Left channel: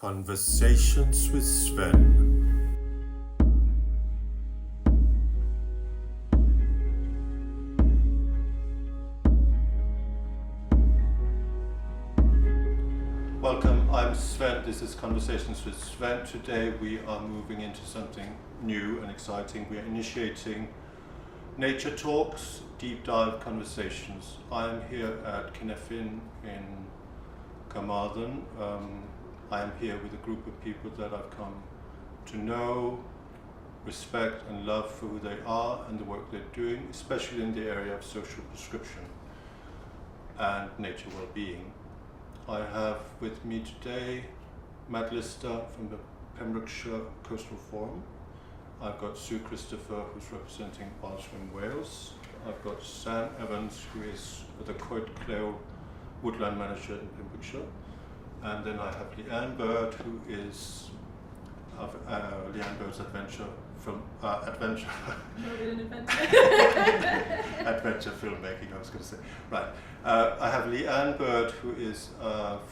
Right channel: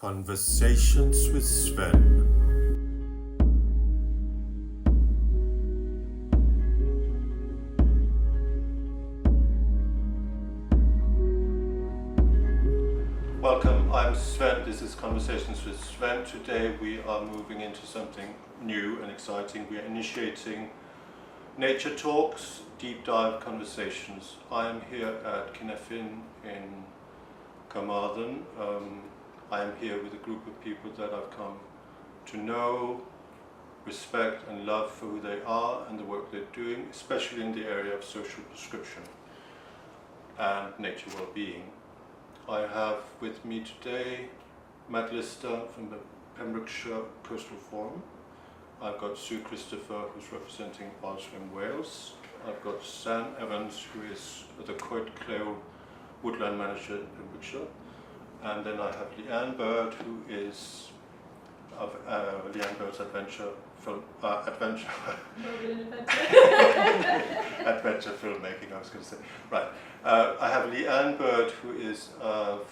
Conversations with Svend. Welcome, I'm Svend. This is Conversations with Svend. Today we are moving into something new and exciting. We are initiating nature talks, deep dive conversations. I am here at Cynefin in Carmarthen. I am here with a group of people that I've come to know, respect and love for who they are and the work they're doing, especially in the area of social prescription and nature well-being. I have with me today Matt Lister from the Pembrokeshire Coastal Forum. I've got Sue Christopher, who's representing Welsh and Wales. I've got Sam Evans, who is the Coed Woodland Manager in Pembrokeshire. And then I have Lleol, who is of Lleol Adventure adventure filmmaking, I was going to say. Right. I have Lleol, who is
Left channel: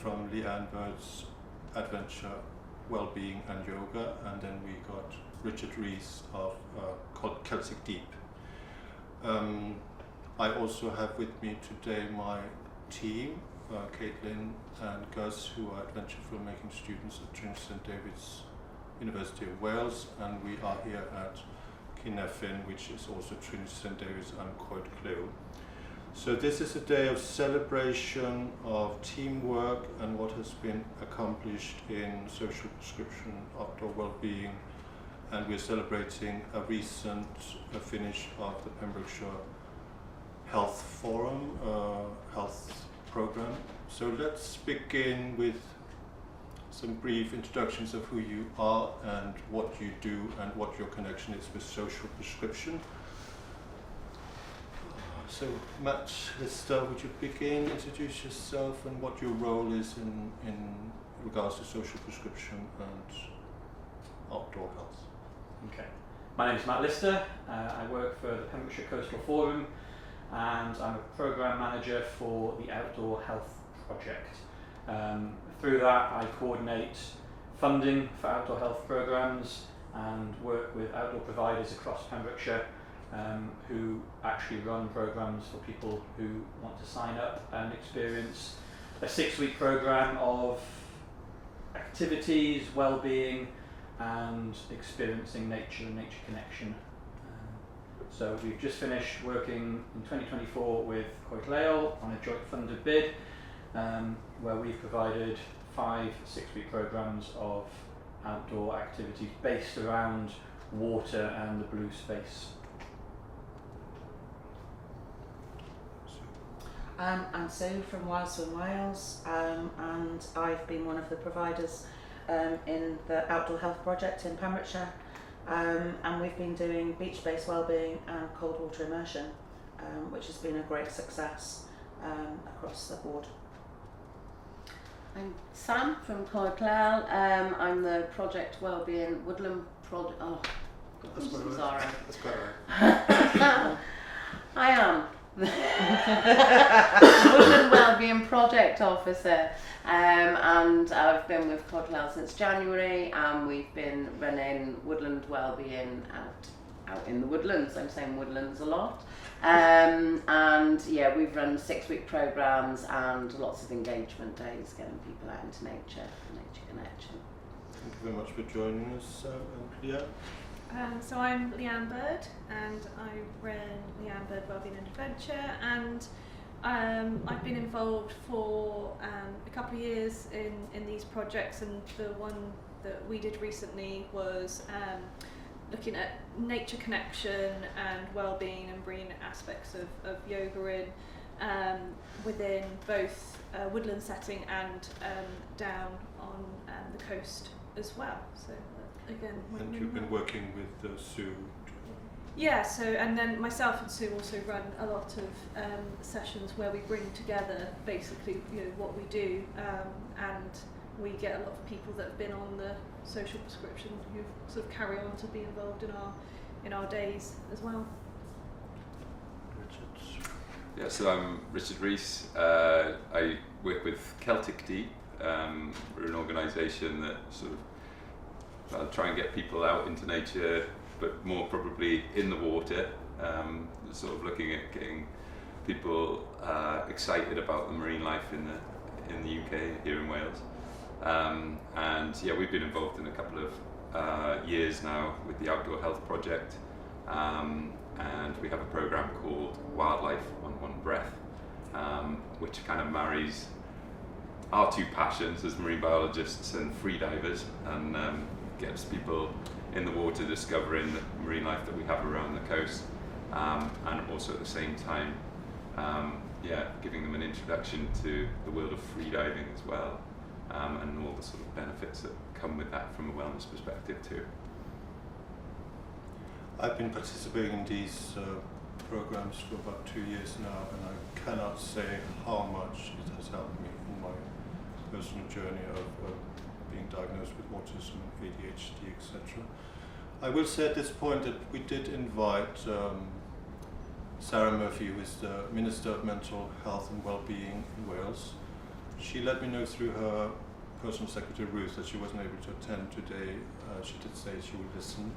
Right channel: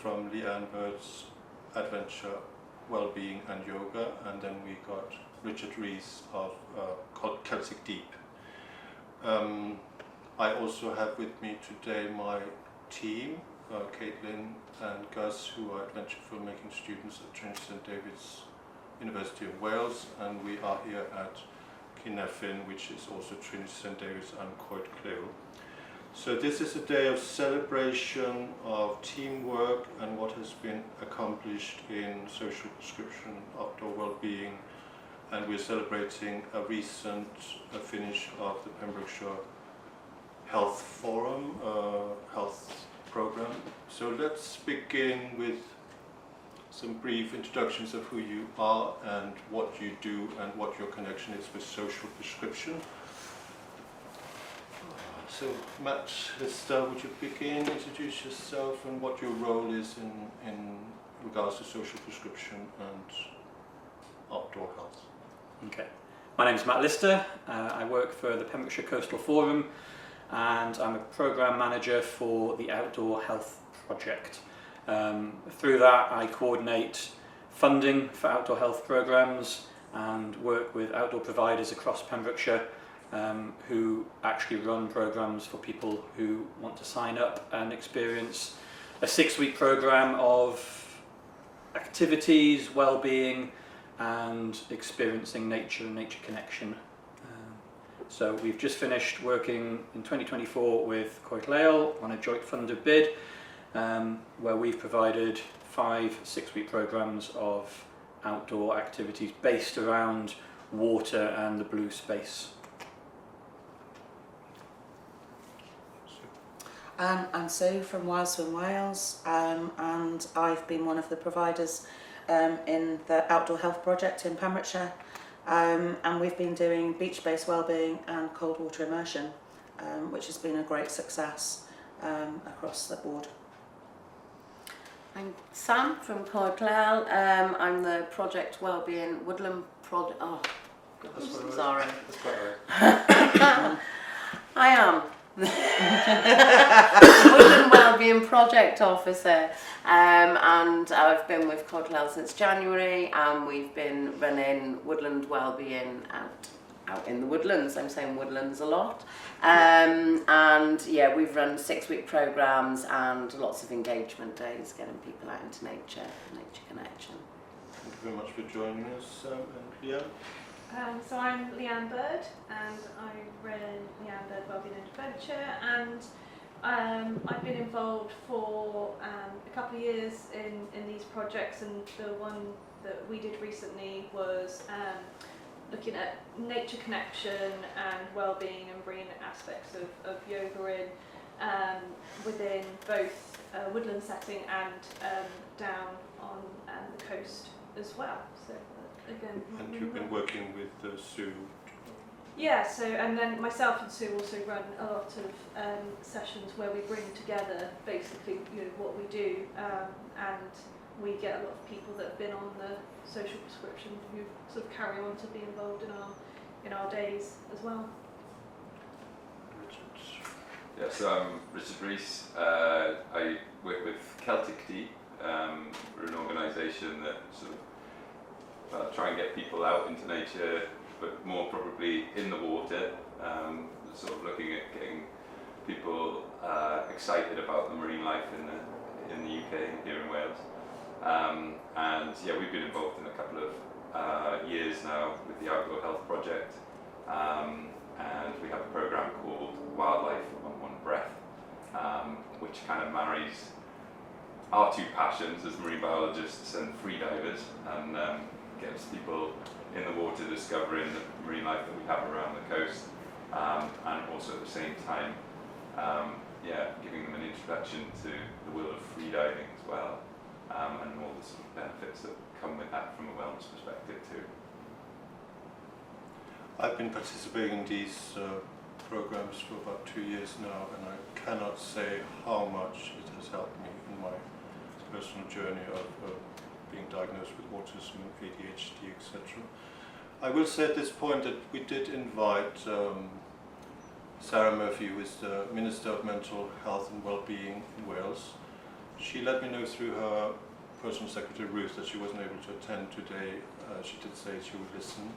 from Lleol's Adventure, Wellbeing and Yoga. And then we got Richard Rees of called Celtic Deep. I also have with me today my team, Caitlin and Gus, who are adventure filmmaking students at Trinity St David's University of Wales, and we are here at Cynefin, which is also Trinity St David's and Coed. So this is a day of celebration of teamwork and what has been accomplished in social prescription, outdoor well-being, and we're celebrating a recent finish of the Pembrokeshire Health Forum, health program. So let's begin with some brief introductions of who you are and what you do and what your connection is with social prescription. So Matt Lister, would you begin, introduce yourself and what your role is in regards to social prescription and outdoor health? Okay, my name is Matt Lister. I work for the Pembrokeshire Coastal Forum and I'm a programme manager for the Outdoor Health Project. Through that I coordinate funding for outdoor health programmes and work with outdoor providers across Pembrokeshire who actually run programmes for people who want to sign up and experience a 6-week programme of activities, well-being and experiencing nature and nature connection. So we've just finished working in 2024 with Lleol on a joint funded bid where we've provided 5 6-week programmes of outdoor activities based around water and the blue space. I'm Sue from Welsh and Wales, and I've been one of the providers in the Outdoor Health Project in Pembrokeshire, and we've been doing beach-based wellbeing and cold water immersion, which has been a great success across the board. I'm Sam from Coed. I'm the Project Wellbeing Woodland Project. Oh, goodness, That's sorry. That's quite right. I am the Woodland Wellbeing Project Officer, and I've been with Coed since January, and we've been running woodland wellbeing out in the woodlands. I'm saying woodlands a lot. And yeah, we've run 6-week programmes and lots of engagement days, getting people out into nature connection. Thank you very much for joining us, Sam and Lleol. So I'm Lleol, and I run Lleol Wellbeing and Adventure, and I've been involved for a couple of years in these projects, and the one that we did recently was looking at nature connection and well-being and bringing aspects of yoga in within both woodland setting and down on the coast as well. So again. And you've been working with Sue. Yeah. So and then myself and Sue also run a lot of sessions where we bring together basically what we do, and we get a lot of people that have been on the social prescription who sort of carry on to be involved in our days as well. Richard. Yeah, so I'm Richard Rees. I work with Celtic Deep, we're an organisation that sort of try and get people out into nature, but more probably in the water, sort of looking at getting people excited about the marine life in the UK, here in Wales. And yeah, we've been involved in a couple of years now with the Outdoor Health Project, and we have a programme called Wildlife on One Breath, which kind of marries our two passions as marine biologists and freedivers, and gets people in the water discovering the marine life that we have around the coast, and also at the same time giving them an introduction to the world of freediving as well, and all the sort of benefits that come with that from a wellness perspective too. I've been participating in these programs for about 2 years now, and I cannot say how much it has helped me in my personal journey of being diagnosed with autism and ADHD, etc. I will say at this point that we did invite Sarah Murphy, who is the Minister of Mental Health and Wellbeing in Wales. She let me know through her personal secretary Ruth that she wasn't able to attend today. She did say she would listen,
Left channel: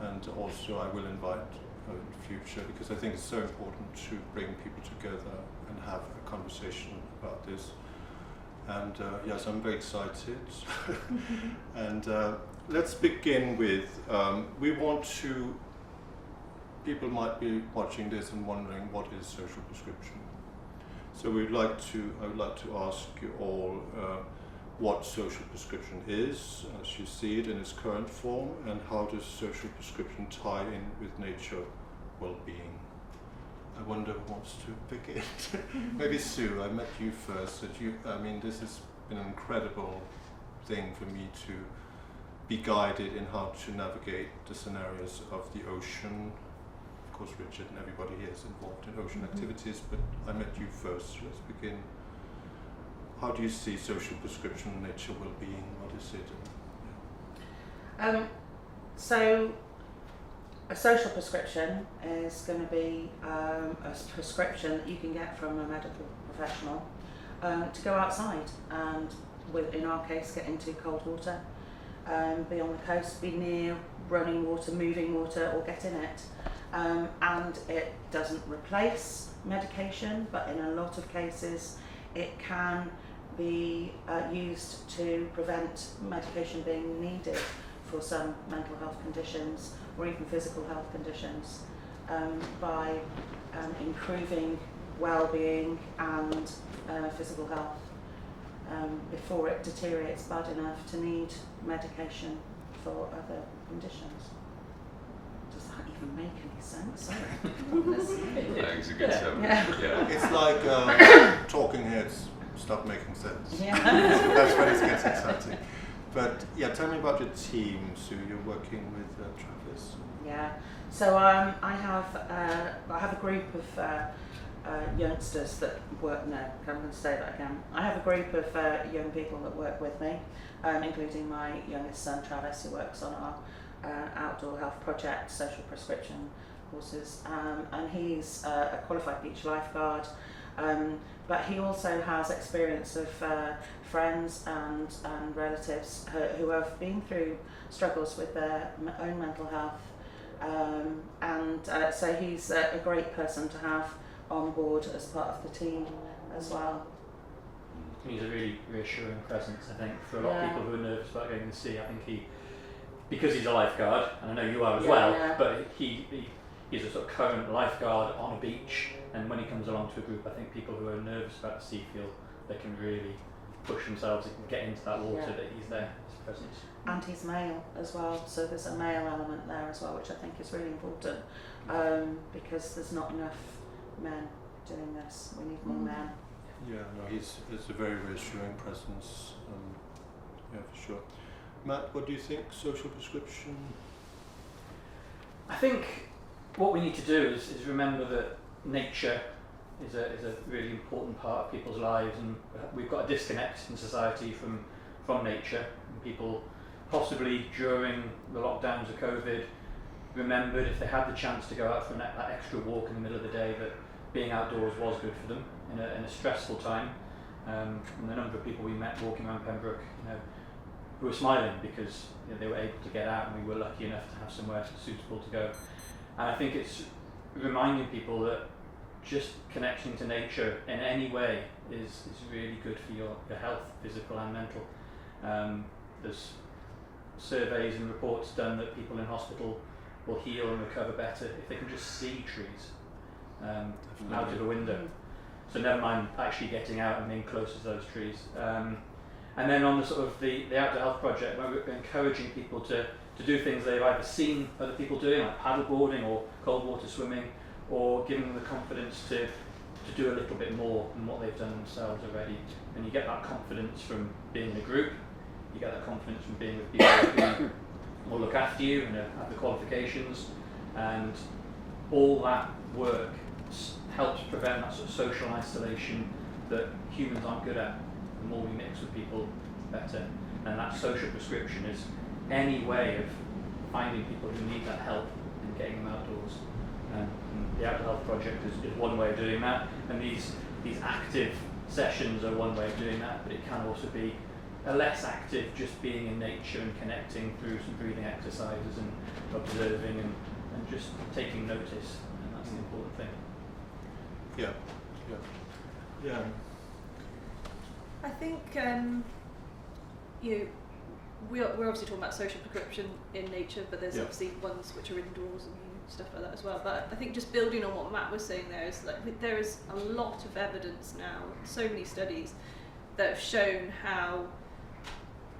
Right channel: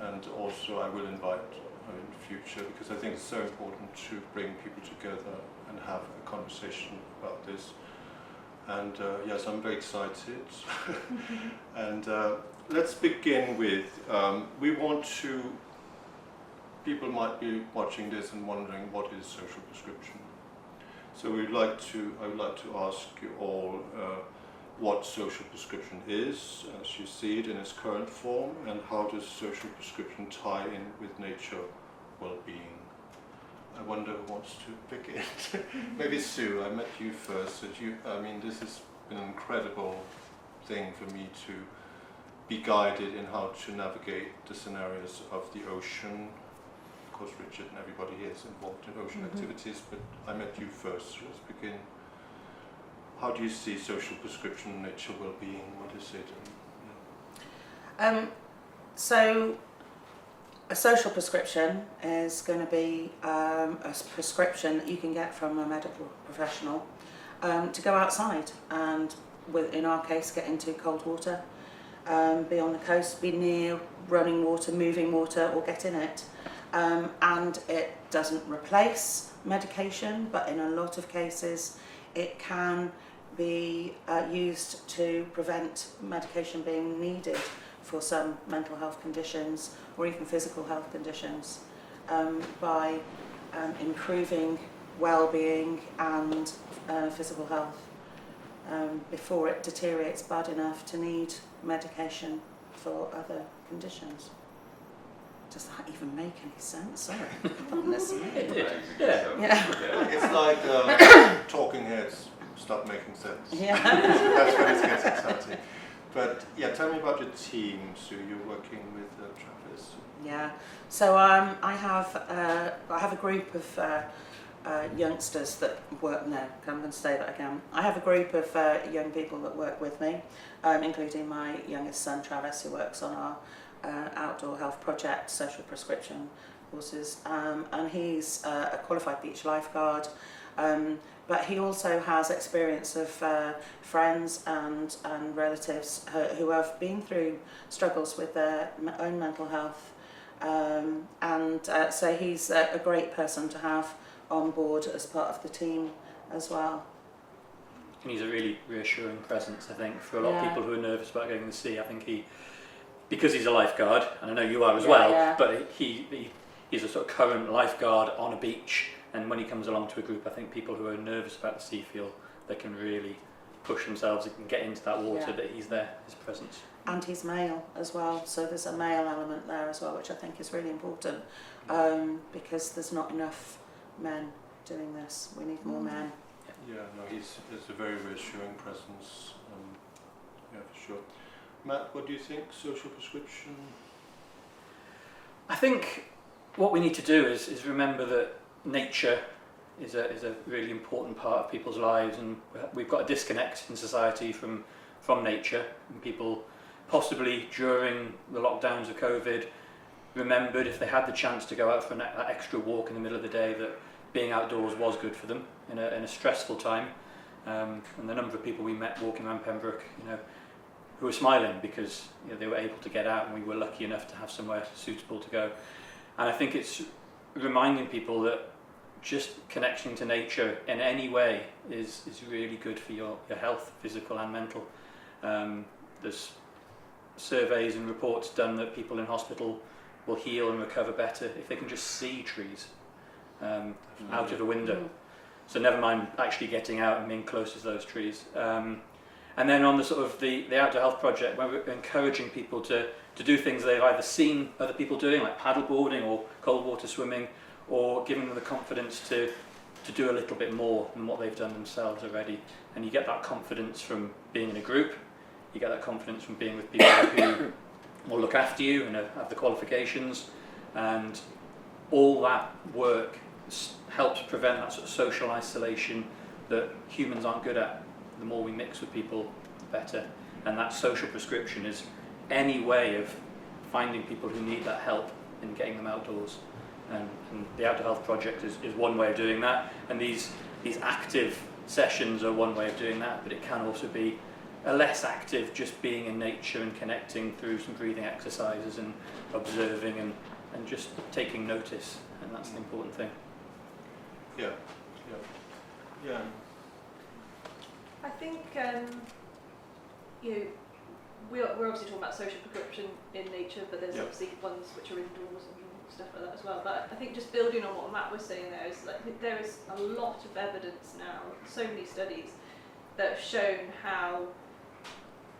and also I will invite her in the future, because I think it's so important to bring people together and have a conversation about this. And yes, I'm very excited. And let's begin with, we want to, people might be watching this and wondering what is social prescription. So I would like to ask you all what social prescription is, as you see it in its current form, and how does social prescription tie in with nature well-being. I wonder who wants to begin. Maybe Sue, I met you first. This has been an incredible thing for me to be guided in how to navigate the scenarios of the ocean. Of course, Richard and everybody here is involved in ocean activities, but I met you first. So let's begin. How do you see social prescription, nature well-being? What is it? So a social prescription is going to be a prescription that you can get from a medical professional to go outside and, in our case, get into cold water, be on the coast, be near running water, moving water, or get in it. And it doesn't replace medication, but in a lot of cases it can be used to prevent medication being needed for some mental health conditions or even physical health conditions, by improving well-being and physical health before it deteriorates bad enough to need medication for other conditions. Does that even make any sense? Sorry. Goodness me. It's like talking heads stop making sense. Yeah. That's when it gets exciting. But yeah, tell me about your team. So you're working with Travis. Yeah. So I have a group of youngsters that work. No, I'm going to say that again. I have a group of young people that work with me, including my youngest son Travis, who works on our Outdoor Health Project, social prescription courses, and he's a qualified beach lifeguard, but he also has experience of friends and relatives who have been through struggles with their own mental health, and so he's a great person to have on board as part of the team as well. And he's a really reassuring presence, I think, for a lot of people who are nervous about going to the sea. I think because he's a lifeguard, and I know you are as well, but he's a sort of current lifeguard on a beach, and when he comes along to a group, I think people who are nervous about the sea feel they can really push themselves and get into that water, that he's there, his presence. And he's male as well, so there's a male element there as well, which I think is really important, because there's not enough men doing this. We need more men. Yeah, no, he's a very reassuring presence. Yeah, for sure. Matt, what do you think? Social prescription? I think what we need to do is remember that nature is a really important part of people's lives, and we've got a disconnect in society from nature, and people possibly during the lockdowns of COVID remembered, if they had the chance to go out for that extra walk in the middle of the day, that being outdoors was good for them in a stressful time. and the number of people we met walking around Pembroke, who were smiling because they were able to get out, and we were lucky enough to have somewhere suitable to go. And I think it's reminding people that just connecting to nature in any way is really good for your health, physical and mental. There's surveys and reports done that people in hospital will heal and recover better if they can just see trees out of a window. So never mind actually getting out and being close to those trees. And then on the sort of the Outdoor Health Project, where we're encouraging people to do things they've either seen other people doing, like paddleboarding or cold water swimming, or giving them the confidence to do a little bit more than what they've done themselves already. And you get that confidence from being in a group, you get that confidence from being with people who will look after you and have the qualifications, and all that work helps prevent that sort of social isolation that humans aren't good at. The more we mix with people, the better. And that social prescription is any way of finding people who need that help in getting them outdoors. And the Outdoor Health Project is one way of doing that. And these active sessions are one way of doing that, but it can also be a less active, just being in nature and connecting through some breathing exercises and observing and just taking notice. And that's the important thing. Yeah. I think we're obviously talking about social prescription in nature, but there's obviously ones which are indoors and stuff like that as well. But I think just building on what Matt was saying there is that there is a lot of evidence now, so many studies that have shown how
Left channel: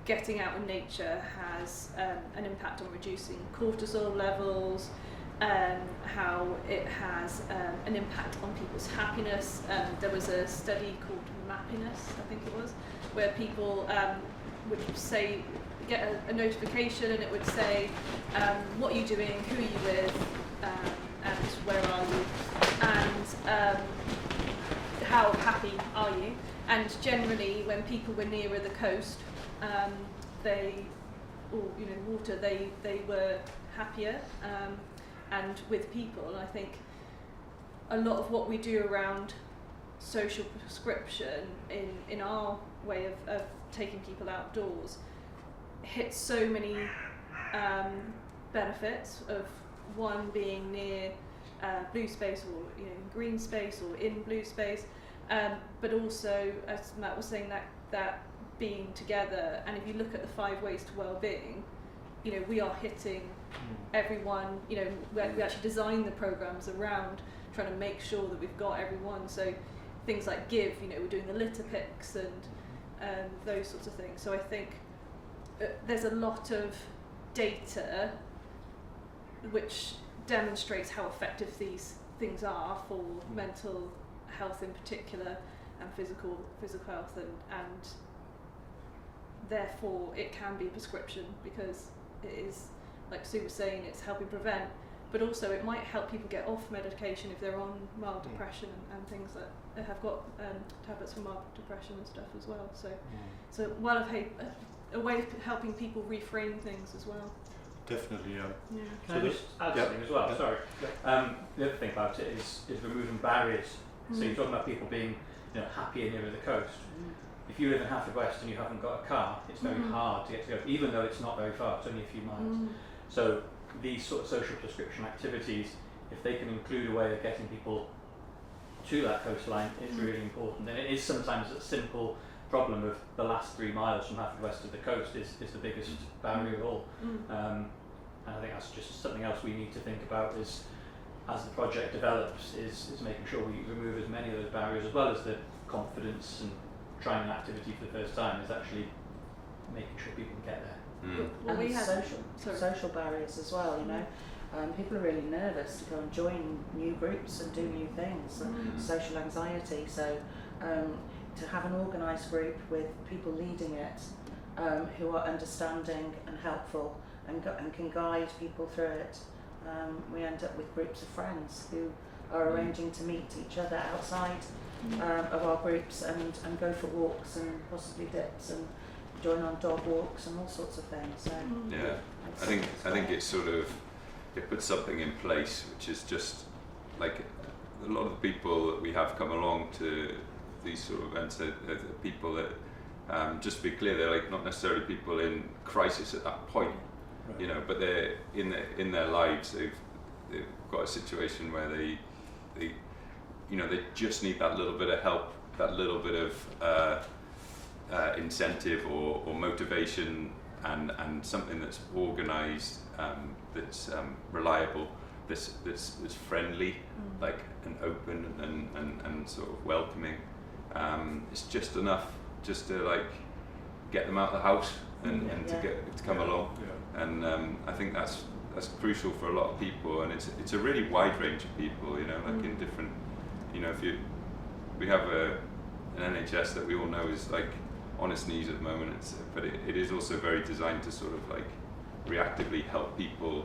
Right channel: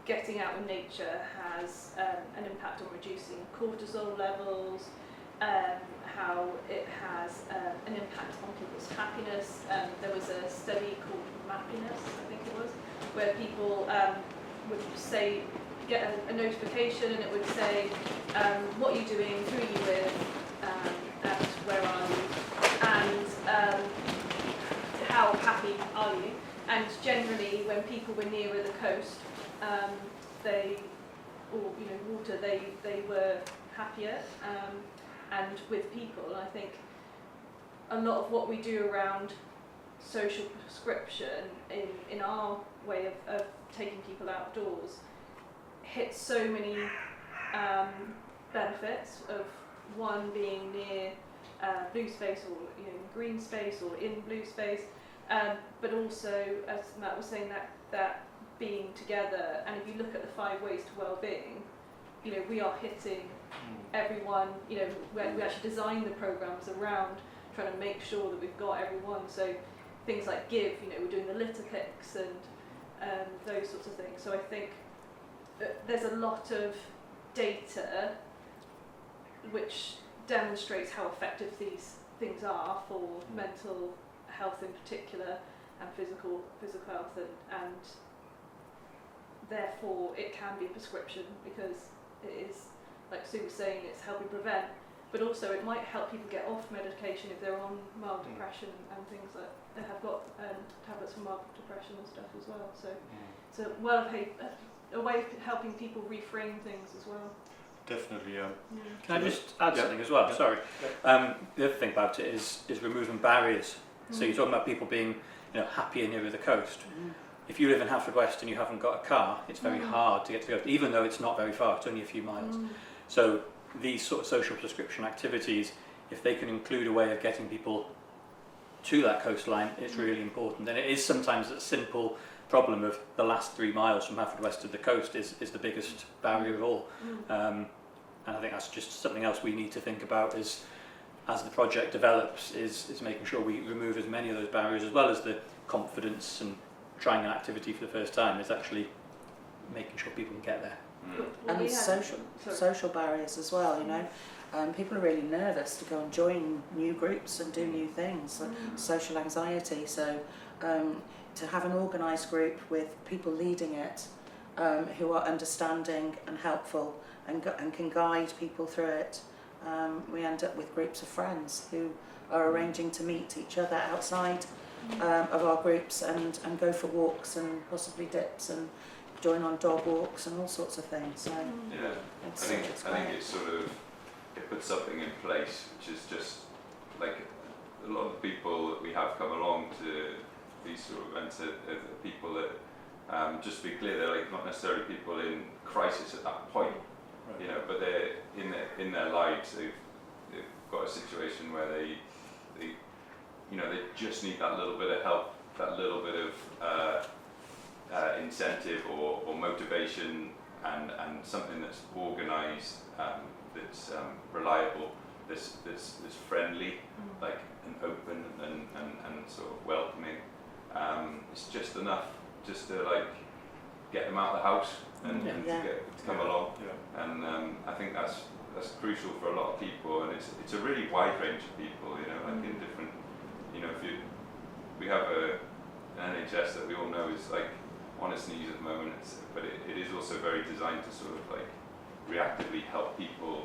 getting out in nature has an impact on reducing cortisol levels, how it has an impact on people's happiness. There was a study called Happiness, I think it was, where people would say, get a notification, and it would say, what are you doing, who are you with, and where are you, and how happy are you. And generally, when people were nearer the coast, water, they were happier, and with people. And I think a lot of what we do around social prescription in our way of taking people outdoors hits so many benefits of one being near blue space or green space or in blue space, but also, as Matt was saying, that being together. And if you look at the 5 ways to well-being, we are hitting everyone. We actually design the programs around trying to make sure that we've got everyone. So things like Give, we're doing the litter picks and those sorts of things. So I think there's a lot of data which demonstrates how effective these things are for mental health in particular, and physical health, and therefore it can be a prescription, because it is, like Sue was saying, it's helping prevent, but also it might help people get off medication if they're on mild depression and things that have got tablets for mild depression and stuff as well. So a way of helping people reframe things as well. Definitely, yeah. Can I just add something as well? Sorry. The other thing about it is removing barriers. So you're talking about people being happier nearer the coast. If you live in Haverfordwest and you haven't got a car, it's very hard to get to the coast, even though it's not very far, it's only a few miles. So these sort of social prescription activities, if they can include a way of getting people to that coastline, it's really important. And it is sometimes a simple problem of the last 3 miles from Haverfordwest to the coast is the biggest barrier of all. And I think that's just something else we need to think about as the project develops, is making sure we remove as many of those barriers, as well as the confidence and trying an activity for the first time, is actually making sure people can get there. And social barriers as well, people are really nervous to go and join new groups and do new things, social anxiety. So to have an organised group with people leading it, who are understanding and helpful and can guide people through it, we end up with groups of friends who are arranging to meet each other outside of our groups and go for walks and possibly dips and join on dog walks and all sorts of things. So I think it's sort of, it puts something in place which is just like a lot of the people that we have come along to these sort of events are people that, just to be clear, they're like not necessarily people in crisis at that point, Right. you know, but they're in their lives they've got a situation where they you know, they just need that little bit of help, that little bit of incentive or motivation, and something that's organised, that's reliable, that's friendly, like, and open and sort of welcoming. It's just enough just to like get them out of the house and to come along. Yeah. And I think that's crucial for a lot of people, and it's a really wide range of people, you know, like in different, you know, we have an NHS that we all know is like on its knees at the moment, but it is also very designed to sort of like reactively help people,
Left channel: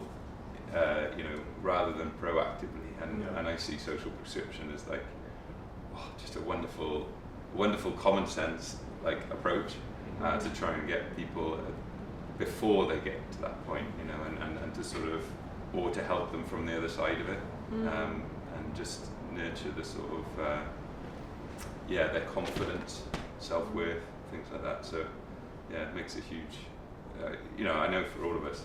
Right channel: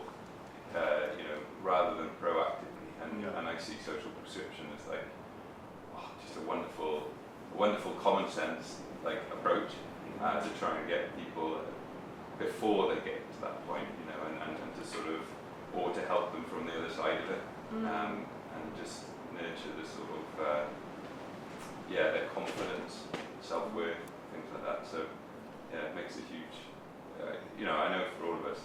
you know, rather than proactively. And I see social prescription as like, just a wonderful common sense like approach to try and get people before they get to that point, you know, and to sort of, or to help them from the other side of it, and just nurture the sort of their confidence, self-worth, things like that. So yeah, it makes a huge, you know, I know for all of us,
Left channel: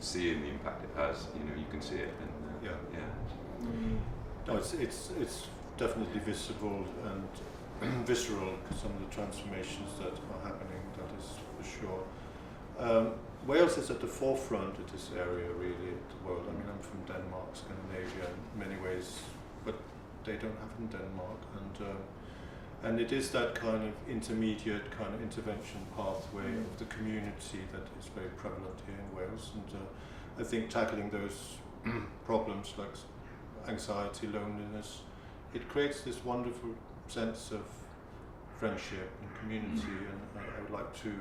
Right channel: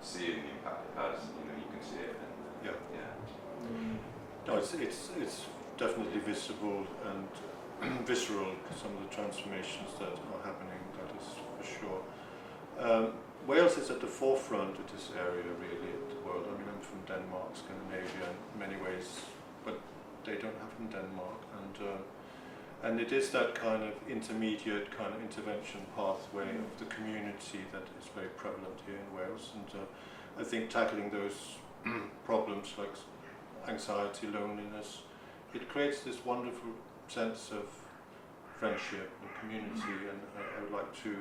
seeing the impact it has, you know, you can see it. And, No, it's definitely visible and visceral, some of the transformations that are happening, that is for sure. Wales is at the forefront of this area really of the world. I mean, I'm from Denmark, Scandinavia in many ways, but they don't have it in Denmark, and it is that kind of intermediate kind of intervention pathway of the community that is very prevalent here in Wales, and I think tackling those problems like anxiety, loneliness, it creates this wonderful sense of friendship and community, and I would like to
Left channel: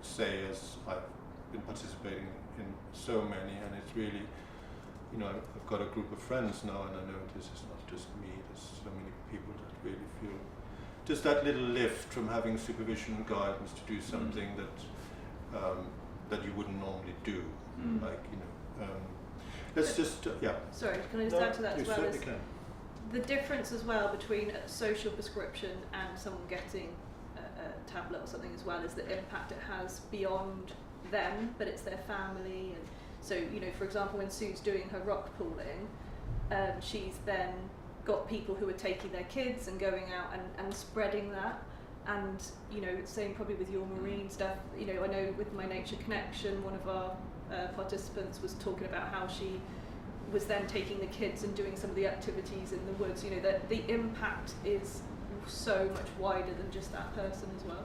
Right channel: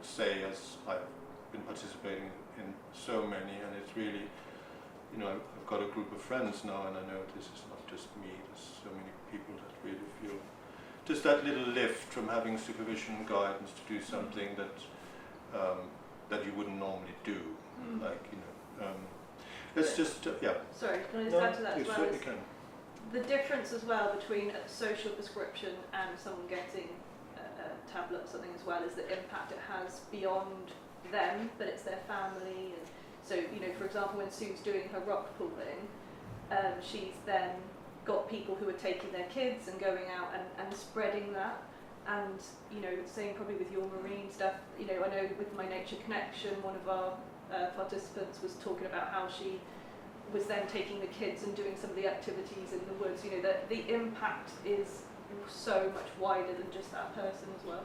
say, as I've been participating in so many, and it's really, you know, I've got a group of friends now, and I know this is not just me, there's so many people that really feel just that little lift from having supervision and guidance to do something that that you wouldn't normally do, like, you know, let's just, Sorry, can I just add to that you as well? certainly can. The difference as well between a social prescription and someone getting a tablet or something as well is the impact it has beyond them, but it's their family. And so, you know, for example, when Sue's doing her rock pooling, she's then got people who are taking their kids and going out and spreading that. And, you know, same probably with your marine stuff, you know, I know with my Nature Connection, one of our participants was talking about how she was then taking the kids and doing some of the activities in the woods, you know, that the impact is so much wider than just that person as well.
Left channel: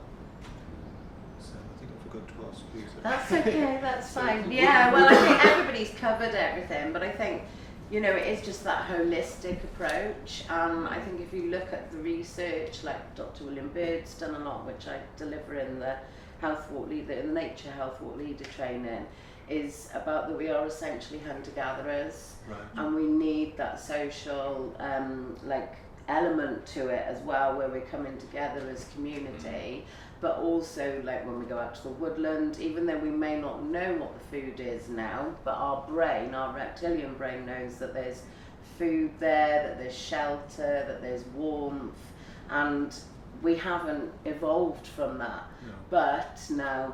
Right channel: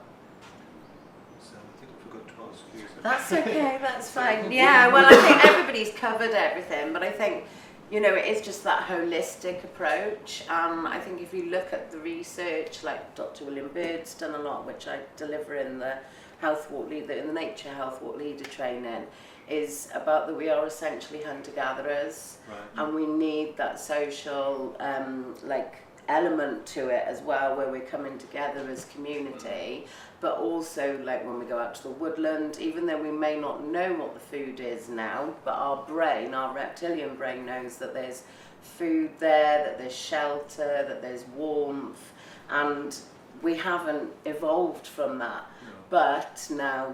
So I think I forgot to ask you. That's okay, that's fine. Yeah, well, I think everybody's covered everything, but I think, you know, it is just that holistic approach. I think if you look at the research, like Dr. William Bird's done a lot, which I deliver in the Health Walk Leader, in the Nature Health Walk Leader training, is about that we are essentially hunter-gatherers, Right. and we need that social like element to it as well, where we're coming together as community, but also like when we go out to the woodland, even though we may not know what the food is now, but our brain, our reptilian brain, knows that there's food there, that there's shelter, that there's warmth, and we haven't evolved from that. No. But now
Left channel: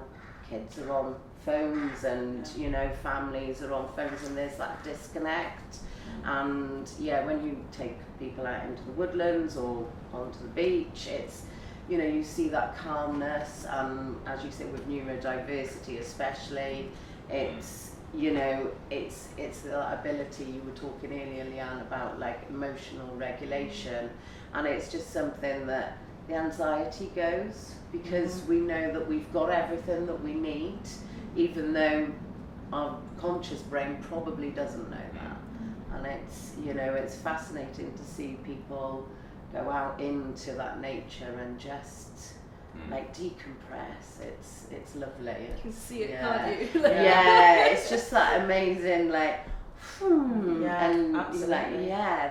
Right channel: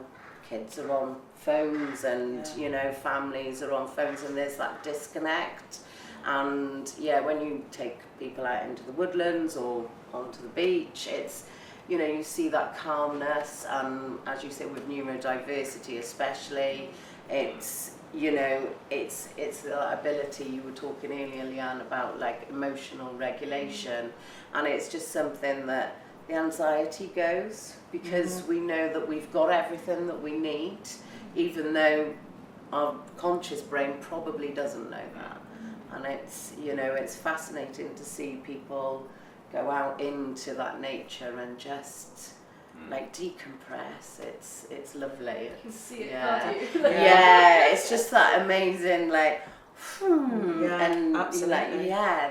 kids are on phones, and you know, families are on phones, and there's that disconnect. And yeah, when you take people out into the woodlands or onto the beach, it's, you know, you see that calmness, and as you say, with neurodiversity especially, it's, you know, it's the ability, you were talking earlier, Leanne, about like emotional regulation, and it's just something that the anxiety goes, because we know that we've got everything that we need, even though our conscious brain probably doesn't know that. And it's, you know, it's fascinating to see people go out into that nature and just like decompress. It's lovely. You can see it, yeah. can't you? Yeah, it's just that amazing, like, Yeah, and absolutely. you're like, yeah,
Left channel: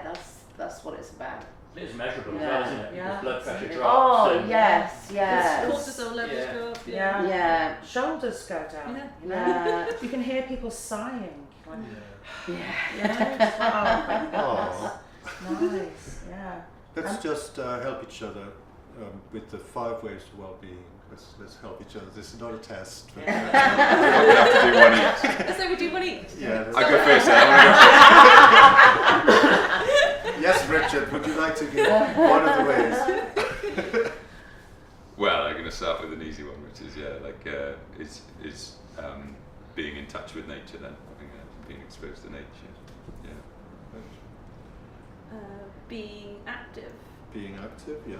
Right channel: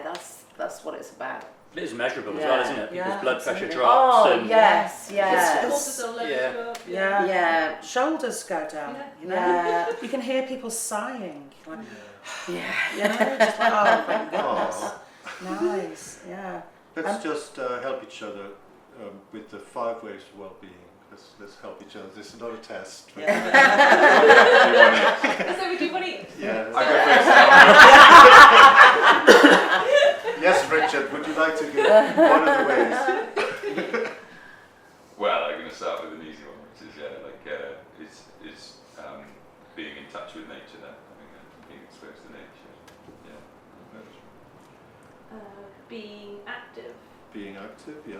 that's what it's about. It is measurable as Yeah. well, isn't it? People's Yeah, blood pressure absolutely. drops. Oh and yes, yeah. Cortisol levels Yeah. go up. Yeah. Yeah. Shoulders go down, you know. Yeah. You can hear people sighing. Like, Yeah. you know, just like, oh my goodness. Oh. Nice, yeah. Let's just help each other with the 5 ways to well-being. Let's help each other. This is not a test. But, So we do one each. yeah. I go first now. Yes, Richard. Would you like to give one of the ways? Well, I'm going to start with an easy one, which is is being in touch with nature. Then being exposed to nature. Yeah. Being active. Being active, yeah.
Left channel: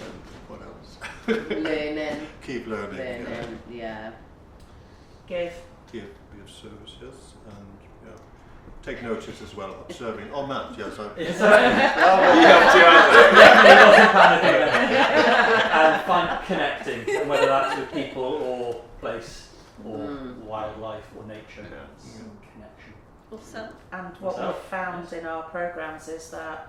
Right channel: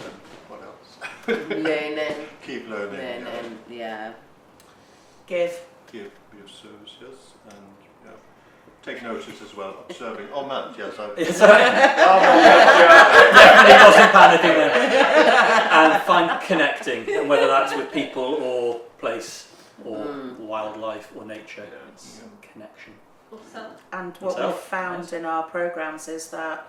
And what else? Learning. Keep learning. Learning, yeah. Give. Be of service, yes, and take notice as well. Observing. Oh, Matt, yes, Definitely wasn't panicking then. And find connecting, and whether that's with people or place or wildlife or nature, it's connection. Also, And what Yourself. we've found in our programmes is that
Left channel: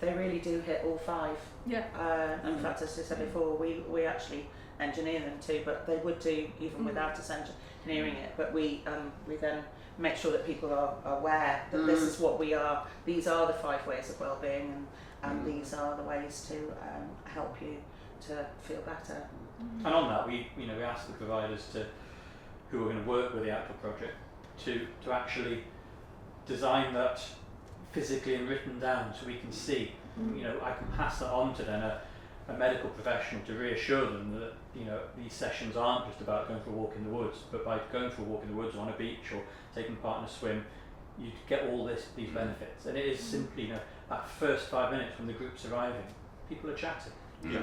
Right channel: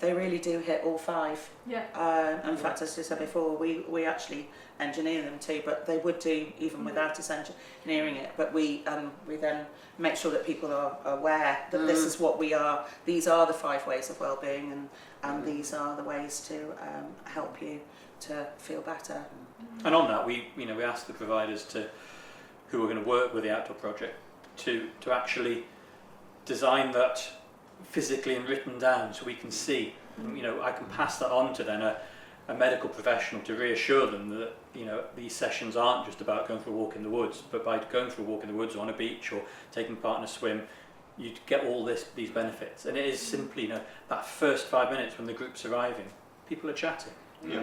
they really do hit all 5. yeah. In fact, as I said before, we actually engineer them too, but they would do even without us engineering it. But we then make sure that people are aware that this is what we are. These are the 5 ways of well-being, and these are the ways to help you to feel better. And on that, we asked the providers who are going to work with the outdoor project to actually design that physically and written down so we can see. I can pass that on to then a medical professional to reassure them that these sessions aren't just about going for a walk in the woods, but by going for a walk in the woods or on a beach or taking part in a swim, you get all these benefits. And it is simply that first 5 minutes when the group's arriving, people are chatting. Yeah.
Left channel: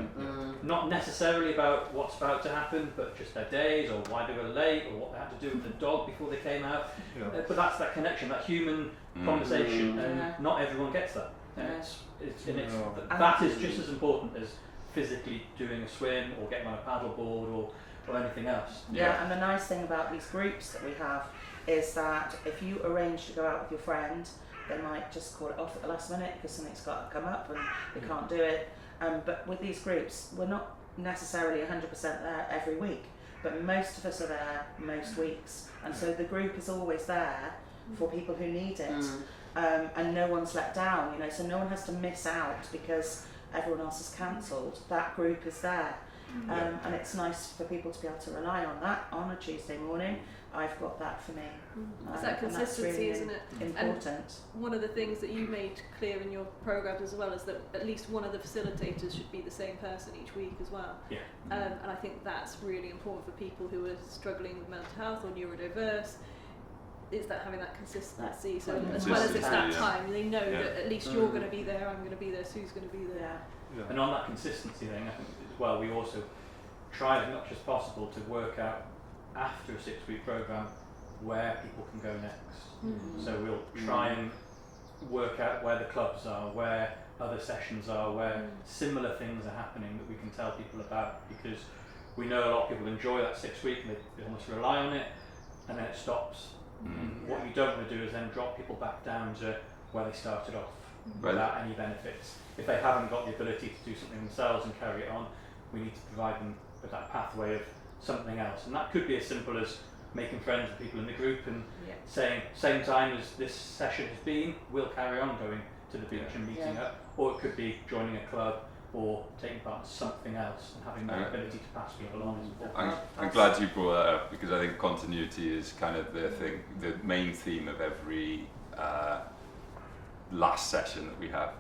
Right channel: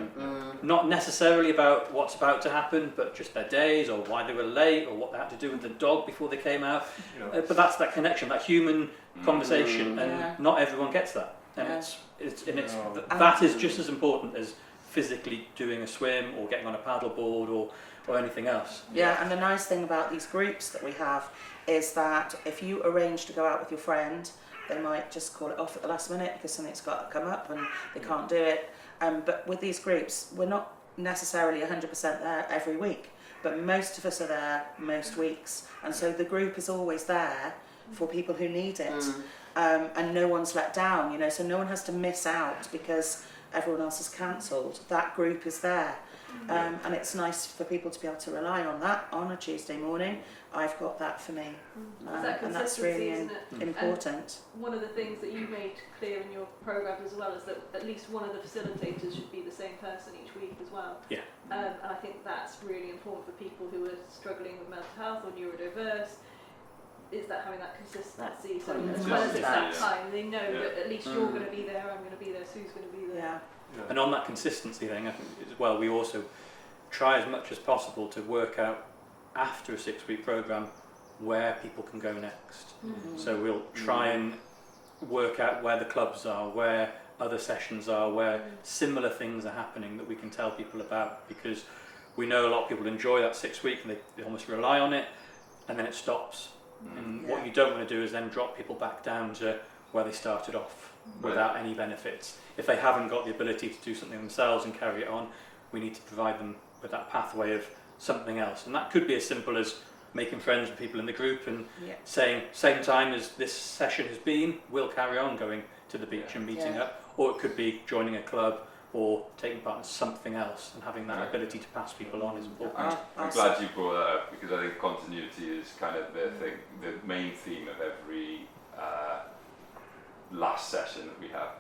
Not necessarily about what's about to happen, but just their days or why they were late or what they had to do with the dog before they came out. Yeah. But that's that connection, that human conversation, and Yeah. not everyone gets that. And Yeah. that is just as important as physically doing a swim or getting on a paddle board or anything else. Yeah, and the nice thing about these groups that we have is that if you arrange to go out with your friend, they might just call it off at the last minute because something's got to come up and they can't do it. But with these groups, we're not necessarily 100% there every week, but most of us are there most weeks. And so the group is always there for people who need it. And no one's let down, so no one has to miss out because everyone else has cancelled. That group is there. And it's nice for people to be able to rely on that on a Tuesday morning. I've got that for me. It's that And that's consistency, really isn't it? important. One of the things that you made clear in your programme as well is that at least one of the facilitators should be the same person each week as well. Yeah. And I think that's really important for people who are struggling with mental health or neurodiverse, is that having that consistency. So as well as it's that time, they know that at least you're going to be there, I'm going to be there, Sue's going to be there. Yeah. And on that consistency thing, I think as well, we also try as much as possible to work out after a 6-week programme where people can go next. So we'll try and work out where the clubs are, where other sessions are, where similar things are happening that we can tell people about, because we know a lot of people enjoy that 6 week and they almost rely on it, and then it stops. And what you don't want to do is then drop people back down to where they started off without any benefits. If they haven't got the ability to do something themselves and carry it on, we need to provide them with that pathway of something else. And that could be as simple as making friends with people in the group and saying, same time as this session has been, we'll carry on going to the beach and meeting up. Or it could be joining a club or taking part in something else, and having that ability to pass people on is important. I'm glad you brought that up, because I think continuity is kind of the thing, the main theme of every last session that we have.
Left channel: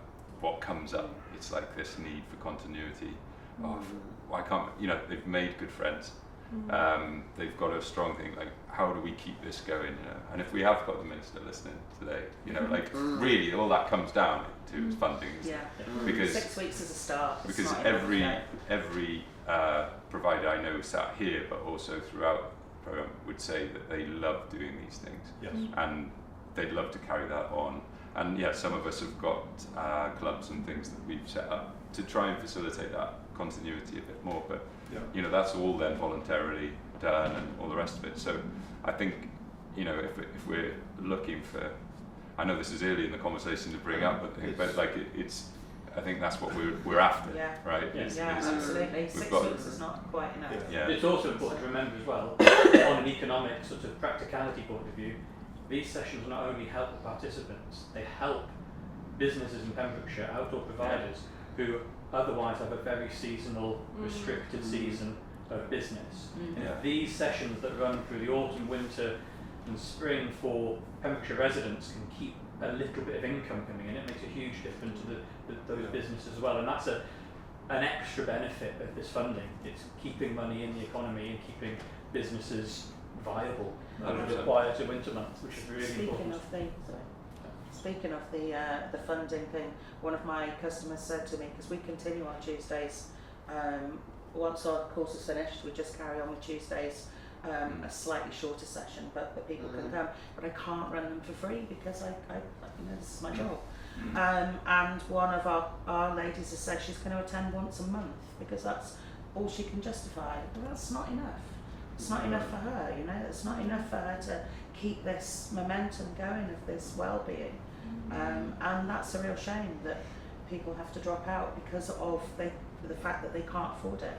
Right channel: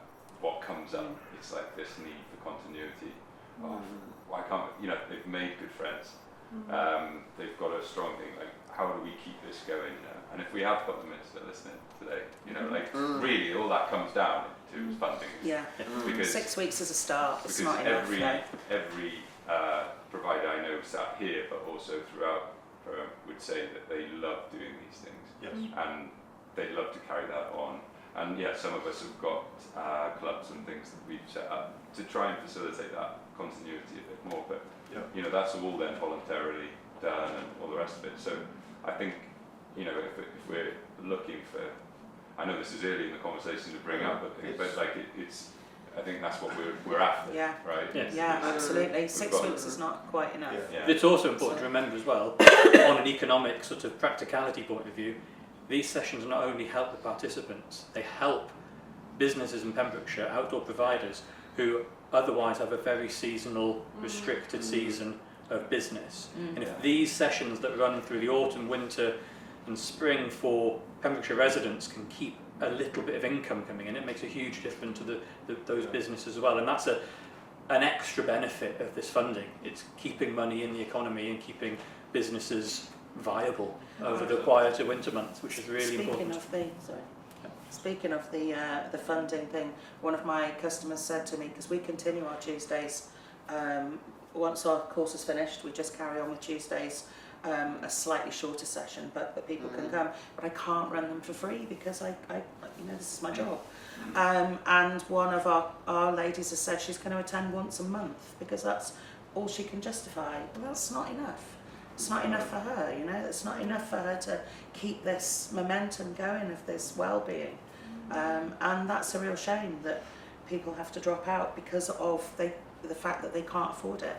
What comes up, it's like this need for continuity of why can't they've made good friends, they've got a strong thing, like how do we keep this going, and if we have got the minister listening today, really all that comes down to funding. Because 6 weeks is a start. It's because not enough. every provider I know sat here but also throughout would say that they love doing these things. Yes. And they'd love to carry that on. And some of us have got clubs and things that we've set up to try and facilitate that continuity a bit more, but that's all then voluntarily done and all the rest of it. So I think if we're looking for, I know this is early in the conversation to bring up, but like it's I think that's what we're after, right? Yes. Absolutely. 6 weeks is not quite enough. It's also important to remember as well, on an economic sort of practicality point of view, these sessions not only help the participants, they help businesses in Pembrokeshire, outdoor providers, who otherwise have a very seasonal, restricted season of business. And if these sessions that run through the autumn, winter and spring for Pembrokeshire residents can keep a little bit of income coming in, it makes a huge difference to those businesses as well. And that's an extra benefit of this funding. It's keeping money in the economy and keeping businesses viable over the quieter winter months, which is really important. Speaking of the funding thing, one of my customers said to me, because we continue our Tuesdays, once our course is finished, we just carry on with Tuesdays, a slightly shorter session, but people can come. But I can't run them for free because I this is my job. And one of our ladies has said she's going to attend once a month because that's all she can justify. Well, that's not enough. It's not enough for her, It's not enough for her to keep this momentum going of this well-being. And that's a real shame that people have to drop out because of the fact that they can't afford it.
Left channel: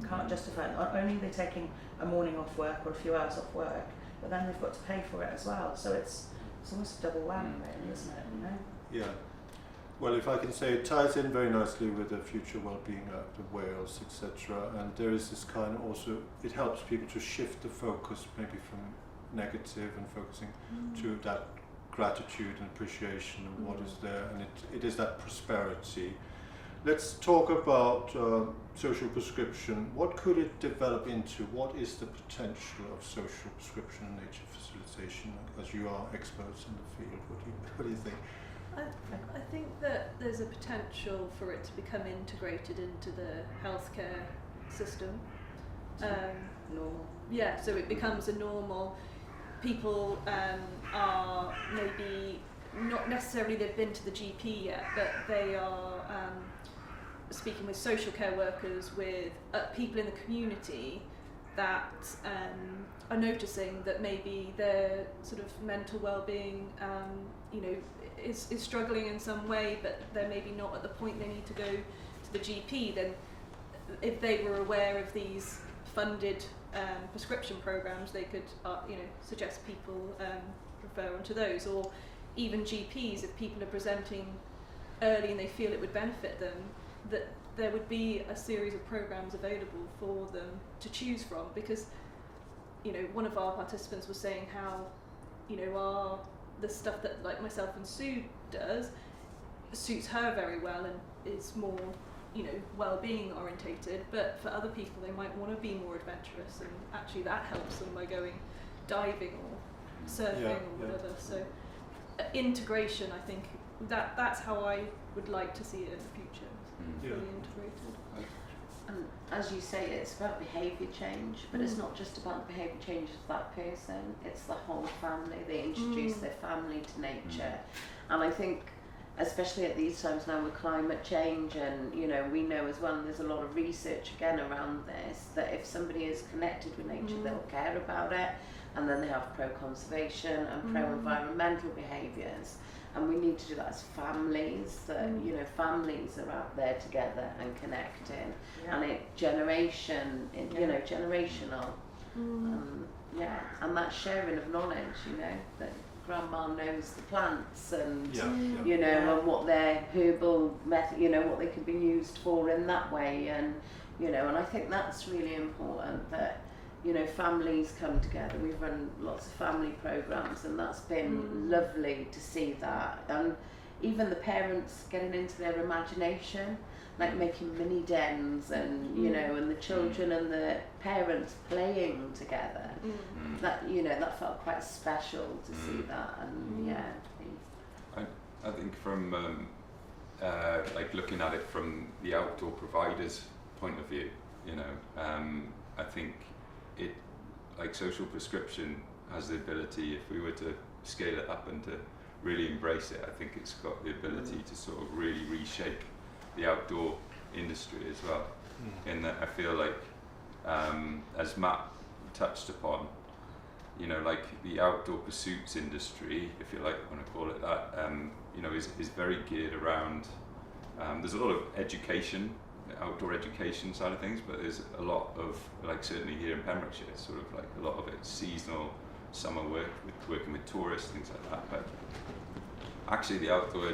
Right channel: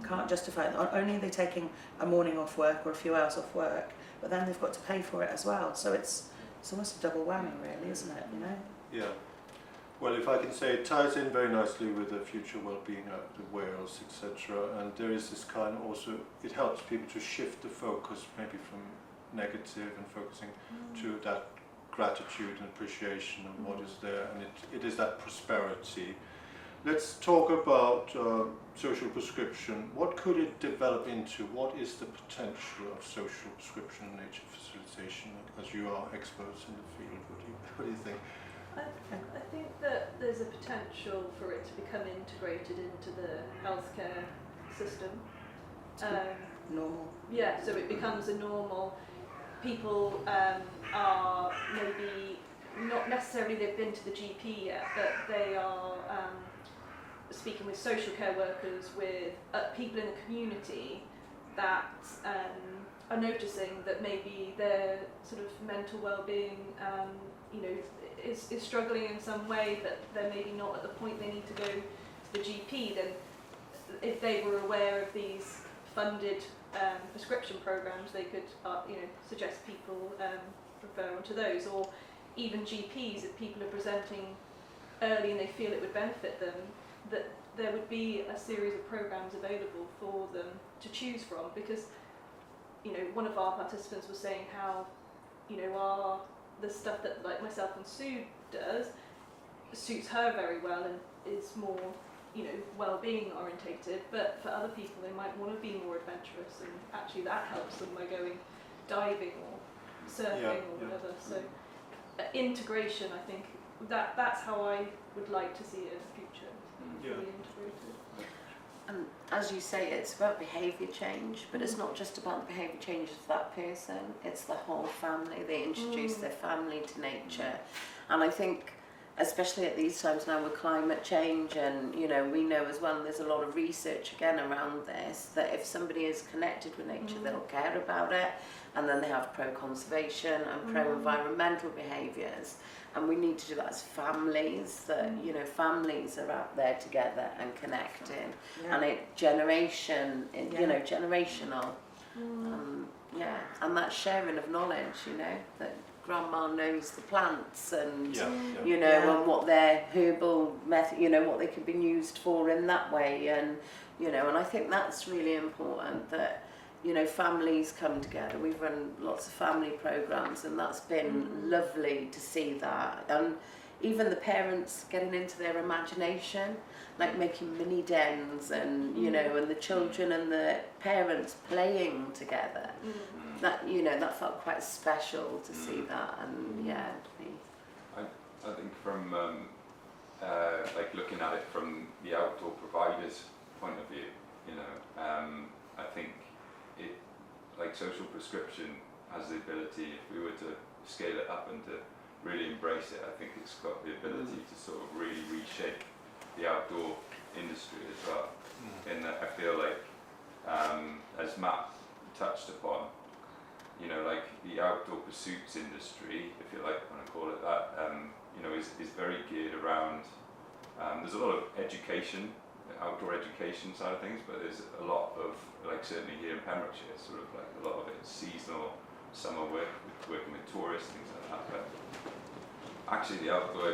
They can't justify it. Not only are they taking a morning off work or a few hours off work, but then they've got to pay for it as well. So it's almost a double whammy, really, isn't it? Yeah. Well, if I can say, it ties in very nicely with the future well-being out of Wales, etc. And there is this kind of also, it helps people to shift the focus maybe from negative and focusing to that gratitude and appreciation of what is there, and it is that prosperity. Let's talk about social prescription. What could it develop into? What is the potential of social prescription and nature facilitation? As you are experts in the field, what do you think? I think that there's a potential for it to become integrated into the healthcare system. Normal. Yeah, so it becomes a normal. People are maybe not necessarily they've been to the GP yet, but they are speaking with social care workers, with people in the community that are noticing that maybe their sort of mental well-being, is struggling in some way, but they're maybe not at the point they need to go to the GP. Then, if they were aware of these funded prescription programs, they could, suggest people refer onto those, or even GPs if people are presenting early and they feel it would benefit them, that there would be a series of programs available for them to choose from. Because, one of our participants was saying how, the stuff that like myself and Sue does suits her very well and is more, well-being orientated, but for other people they might want to be more adventurous, and actually that helps them by going diving or surfing or whatever. So integration, I think that's how I would like to see it in the future. Fully integrated. And as you say, it's about behaviour change, but it's not just about the behaviour change of that person, it's the whole family. They introduce their family to nature. And I think, especially at these times now with climate change, and we know as well, there's a lot of research again around this, that if somebody is connected with nature, they'll care about it, and then they have pro-conservation and pro-environmental behaviours. And we need to do that as families, that families are out there together and connecting, and generational, and that sharing of knowledge, that grandma knows the plants and and what their herbal method, what they can be used for in that way, and and I think that's really important, that families come together. We've run lots of family programs, and that's been lovely to see that. And even the parents getting into their imagination, like making mini dens, and and the children and the parents playing together. That that felt quite special to see that, and I think from like looking at it from the outdoor providers' point of view, I think it, like social prescription has the ability, if we were to scale it up and to really embrace it, I think it's got the ability to sort of really reshape the outdoor industry as well. In that I feel like, as Matt touched upon, like the outdoor pursuits industry, if you like, want to call it that, is very geared around, there's a lot of education, outdoor education side of things, but there's a lot of, like certainly here in Pembrokeshire, sort of like a lot of it's seasonal summer work, working with tourists, things like that. But actually the outdoor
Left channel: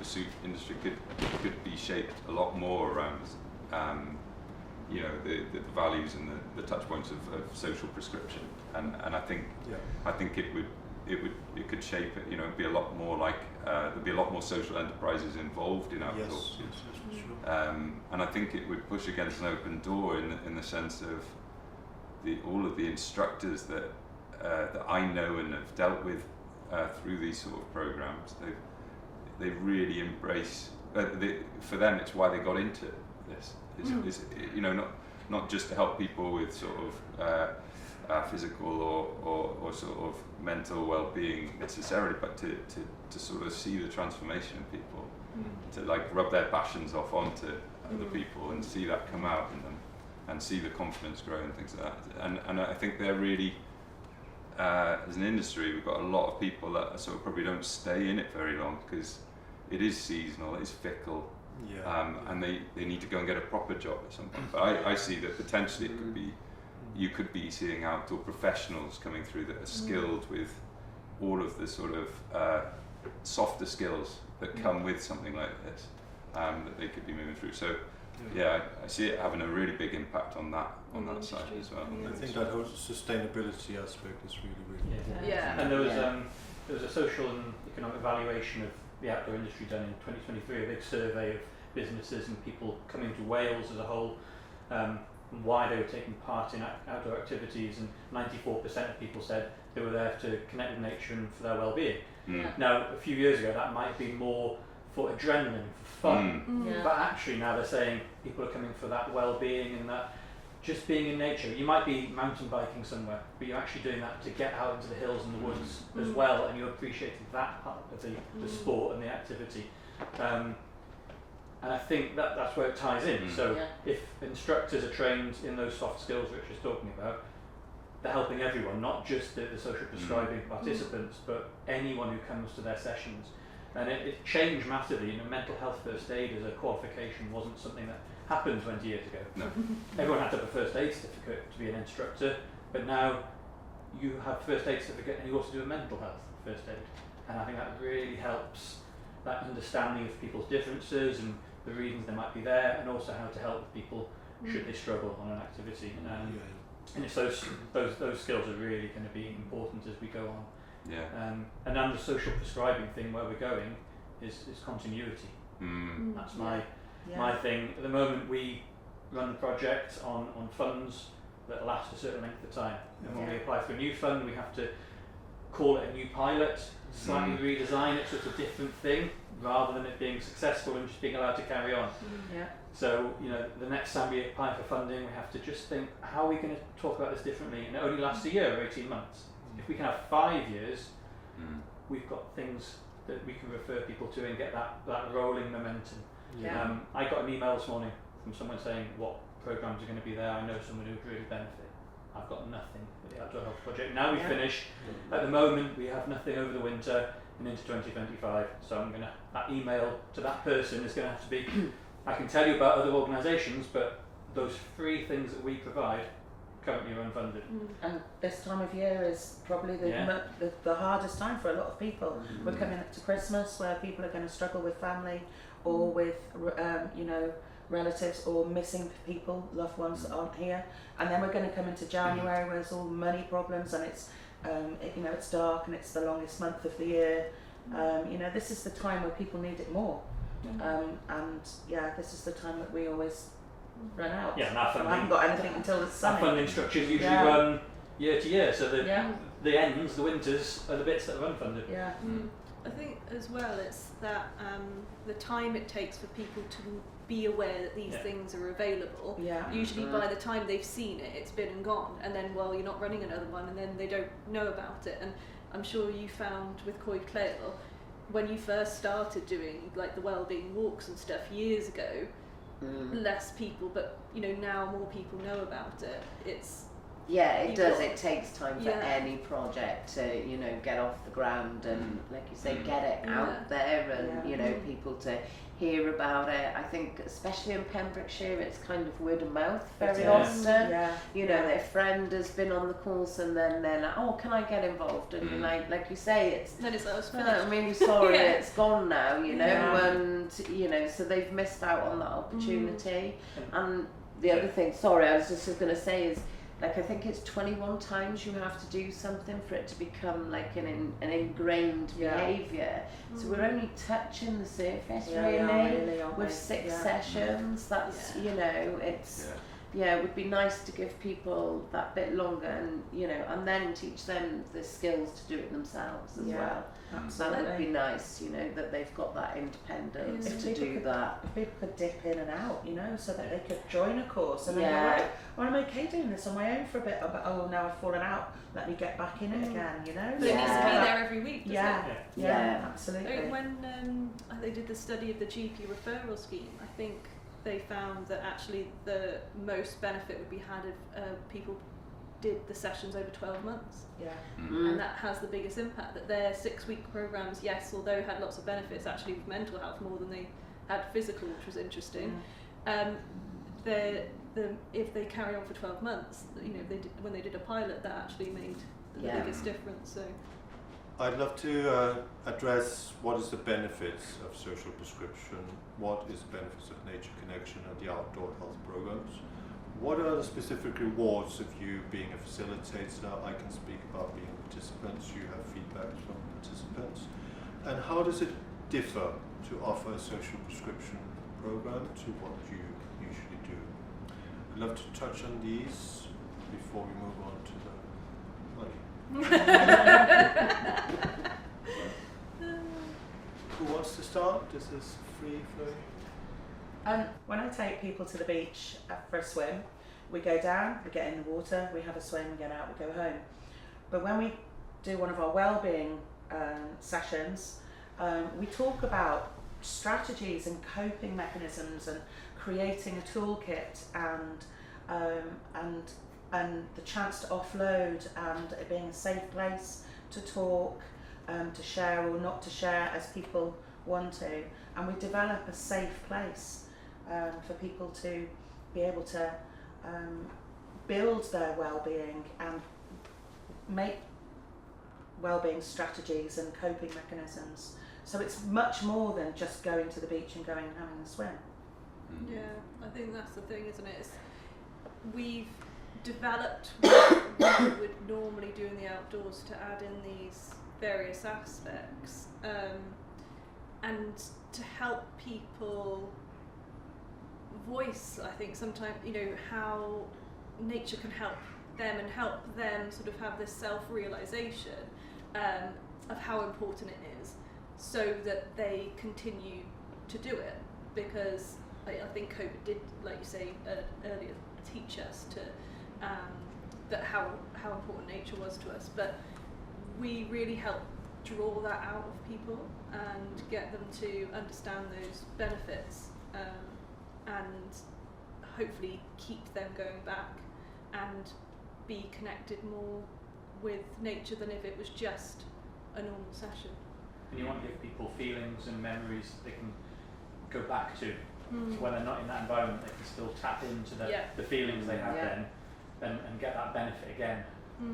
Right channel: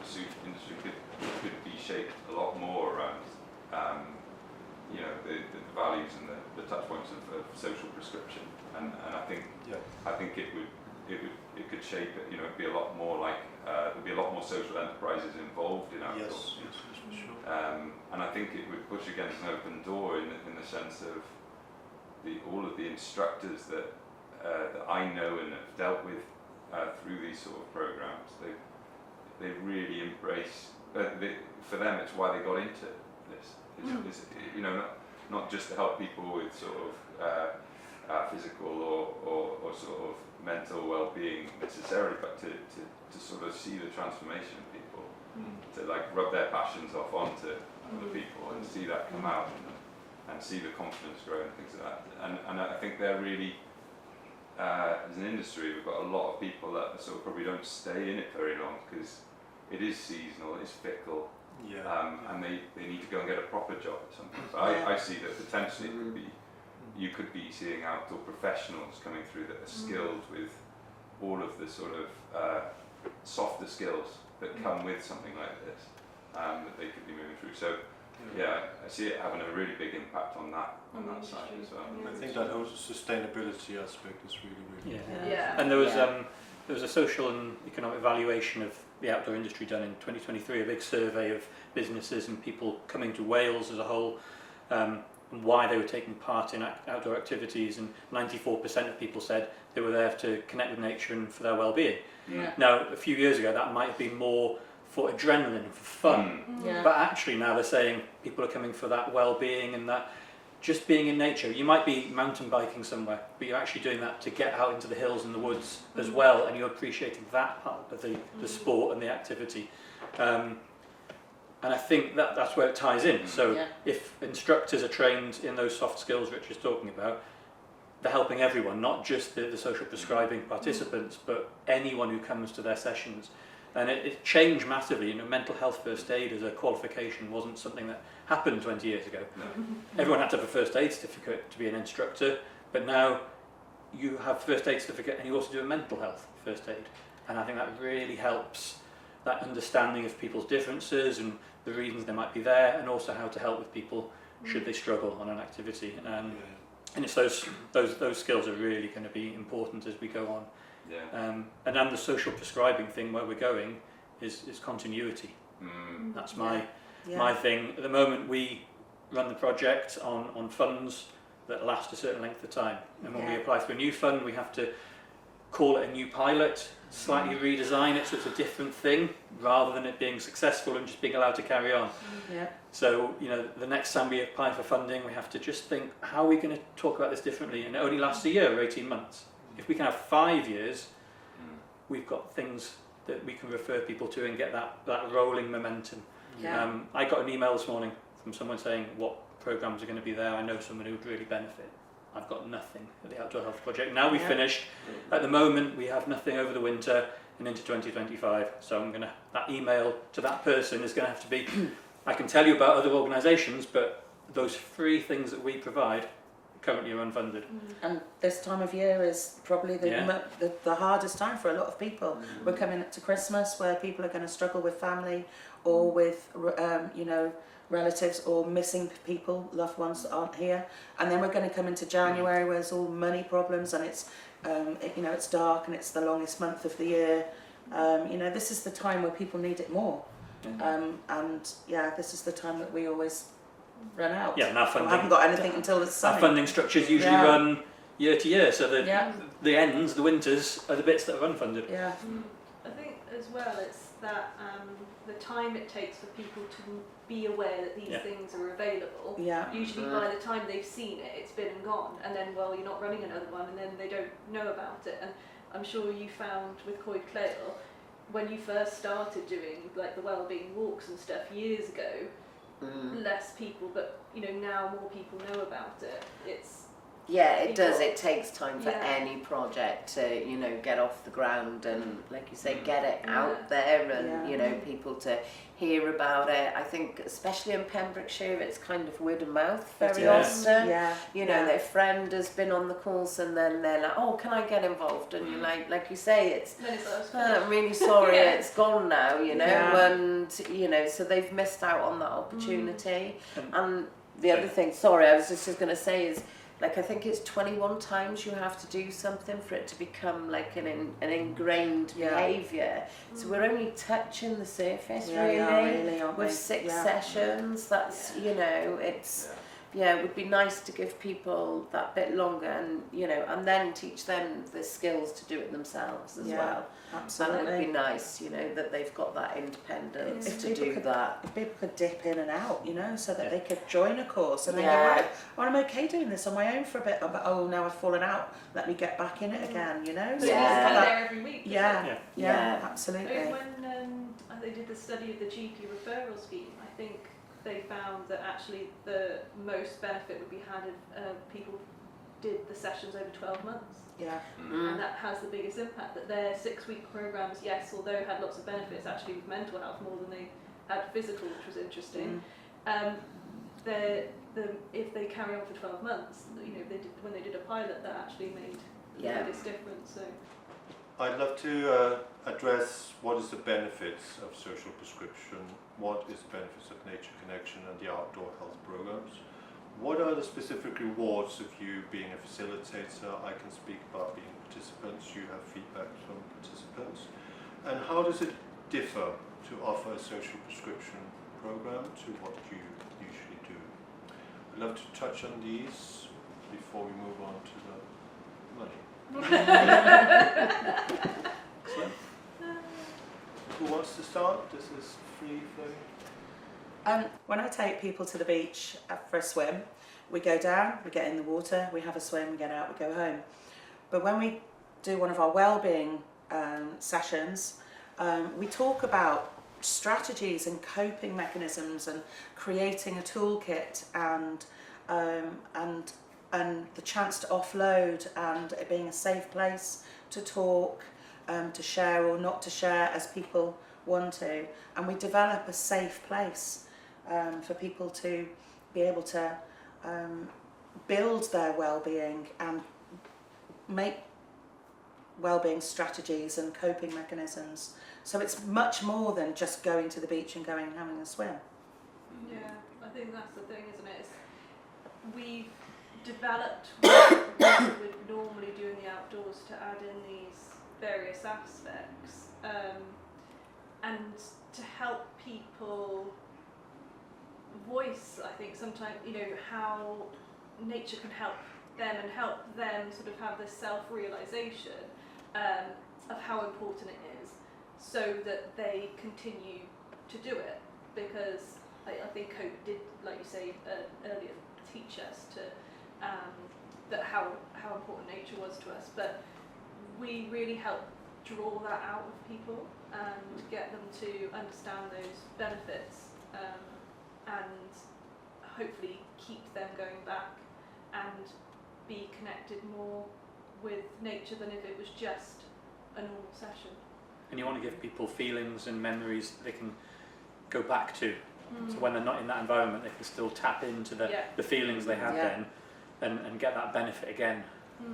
pursuit industry could be shaped a lot more around you know, the values and the touch points of social prescription, and I think it could shape it. You know, it'd be a lot more like there'd be a lot more social enterprises involved in outdoor. Yes, for sure. And I think it would push against an open door in the sense of all of the instructors that I know and have dealt with through these sort of programs. They really embrace. For them, it's why they got into this. Is you know, not just to help people with sort of physical or sort of mental well-being necessarily, but to sort of see the transformation of people, to like rub their passions off onto other people and see that come out and see the confidence grow and things like that. And I think they're really, as an industry, we've got a lot of people that sort of probably don't stay in it very long because it is seasonal, it's fickle. And they need to go and get a proper job at some point. But I see that potentially it could be, you could be seeing outdoor professionals coming through that are skilled with all of the sort of softer skills that come with something like this, that they could be moving through. So I see it having a really big impact on that side as well. I think that whole sustainability aspect is really important. Yeah. And there was a social and economic valuation of the outdoor industry done in 2023, a big survey of businesses and people coming to Wales as a whole, and why they were taking part in outdoor activities, and 94% of people said they were there to connect with nature and for their well-being. Now, a few years ago that might have been more for adrenaline, for fun, but actually now they're saying people are coming for that well-being and that just being in nature. You might be mountain biking somewhere, but you're actually doing that to get out into the hills and the woods as well, and you're appreciating that part of the sport and the activity. And I think that's where it ties in. So if instructors are trained in those soft skills Rich is talking about, they're helping everyone, not just the social prescribing participants, but anyone who comes to their sessions. And it changed massively. You know, mental health first aid as a qualification wasn't something that happened 20 years ago. Everyone had to have a first aid certificate to be an instructor, but now you have first aid certificate and you also do a mental health first aid. And I think that really helps that understanding of people's differences and the reasons they might be there, and also how to help with people should they struggle on an activity. And it's those skills are really going to be important as we go on. And then the social prescribing thing where we're going is continuity. That's my thing. At the moment we run the project on funds that last a certain length of time, and when we apply for a new fund we have to call it a new pilot, slightly redesign it so it's a different thing rather than it being successful and just being allowed to carry on. So, you know, the next time we apply for funding we have to just think, how are we going to talk about this differently? And it only lasts a year or 18 months. If we can have 5 years, we've got things that we can refer people to and get that rolling momentum. I got an email this morning from someone saying what programs are going to be there. I know someone who would really benefit. I've got nothing at the Outdoor Health Project. Now we've finished. At the moment we have nothing over the winter and into 2025. So that email to that person is going to have to be, I can tell you about other organisations, but those 3 things that we provide currently are unfunded. And this time of year is probably the hardest time for a lot of people. We're coming up to Christmas where people are going to struggle with family or with relatives or missing people, loved ones that aren't here, and then we're going to come into January where there's all money problems and it's it's dark and it's the longest month of the year. This is the time where people need it more, and this is the time that we always run out. And our funding, I haven't got anything until the summer. Our funding structures usually run year to year, so the ends, the winters, are the bits that are unfunded. I think as well it's that the time it takes for people to be aware that these things are available. Usually by the time they've seen it, it's been and gone, and then you're not running another one, and then they don't know about it. And I'm sure you found with Coed Lleol, when you first started doing like the Wellbeing walks and stuff years ago, less people, but now more people know about it. It does. It takes time for any project to get off the ground and, like you say, get it out there, and people to hear about it. I think especially in Pembrokeshire it's kind of word of mouth very Yeah. often. Yeah. You know, their friend has been on the course and then they're like, oh, can I get involved? And you're like you say, it's And then it's I'm really sorry, Yeah. it's gone now, you know, Yeah. and you know, so they've missed out on that opportunity. Mm. And the other thing, sorry, I was just going to say is, like, I think it's 21 times you have to do something for it to become like an ingrained Yeah. behaviour. So we're only touching the surface, Yeah, we are really, really, aren't with we? 6 Yeah. sessions. That's, Yeah. you know, it's, it would be nice to give people that bit longer and, you know, and then teach them the skills to do it themselves as Yeah. well. Absolutely. That would be nice, you know, that they've got that independence If to people do could- that. If people could dip in and out, you know, so that Yeah. they could join a course and they Yeah. go, right, well, I'm okay doing this on my own for a bit, but oh, now I've fallen out, let me get back in it again, you know? But it needs to be Yeah. there every week. doesn't Yeah. it? Yeah, Yeah. absolutely. When they did the study of the GP referral scheme, I think they found that actually the most benefit would be had if people did the sessions over 12 months. Yeah. And that has the biggest impact, that their 6-week programs, yes, although had lots of benefits actually for mental health more than they had physical, which was interesting. If they carry on for 12 months, you know, when they did a pilot, that actually made the biggest difference. So I'd love to address what is the benefits of social prescription, what is the benefits of nature connection and the outdoor health programs. What are the specific rewards of you being a facilitator? I can speak about being participants, you have feedback from participants. And how does it differ to offer a social prescription program to what you usually do? I'd love to touch on these before we move on to the money. Who wants to start? This is free flowing. When I take people to the beach for a swim, we go down, we get in the water, we have a swim, we get out, we go home. But when we do one of our wellbeing sessions, we talk about strategies and coping mechanisms and creating a toolkit and the chance to offload and it being a safe place to talk, to share or not to share as people want to. And we develop a safe place for people to be able to build their well-being and make well-being strategies and coping mechanisms. So it's much more than just going to the beach and going and having a swim. yeah, I think that's the thing, isn't it? We've developed what we would normally do in the outdoors to add in these various aspects, and to help people voice, I think sometimes, you know, how nature can help them and help them sort of have this self-realisation of how important it is, so that they continue to do it, because I think Coed did, like you say earlier, teach us to that how important nature was to us, but we really help draw that out of people and get them to understand those benefits, and hopefully keep them going back and be connected more with nature than if it was just a normal session. And you want to give people feelings and memories that they can go back to. So when they're not in that environment, they can still tap into the feelings they had Yeah. then and get that benefit again.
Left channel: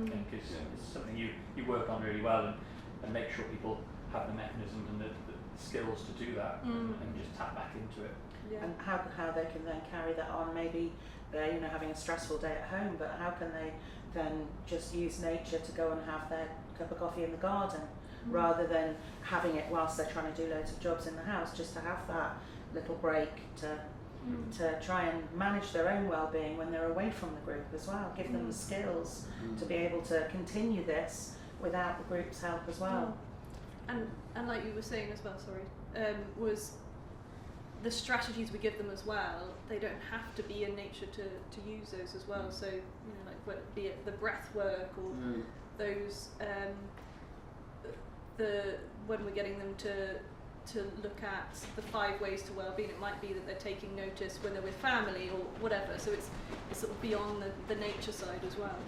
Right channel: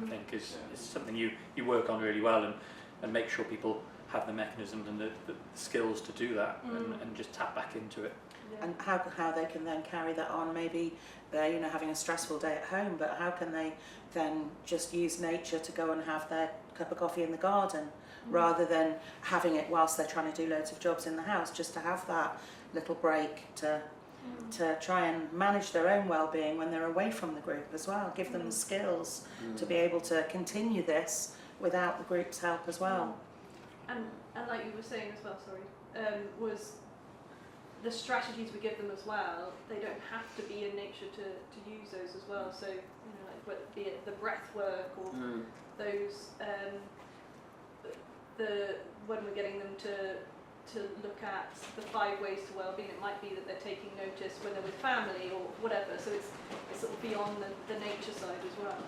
I think is something you work on really well, and make sure people have the mechanisms and the skills to do that, and just tap back into it. Yeah. And how they can then carry that on. Maybe they're, you know, having a stressful day at home, but how can they then just use nature to go and have their cup of coffee in the garden, rather than having it whilst they're trying to do loads of jobs in the house, just to have that little break to try and manage their own well-being when they're away from the group as well. Give them the skills to be able to continue this without the group's help as well. And like you were saying as well, was the strategies we give them as well, they don't have to be in nature to use those as well. So, you know, like be it the breath work or those when we're getting them to look at the 5 ways to well-being, it might be that they're taking notice when they're with family or whatever. So it's sort of beyond the nature side as well.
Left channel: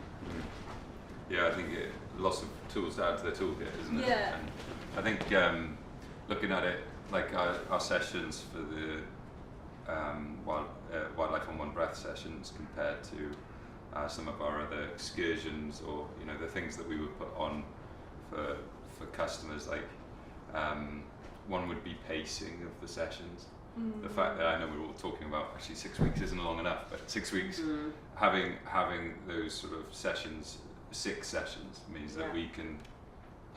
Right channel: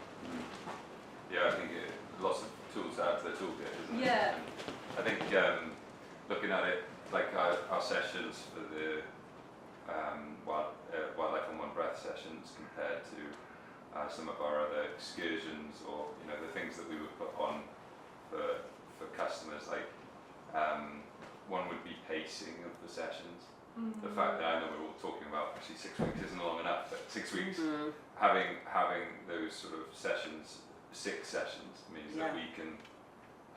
Yeah, I think lots of tools to add to the toolkit, isn't it? Yeah. I think looking at it like our sessions for sessions, or the things that we would put on for customers, like one would be pacing of the sessions. The fact that I know we're all talking about actually 6 weeks isn't long enough, but 6 weeks having those sort of sessions, 6 sessions, means that we can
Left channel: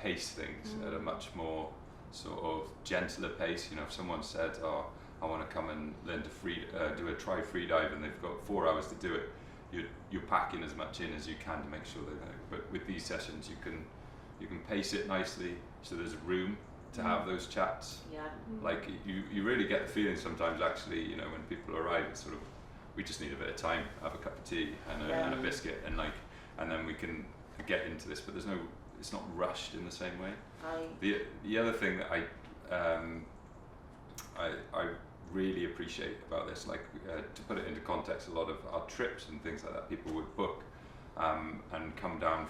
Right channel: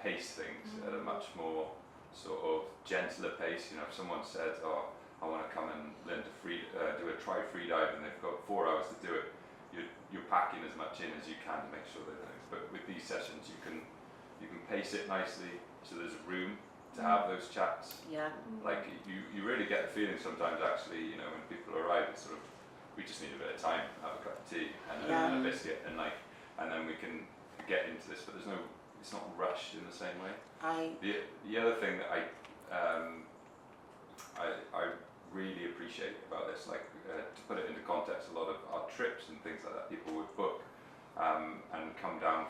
pace things at a much more sort of gentler pace. If someone said, "Oh, I want to come and learn to do a try free dive," and they've got 4 hours to do it, you're packing as much in as you can to make sure that. But with these sessions, you can pace it nicely, so there's room to have those chats. Yeah. Like you really get the feeling sometimes, actually, when people arrive, it's sort of, we just need a bit of time, have a cup of tea and a biscuit, and then we can get into this. But it's not rushed in the same way. The other thing that I really appreciate about this, to put it into context, a lot of our trips and things like that, people would book and come down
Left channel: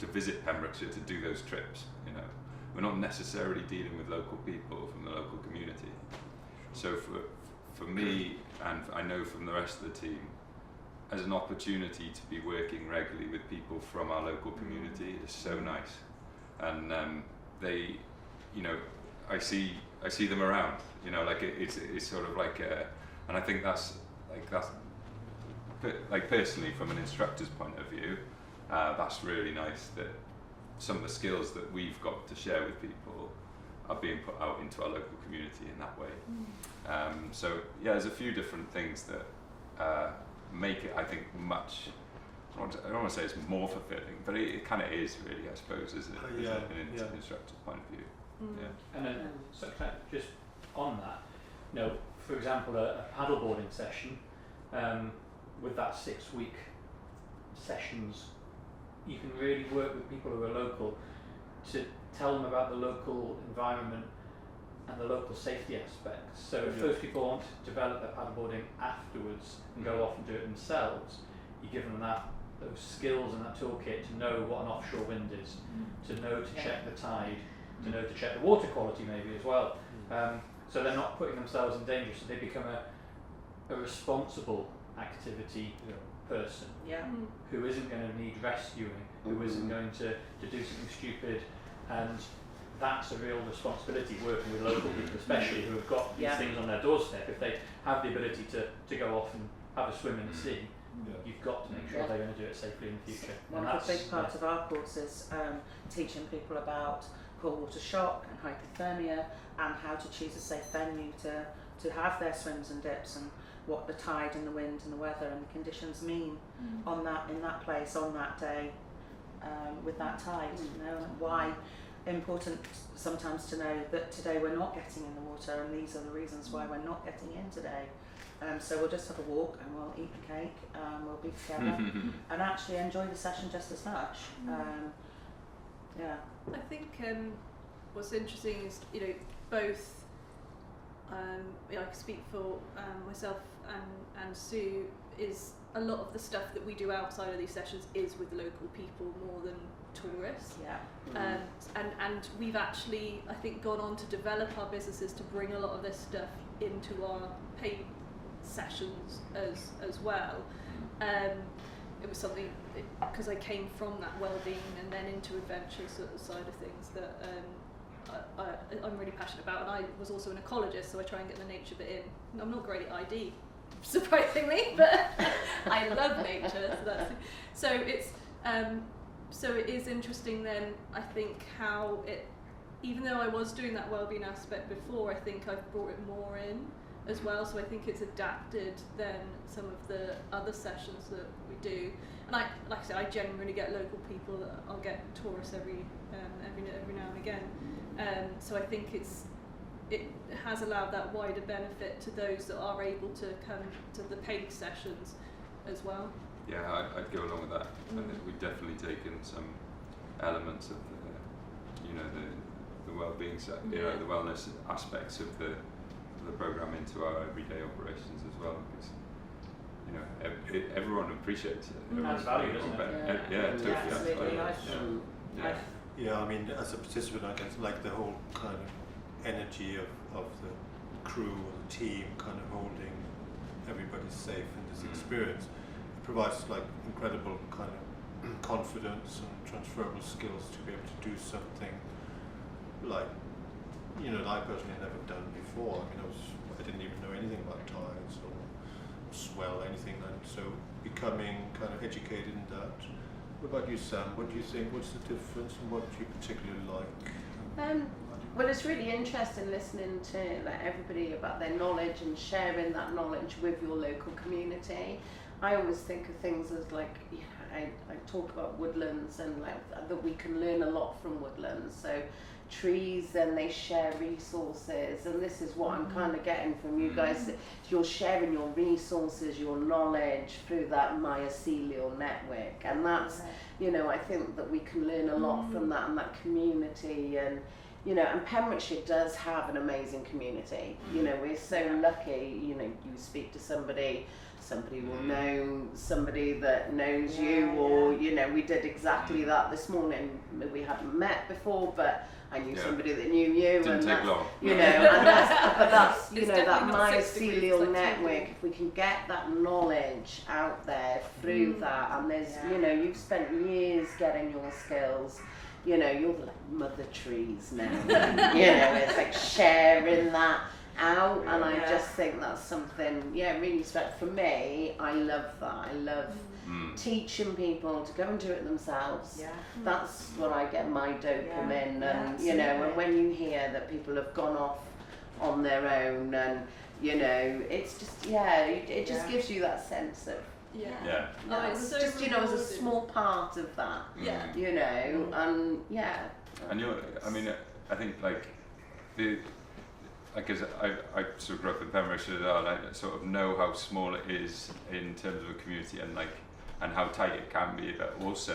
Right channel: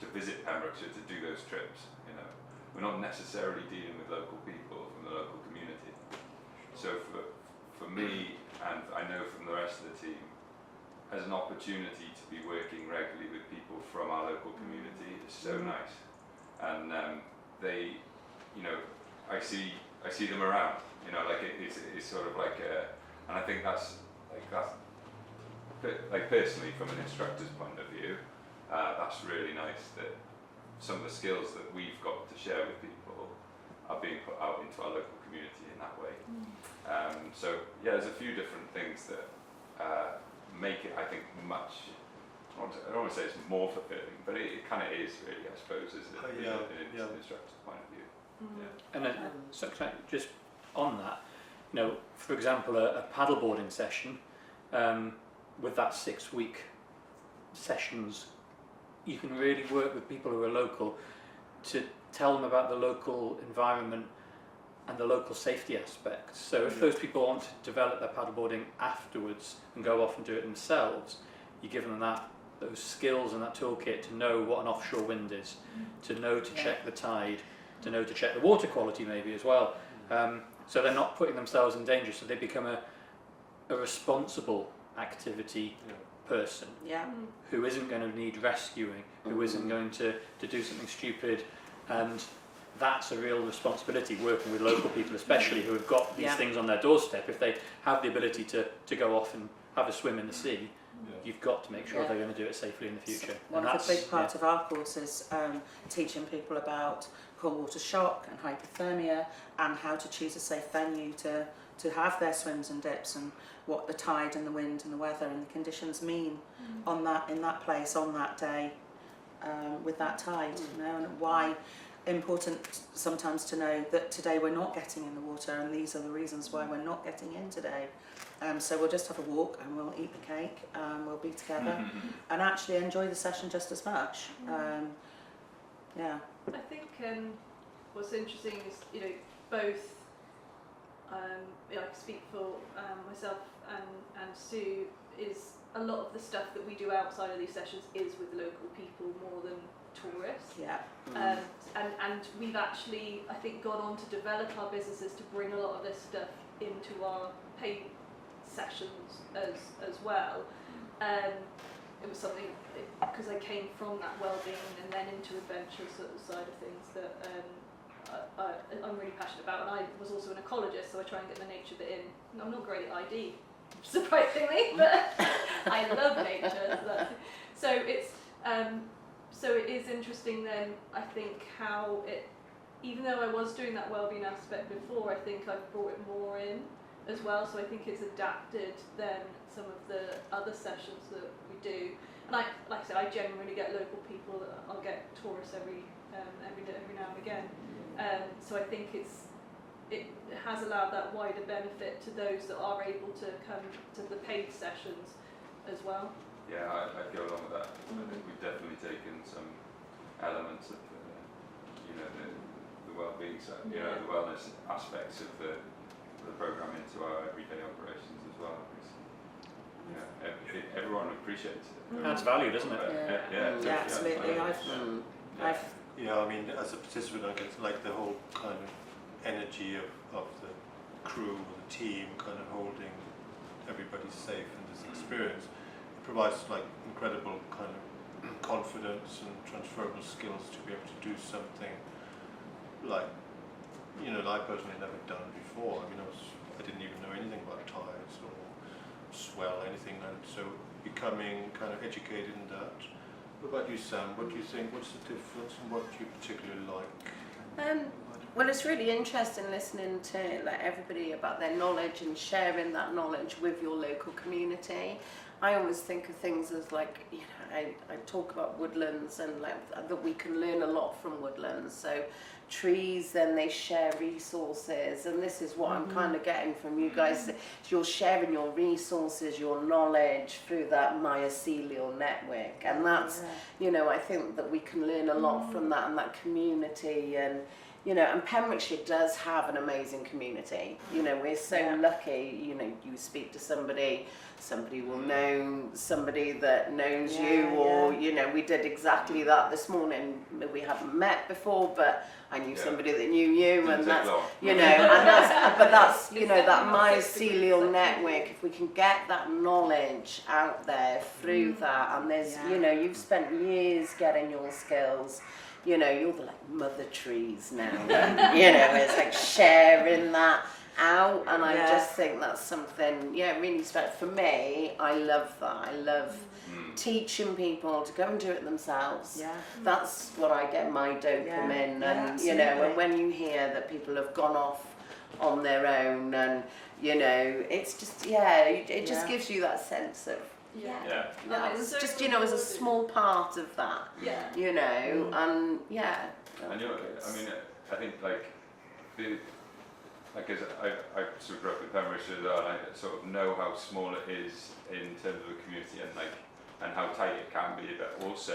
to visit Pembrokeshire to do those trips. We're not necessarily dealing with local people from the local community. So for me, and I know from the rest of the team, as an opportunity to be working regularly with people from our local community is so nice. And they, I see them around. It's sort of like and I think that's personally, from an instructor's point of view, that's really nice that some of the skills that we've got to share with people are being put out into our local community in that way. So there's a few different things that make it, I think, much, I don't want to say it's more fulfilling, but it kind of is really, I suppose, isn't it? In an instructor's point of view. And then, so can I just on that, for example, a paddleboarding session, with that 6-week sessions, you can really work with people who are local to tell them about the local environment and the local safety aspects. So if those people want to develop their paddleboarding afterwards and go off and do it themselves, you give them those skills and that toolkit to know what an offshore wind is, to know to check the tide, to know to check the water quality maybe as well. So they're not putting themselves in danger, so they become a responsible activity person who isn't going to need rescuing, who isn't going to do something stupid. And that's a real responsibility, working with local people especially, who have got these things on their doorstep. If they have the ability to go off and have a swim in the sea, you've got to make sure they're going to do it safely in the future. One of the big part of our course is teaching people about cold water shock and hypothermia, and how to choose a safe venue to have their swims and dips, and what the tide and the wind and the weather and the conditions mean in that place on that day, with that tide, and why important sometimes to know that today we're not getting in the water, and these are the reasons why we're not getting in today. So we'll just have a walk and we'll eat the cake, we'll be together and actually enjoy the session just as much. I think what's interesting is, both, I can speak for myself and Sue, is a lot of the stuff that we do outside of these sessions is with local people more than tourists. And we've actually, I think, gone on to develop our businesses to bring a lot of this stuff into our paid sessions as well. It was something, because I came from that wellbeing and then into adventure side of things, that I'm really passionate about, and I was also an ecologist, so I try and get the nature bit in. I'm not great at ID, surprisingly, but I love nature. So it is interesting then, I think, how it, even though I was doing that wellbeing aspect before, I think I've brought it more in as well. So I think it's adapted then some of the other sessions that we do. And like I said, I genuinely get local people. I'll get tourists every now and again. So I think it has allowed that wider benefit to those that are able to come to the paid sessions as well. Yeah, I'd go along with that. I think we've definitely taken some elements of the well-being, the wellness aspects of the program into our everyday operations as well. Everyone appreciates it. Adds value, doesn't it? Absolutely. I mean, as a participant, I get like the whole kind of energy of the crew or the team kind of holding everybody safe in this experience. It provides like incredible kind of confidence and transferable skills to be able to do something like, you know, that I personally had never done before. I mean, I didn't even know anything about tides or swell, anything, and so becoming kind of educated in that. What about you, Sam? What do you think? What's the difference, and what do you particularly like? Well, it's really interesting listening to like everybody about their knowledge and sharing that knowledge with your local community. I always think of things as like, you know, I talk about woodlands and like that we can learn a lot from woodlands. So trees, then they share resources, and this is what I'm kind of getting from you guys. You're sharing your resources, your knowledge through that mycelial network, and that's, you know, I think that we can learn a lot from that and that community. And you know, and Pembrokeshire does have an amazing community. You know, we're so lucky. You know, you speak to somebody will know somebody that knows you, or you know, we did exactly that this morning. We haven't met before, but I knew somebody that knew you, and that's, you know, and that's you know, that mycelial network. If we can get that knowledge out there through that, and there's, you know, you've spent years getting your skills. You know, you're the like mother trees now. You know, it's like sharing that out, and I just think that's something, really special for me. I love that. I love teaching people to go and do it themselves. Yeah, that's what I get my dopamine, and you know, and when you hear that people have gone off on their own, and you know, it's just it just gives you that sense of. No, it was so just, you know, as a small part of that. You know, and And you know, I mean, I think like because I sort of grew up in Pembrokeshire, and I sort of know how small it is in terms of a community, and how tight it can be. But also,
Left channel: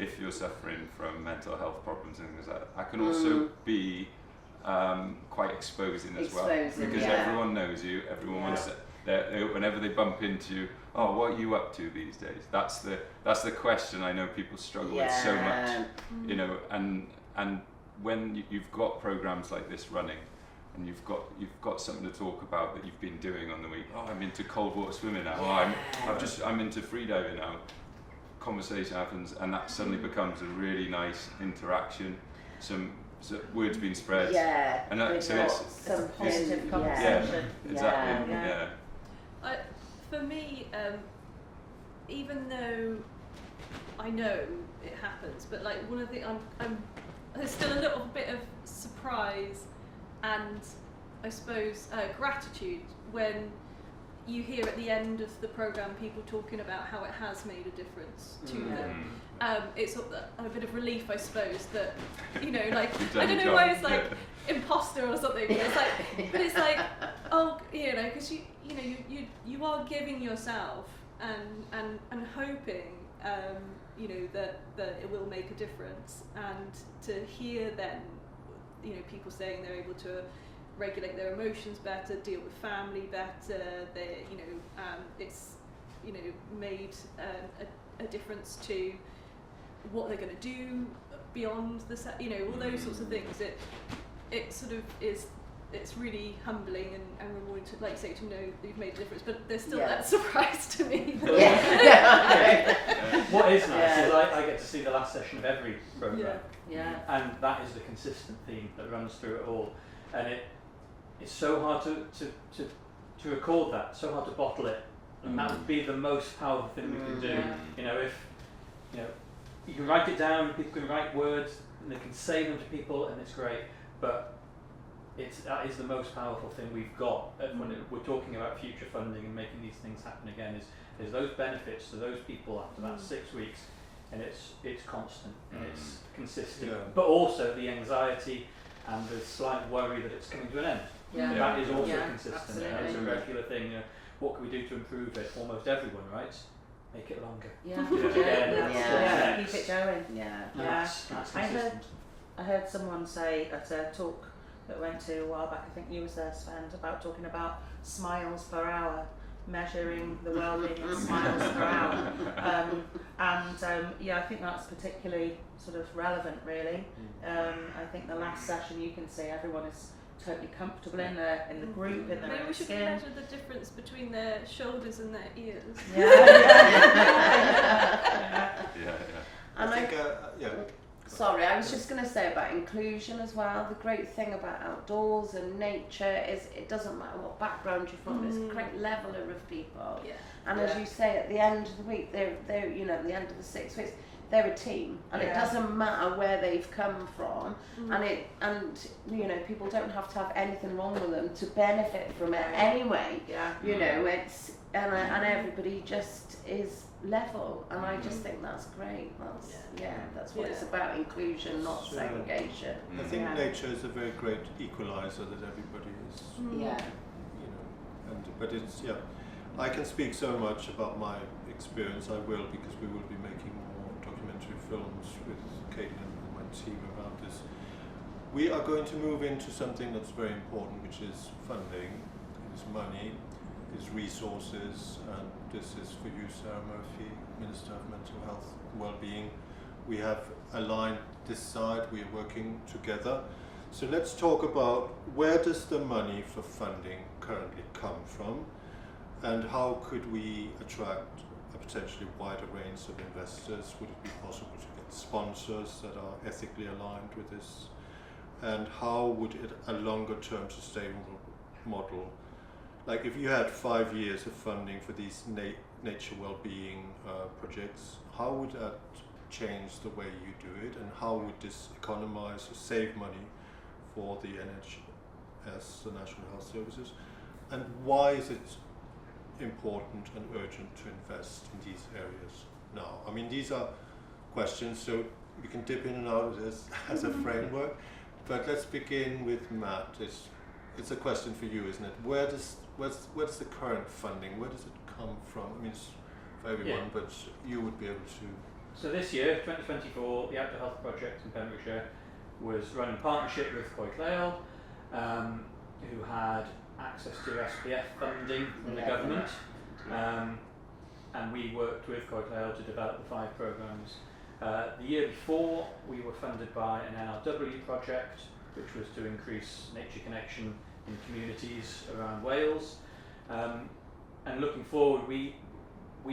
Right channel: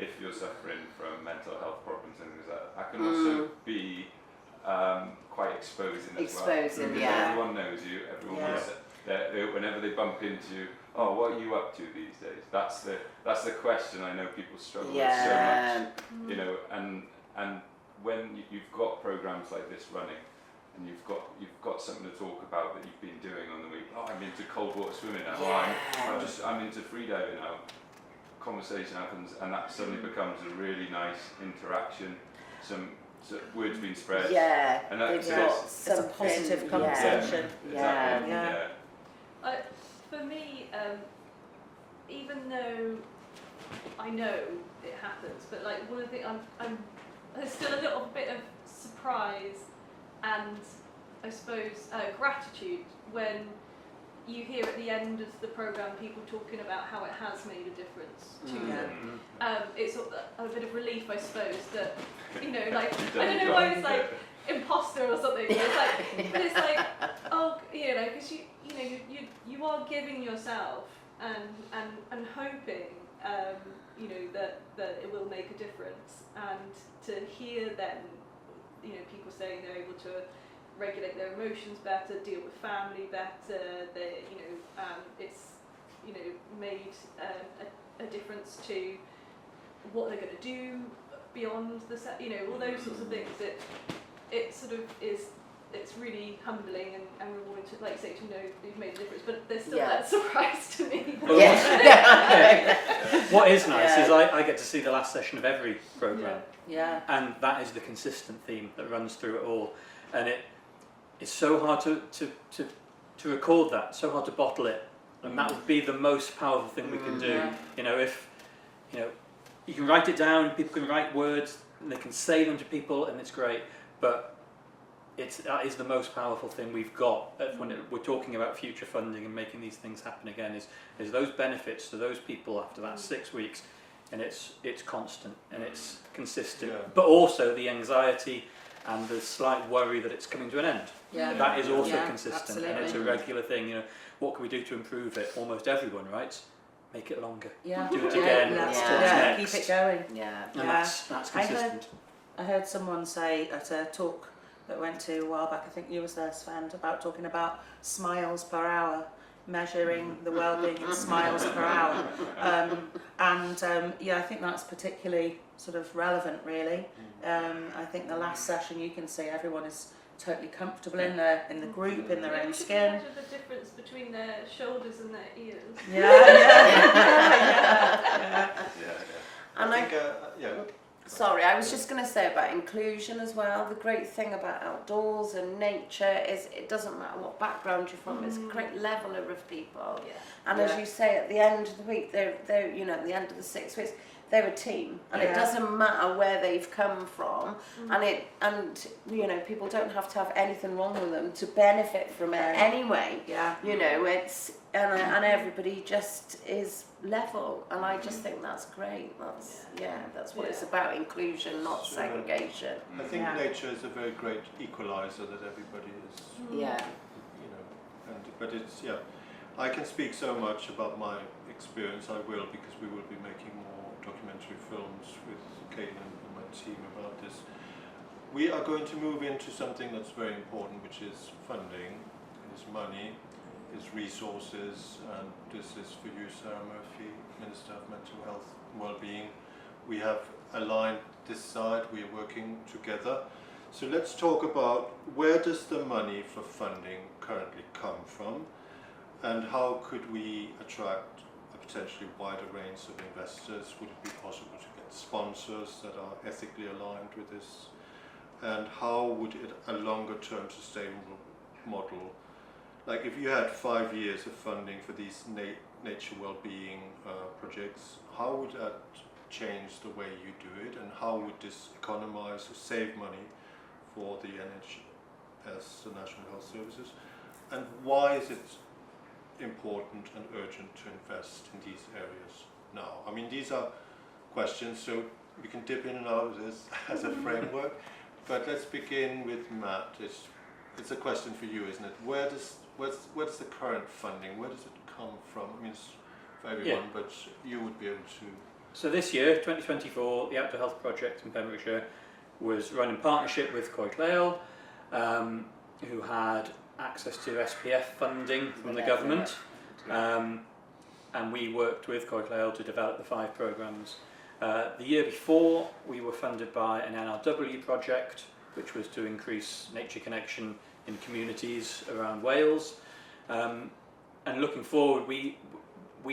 if you're suffering from mental health problems and things like that, can also be quite exposing as well. Because everyone knows you, everyone wants whenever they bump into, oh, what are you up to these days? That's the question I know people struggle with so much. You know, and when you've got programs like this running, and you've got something to talk about that you've been doing on the week. Oh, I'm into cold water swimming now. I'm into freediving now. Conversation happens, and that suddenly becomes a really nice interaction. Some words being spread. And it's a positive conversation. For me, even though I know it happens, but like one of the there's still a little bit of surprise and I suppose gratitude when you hear at the end of the programme people talking about how it has made a difference to them. It's a bit of relief, I suppose, that, you know, like, I don't know why it's like imposter or something, but it's like, oh, you know, because you are giving yourself and hoping, you know, that it will make a difference, and to hear then, you know, people saying they're able to regulate their emotions better, deal with family better, they, you know, it's, you know, made a difference to what they're going to do beyond the set, you know, all those sorts of things. It sort of is, it's really humbling, and we would like to say, to know you've made a difference, but there's still that surprise to me. What is nice is I get to see the last session of every programme. And that is the consistent theme that runs through it all, and it's so hard to record that, so hard to bottle it, and that would be the most powerful thing we can do. You know, if you know, you can write it down, people can write words and they can say them to people, and it's great, but that is the most powerful thing we've got when we're talking about future funding and making these things happen again, is those benefits to those people after that 6 weeks, and it's constant and it's consistent, but also the anxiety and the slight worry that it's coming to an end. That is also consistent, absolutely. And it's a regular thing. You know, what can we do to improve it? Almost everyone writes, make it longer, do it again, keep it going. And that's consistent. I heard someone say at a talk that went to a while back, I think you was there, Svend, about talking about smiles per hour, measuring the well-being in smiles per hour, I think that's particularly sort of relevant, really. I think the last session, you can see everyone is totally comfortable in the group, in their own skin. Measure the difference between their shoulders and their ears. And I think, yeah. Sorry, I was just going to say about inclusion as well. The great thing about outdoors and nature is it doesn't matter what background you're from. It's a great leveler of people. Yeah. And as you say, at the end of the week, they're you know, at the end of the 6 weeks, they're a team, and it doesn't matter where they've come from, and you know, people don't have to have anything wrong with them to benefit from it anyway. Yeah. You know, it's and everybody just is level, and I just think that's great. That's what it's about, inclusion, not So, segregation. I think nature is a very great equalizer that everybody is, Yeah. you know, but it's, I can speak so much about my experience. I will, because we will be making more documentary films with Caitlin and my team about this. We are going to move into something that's very important, which is funding, is money, is resources, and this is for you, Sarah Murphy, Minister of Mental Health and Wellbeing. We have aligned this side, we are working together. So let's talk about where does the money for funding currently come from, and how could we attract a potentially wider range of investors? Would it be possible to get sponsors that are ethically aligned with this? And how would a longer term sustainable model, like if you had 5 years of funding for these nature well-being projects, how would that change the way you do it, and how would this economize or save money for the NHS, the National Health Services, and why is it important and urgent to invest in these areas now? I mean, these are questions, so we can dip in and out of this as a framework, but let's begin with Matt. It's a question for you, isn't it? Where's the current funding? Where does it come from? I mean, it's for everyone, but you would be able to. So this year, 2024, the Outdoor Health Project in Pembrokeshire was run in partnership with Coed, who had access to SPF funding from the government, and we worked with Coed to develop the 5 programmes. The year before, we were funded by an NRW project, which was to increase nature connection in communities around Wales. And looking forward, we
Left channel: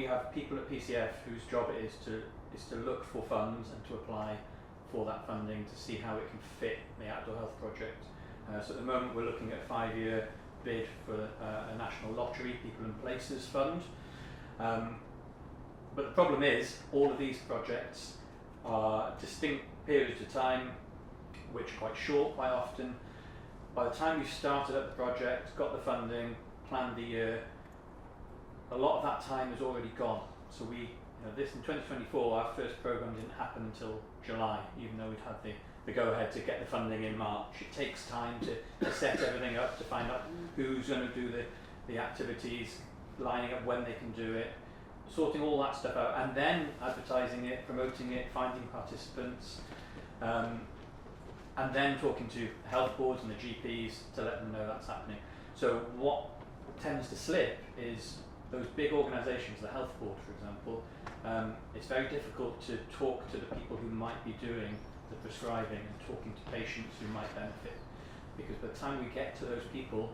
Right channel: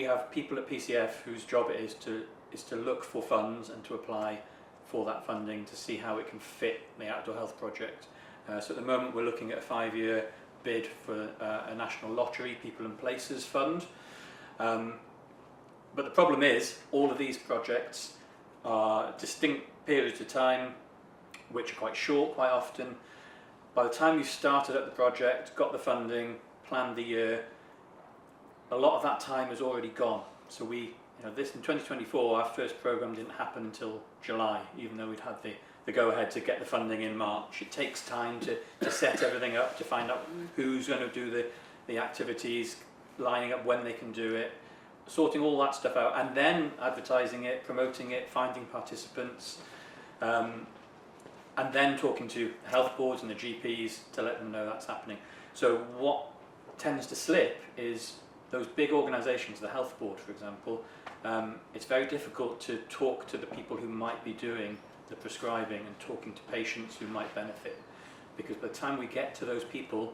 have people at PCF whose job it is to look for funds and to apply for that funding to see how it can fit the Outdoor Health Project. So at the moment, we're looking at a 5-year bid for a national lottery, People and Places Fund. But the problem is, all of these projects are distinct periods of time, which are quite short quite often. By the time you started at the project, got the funding, planned the year, a lot of that time is already gone. So this in 2024, our first programme didn't happen until July, even though we'd had the go-ahead to get the funding in March. It takes time to set everything up, to find out who's going to do the activities, lining up when they can do it, sorting all that stuff out, and then advertising it, promoting it, finding participants, and then talking to the health boards and the GPs to let them know that's happening. So what tends to slip is those big organisations, the health board for example, it's very difficult to talk to the people who might be doing the prescribing and talking to patients who might benefit, because by the time we get to those people,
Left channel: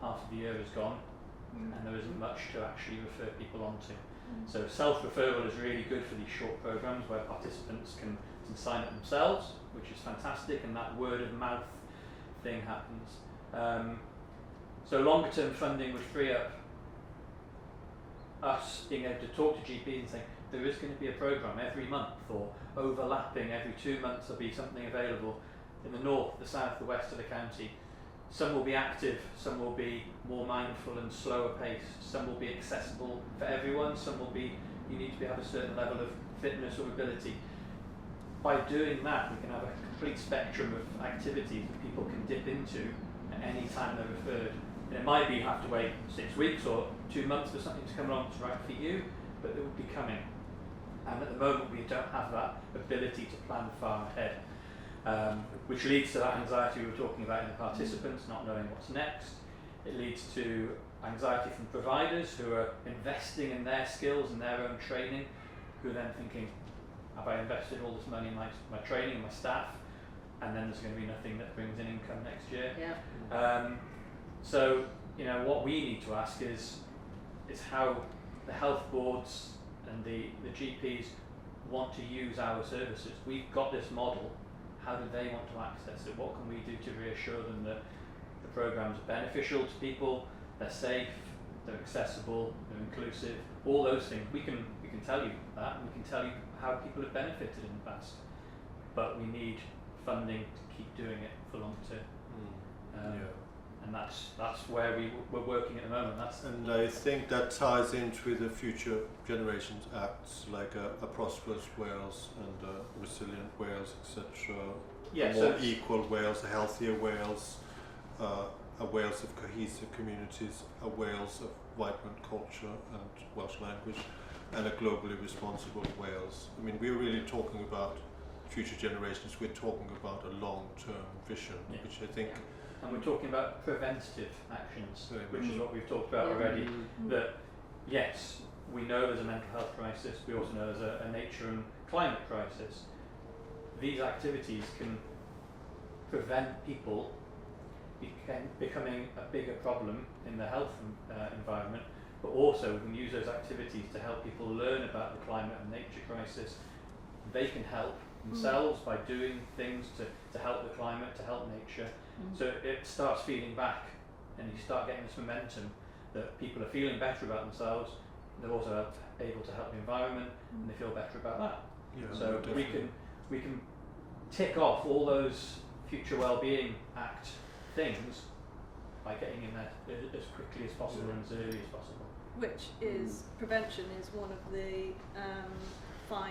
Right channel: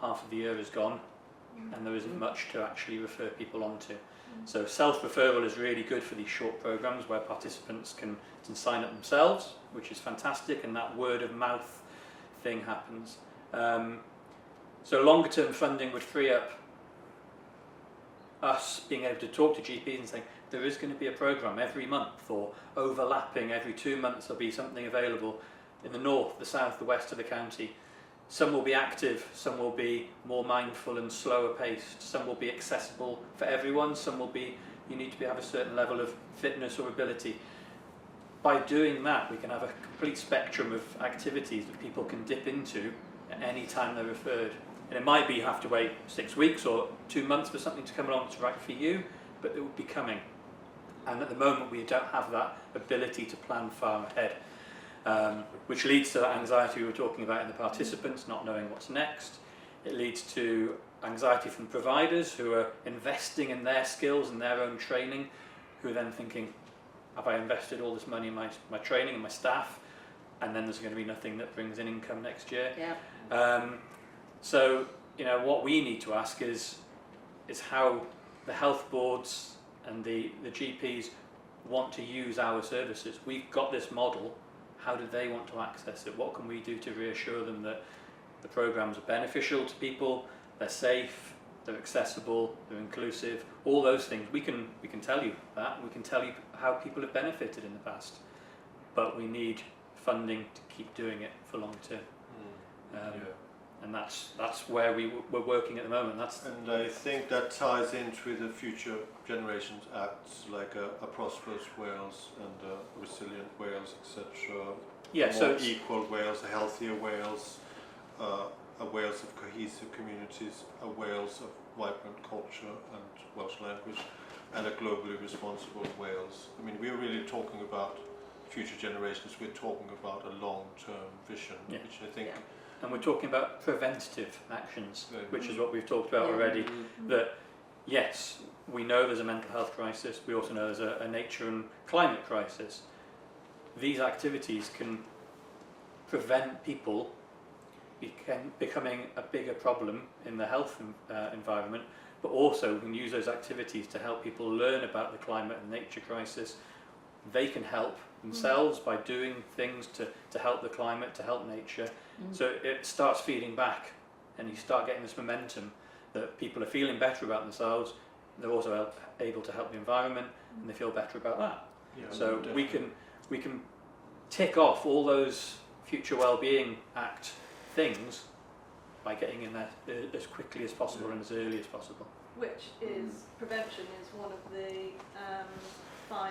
half of the year is gone and there isn't much to actually refer people onto. So self-referral is really good for these short programmes where participants can sign up themselves, which is fantastic, and that word of mouth thing happens. So longer term funding would free up us being able to talk to GPs and say there is going to be a programme every month, or overlapping every 2 months there'll be something available in the north, the south, the west of the county. Some will be active, some will be more mindful and slower paced, some will be accessible for everyone, some will be you need to have a certain level of fitness or ability. By doing that, we can have a complete spectrum of activities that people can dip into at any time they're referred. And it might be you have to wait 6 weeks or 2 months for something to come along that's right for you, but it will be coming. And at the moment, we don't have that ability to plan far ahead, which leads to that anxiety we were talking about in the participants, not knowing what's next. It leads to anxiety from providers who are investing in their skills and their own training, who are then thinking, have I invested all this money in my training and my staff, and then there's going to be nothing that brings in income next year. So what we need to ask is how the health boards and the GPs want to use our services. We've got this model. How do they want to access it? What can we do to reassure them that the programs are beneficial to people, they're safe, they're accessible, they're inclusive, all those things. We can tell you that, we can tell you how people have benefited in the past, but we need funding to keep doing it for long term. And that's where we're working at the moment. And I think that ties into the Future Generations Acts, like a prosperous Wales and a resilient Wales, etc. Yeah, a so more equal Wales, a healthier Wales, a Wales of cohesive communities, a Wales of vibrant culture and Welsh language, and a globally responsible Wales. I mean, we're really talking about future generations. We're talking about a long-term vision, which I think. And we're talking about preventative actions, which is what we've talked about Yeah. already. That yes, we know there's a mental health crisis. We also know there's a nature and climate crisis. These activities can prevent people becoming a bigger problem in the health environment, but also we can use those activities to help people learn about the climate and nature crisis. They can help themselves by doing things to help the climate, to help nature. So it starts feeding back, and you start getting this momentum that people are feeling better about themselves. They're also able to help the environment, and they feel better about that. Yeah, So definitely. we can tick off all those Future Wellbeing Act things by getting in there as quickly as possible and as early as possible. Which is prevention is one of the 5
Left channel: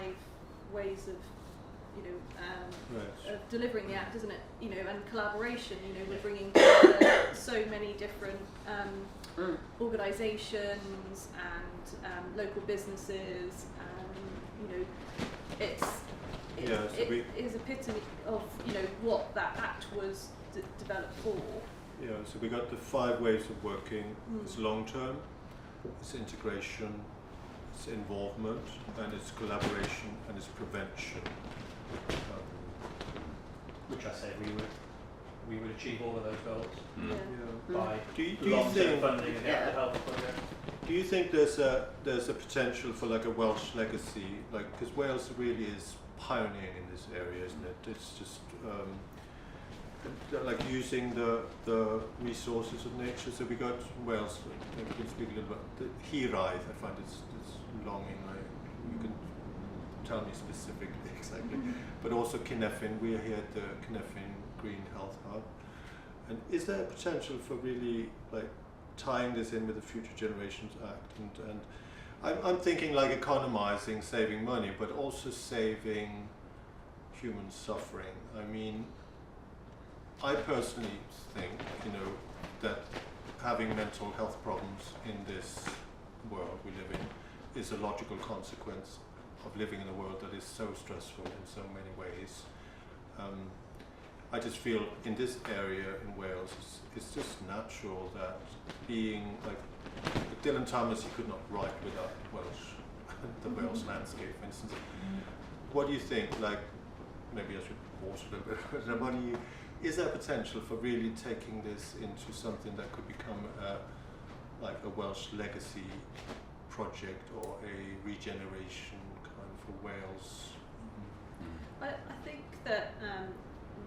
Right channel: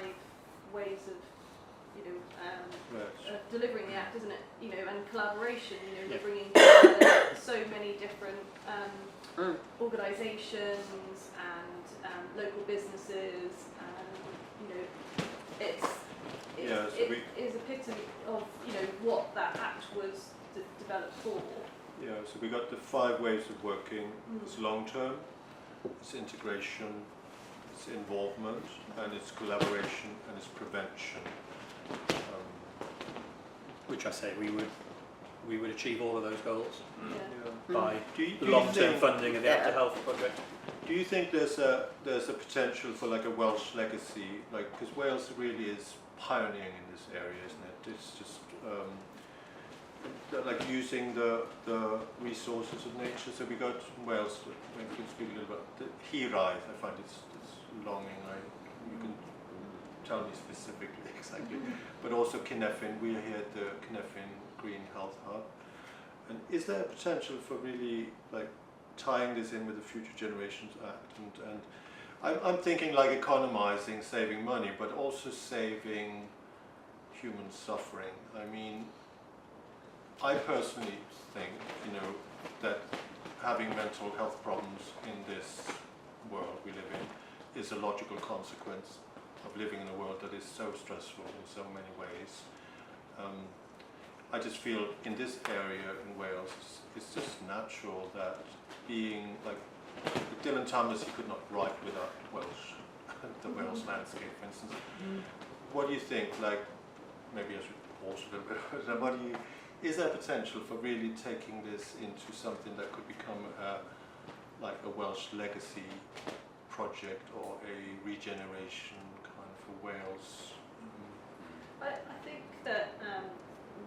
ways of of delivering the act, isn't it? And collaboration. We're bringing together so many different organisations and local businesses, and it is epitome of what that act was developed for. Yeah, so we got the 5 ways of working. It's long term, it's integration, it's involvement, and it's collaboration, and it's prevention. Which I say we would achieve all of those goals by Do you long-term think, funding of the Outdoor Health Project. do you think there's a potential for like a Welsh legacy, like, because Wales really is pioneering in this area, isn't it? It's just like using the resources of nature. So we got Wales. Maybe we can speak a little about the Hiraeth. I find it's longing. You can tell me specifically exactly. But also Cynefin. We are here at the Cynefin Green Health Hub. And is there a potential for really like tying this in with the Future Generations Act? And I'm thinking like economizing, saving money, but also saving human suffering. I mean, I personally think, that having mental health problems in this world we live in is a logical consequence of living in a world that is so stressful in so many ways. I just feel in this area in Wales, it's just natural that being like Dylan Thomas, he could not write without Welsh, the Welsh landscape, for instance. What do you think? Like, maybe I should pause a little bit. Is there potential for really taking this into something that could become like a Welsh legacy project or a regeneration kind for Wales? I think that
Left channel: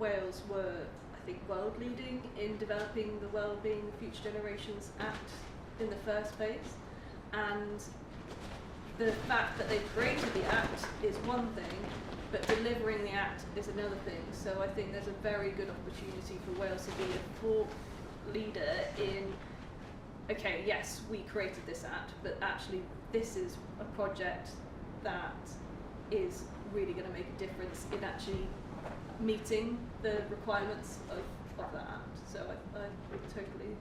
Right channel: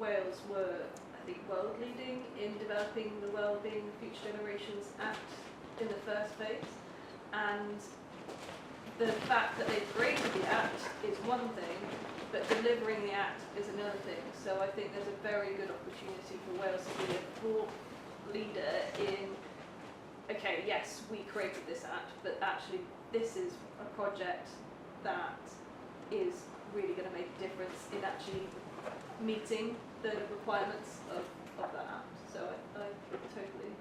Wales were, world leading in developing the Wellbeing the Future Generations Act in the first place, and the fact that they created the Act is one thing, but delivering the Act is another thing. So I think there's a very good opportunity for Wales to be a thought leader in, okay, yes, we created this Act, but actually this is a project that is really going to make a difference in actually meeting the requirements of that Act. So I totally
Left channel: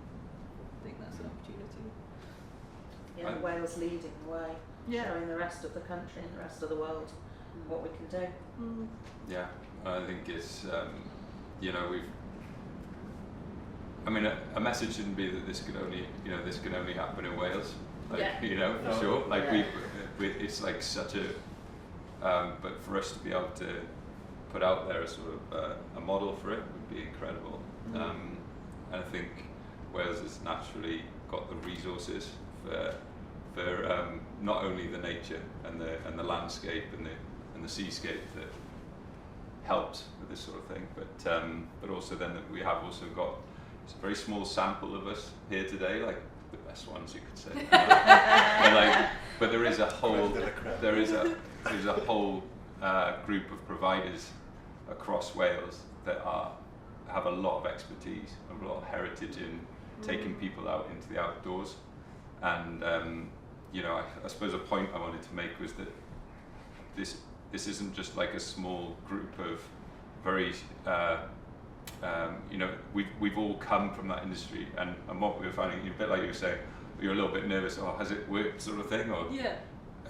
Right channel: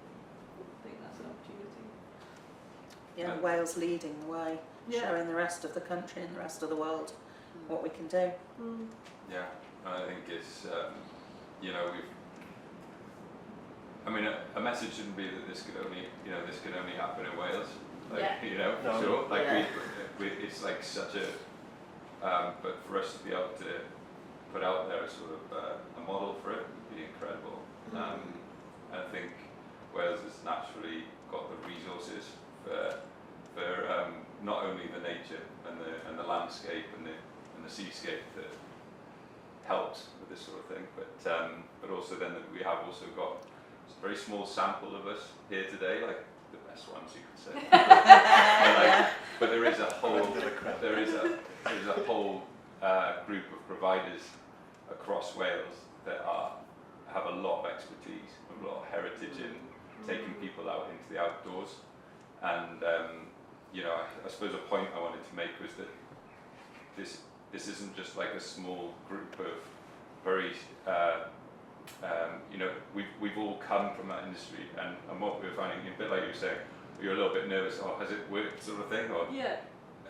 think that's an opportunity. Wales leading the way, Yeah. showing the rest of the country and the rest of the world what we can do. Yeah, I think it's a message shouldn't be that this can only happen in Wales. No. Sure. Like it's like such a but for us to be able to put out there a sort of a model for it would be incredible. And I think Wales has naturally got the resources for not only the nature and the landscape and the seascape that helps with this sort of thing. But also then we have also got a very small sample of us here today, like the best ones you could say. But there is a whole group of providers across Wales that have a lot of expertise, a lot of heritage in taking people out into the outdoors. And I suppose a point I wanted to make was that this isn't just like a small group of very we've all come from that industry, and what we were finding, a bit like you were saying, you're a little bit nervous, has it worked sort of thing, or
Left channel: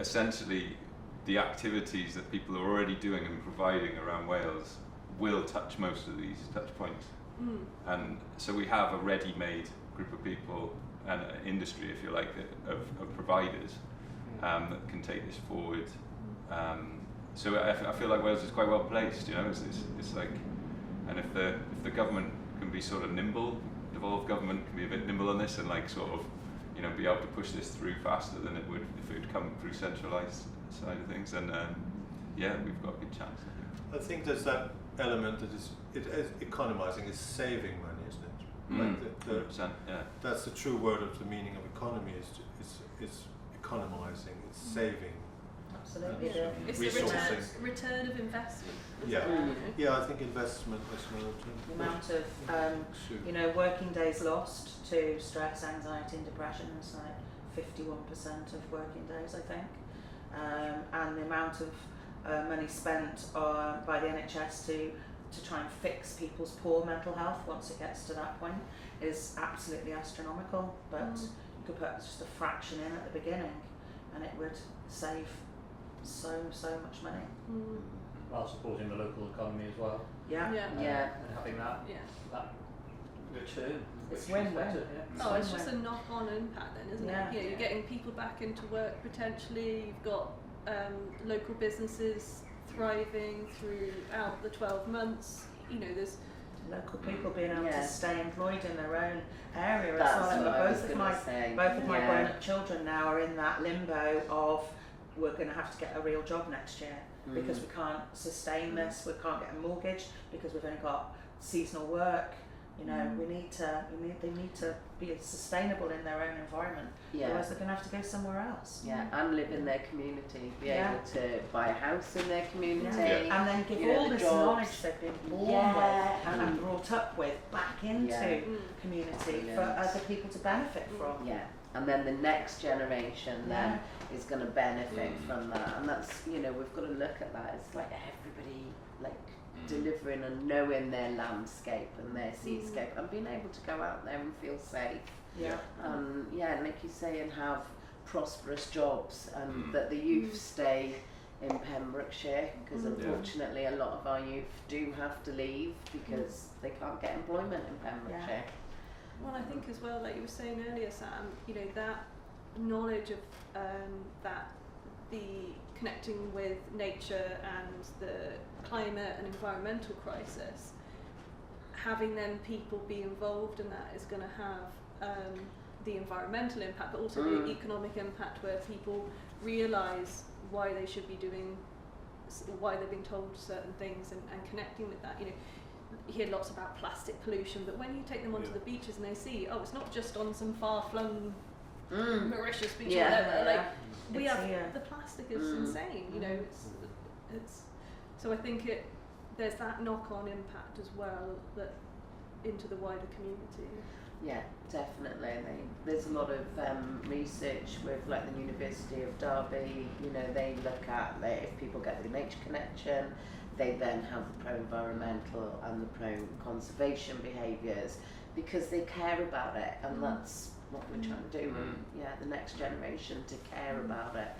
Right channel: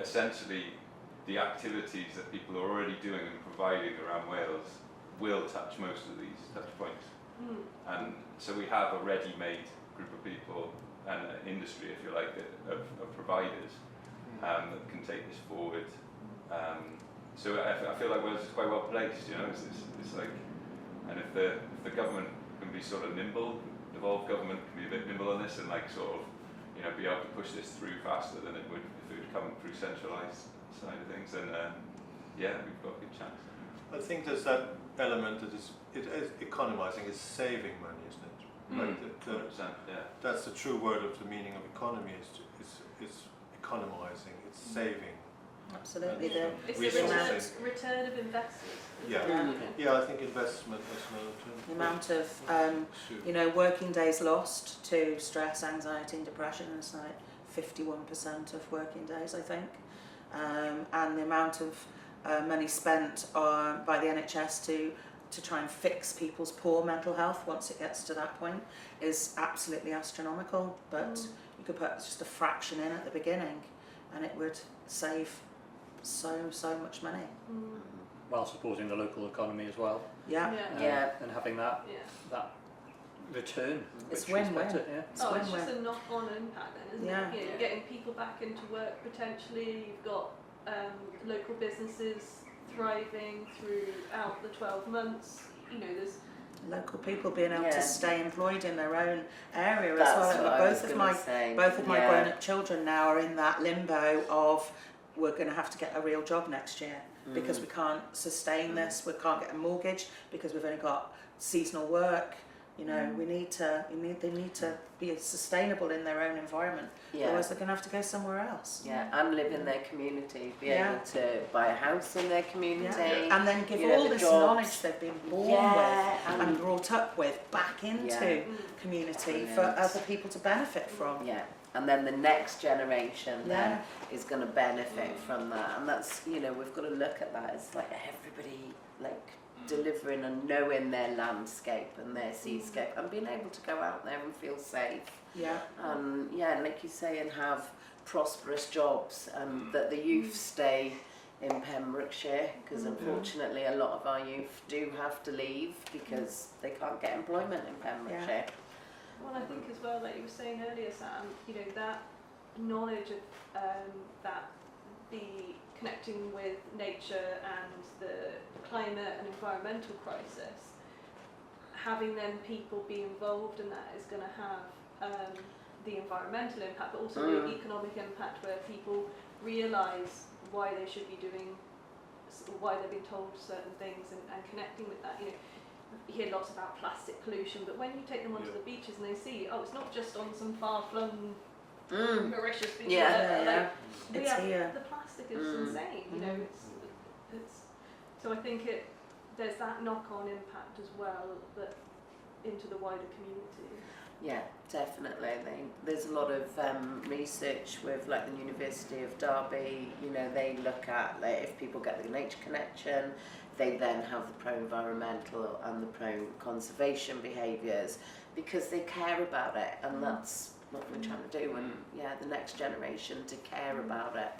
essentially the activities that people are already doing and providing around Wales will touch most of these touch points. And so we have a ready-made group of people and an industry, if you like, of providers that can take this forward. So I feel like Wales is quite well placed, it's like, and if the government can be sort of nimble, devolved government can be a bit nimble on this and like sort of, be able to push this through faster than it would if it would come through centralised side of things, then we've got a good chance. I think there's that element that is economising is saving money, isn't it? Like 100%, that's the true word of the meaning of economy is economising, it's saving. Absolutely. And, It's resourcing. a return of investment. Yeah, I think investment is another term. The amount of working days lost to stress, anxiety and depression is like 51% of working days, I think. And the amount of money spent by the NHS to try and fix people's poor mental health once it gets to that point is absolutely astronomical, but you could put just a fraction in at the beginning and it would save so much money. While supporting the local economy as well. And having that return, It's which win-win. is better. It's just a knock-on impact then, isn't it? You're getting people back into work potentially, you've got local businesses thriving throughout the 12 months, there's local people being able to stay employed in their own area That's as well. what I was gonna say. Both of my grown-up children now are in that limbo of we're going to have to get a real job next year because we can't sustain this. We can't get a mortgage because we've only got seasonal work. They need to be sustainable in their own environment. Otherwise, they're going to have to go somewhere else. And live in their community, be able to buy a house in their community, and then give all this knowledge they've been born with and brought up with back into community for other people to benefit from. And then the next generation then is going to benefit from that, and that's we've got to look at that. It's like everybody delivering and knowing their landscape and their seascape and being able to go out there and feel safe. And like you say, and have prosperous jobs, and that the youth stay in Pembrokeshire, because unfortunately a lot of our youth do have to leave because they can't get employment in Pembrokeshire. Well, I think as well, like you were saying earlier, Sam, that knowledge of that the connecting with nature and the climate and environmental crisis, having then people be involved in that is going to have the environmental impact, but also the economic impact, where people realise why they should be doing, why they're being told certain things, and connecting with that. You hear lots about plastic pollution, but when you take them onto the beaches and they see, it's not just on some far-flung Mauritius beach, we have the plastic is insane. It's so I think there's that knock-on impact as well, that into the wider community. Yeah, definitely. There's a lot of research with the University of Derby. They look at if people get the nature connection, they then have the pro-environmental and the pro-conservation behaviours because they care about it, and that's what we're trying to do. And the next generation to care about it,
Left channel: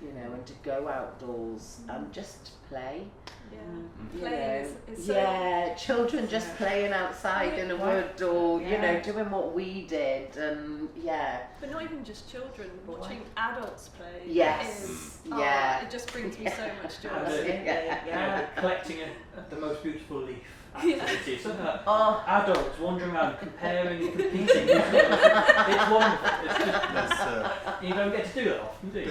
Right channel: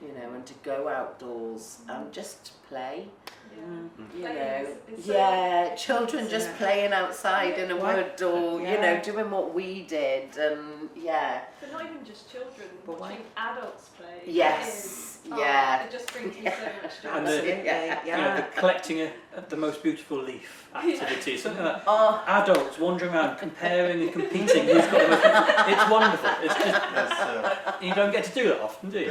and to go outdoors and just play. You Play know, is so- yeah, children just Yeah. playing outside in a wood, or you know, doing what we did, and But not even just children, But watching adults play. Yes, It just brings me so much joy. And the- Yeah. the collecting the most beautiful leaf activity. Something like oh, adults wandering around comparing and competing. Who's got the most, it's wonderful. It's just, you don't get to do that often, do you?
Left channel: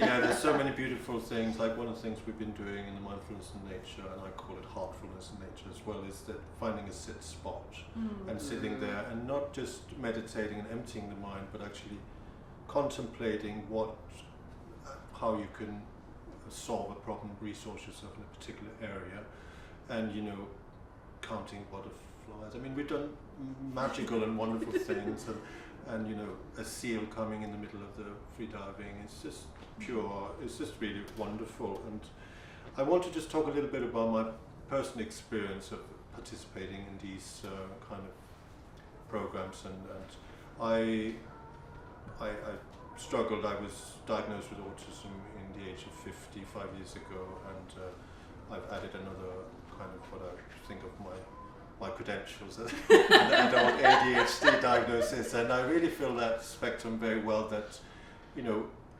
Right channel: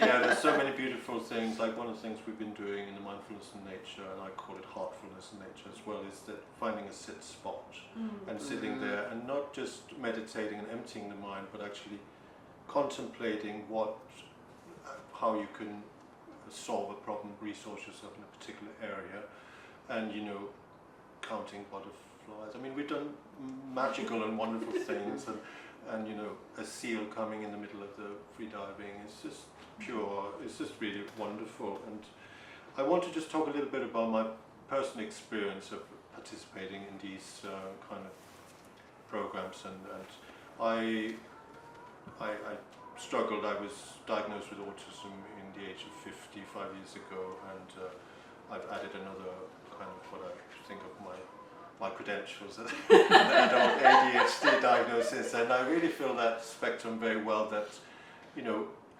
There's so many beautiful things. Like one of the things we've been doing in the mindfulness in nature, and I call it heartfulness in nature as well, is that finding a sit spot and sitting there and not just meditating and emptying the mind, but actually contemplating how you can solve a problem, resource yourself in a particular area, and counting butterflies. I mean, we've done magical and wonderful things, and a seal coming in the middle of the free diving. It's just pure. It's just really wonderful. And I want to just talk a little bit about my personal experience of participating in these kind of programs. And I struggled. I was diagnosed with autism in the age of 55 years ago, and I've added another kind of what I think of my credentials, an adult ADHD diagnosis, and I really feel that spectrum very well. That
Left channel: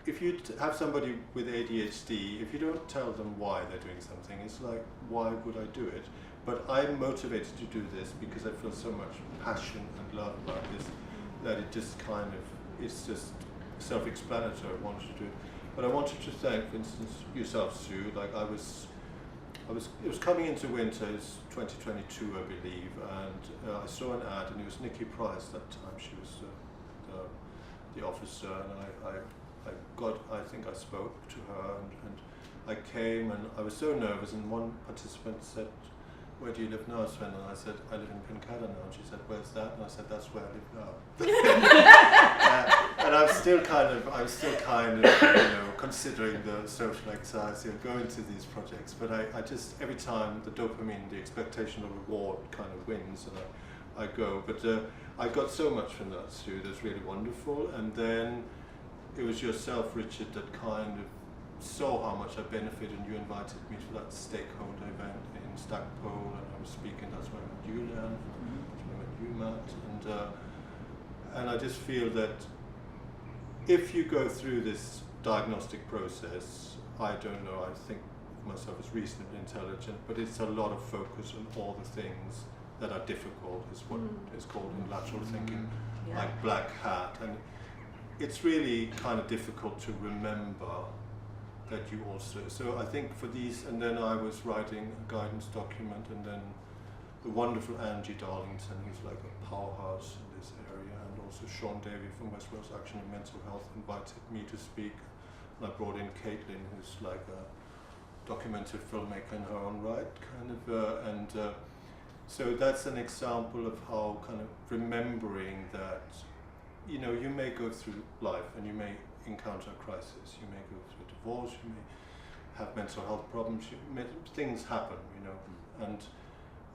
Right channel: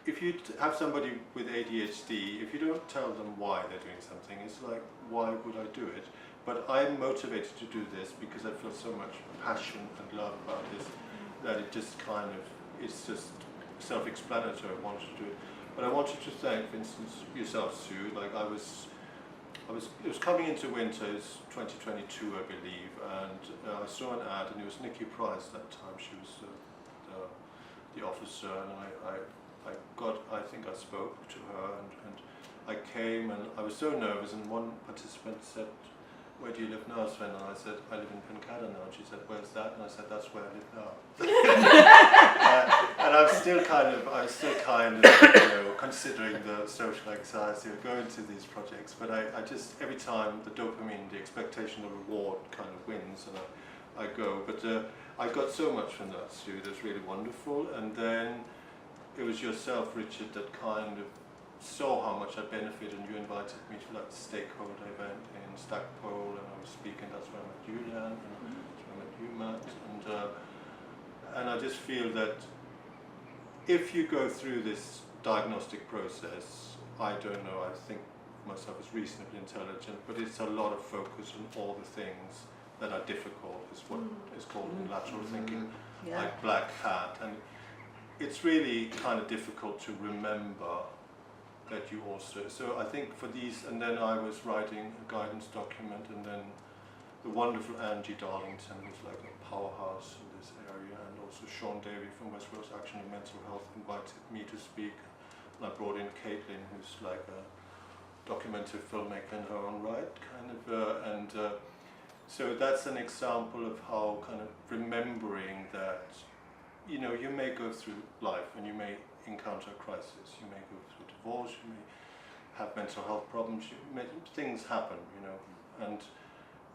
if you have somebody with ADHD, if you don't tell them why they're doing something, it's like, why would I do it? But I'm motivated to do this because I feel so much passion and love about this that it just it's just self-explanatory. I wanted to do it, but I wanted to thank, for instance, yourself, Sue. Like it was coming into winter, it's 2022, I believe, and I saw an ad, and it was Nikki Price that time. She was the officer, and I think I spoke to her, and I came, and I was so nervous, and one participant said, "Where do you live now, Svend?" And I said, "I live in Pencader now." And she said, "Where's that?" And I said, "That's where I live now." And I'm still kind of considering the social anxiety of going to these projects. But I just, every time the dopamine, the expectation of reward kind of wins, and I go. But I got so much from that, Sue. That's really wonderful. And then it was yourself, Richard, that kind of saw how much I benefited, and you invited me to that stakeholder event in Stackpole, and I was speaking. That's when I met Julian, and that's when I met you, Matt, and I just feel that if you go through this diagnostic process, I don't know, I think myself as reasonably intelligent, but it's a lot of focus on all the things that are difficult, is what is called in lateral thinking, like black hat, and it's really kind of difficult to remember that you also, so I think for these, and then I was writing a guidance document, and then the wonderful Angie Darlington, who's like a powerhouse in this area, and also Sean Davey from West Wales Action and Mental Health invited me to speak, and I brought in Caitlin, who's like a documentary filmmaker in her own right, kind of, so that's an example of how kind of remembering that, you may go through life and you may encounter a crisis, you may go through divorce, you may have mental health problems, things happen,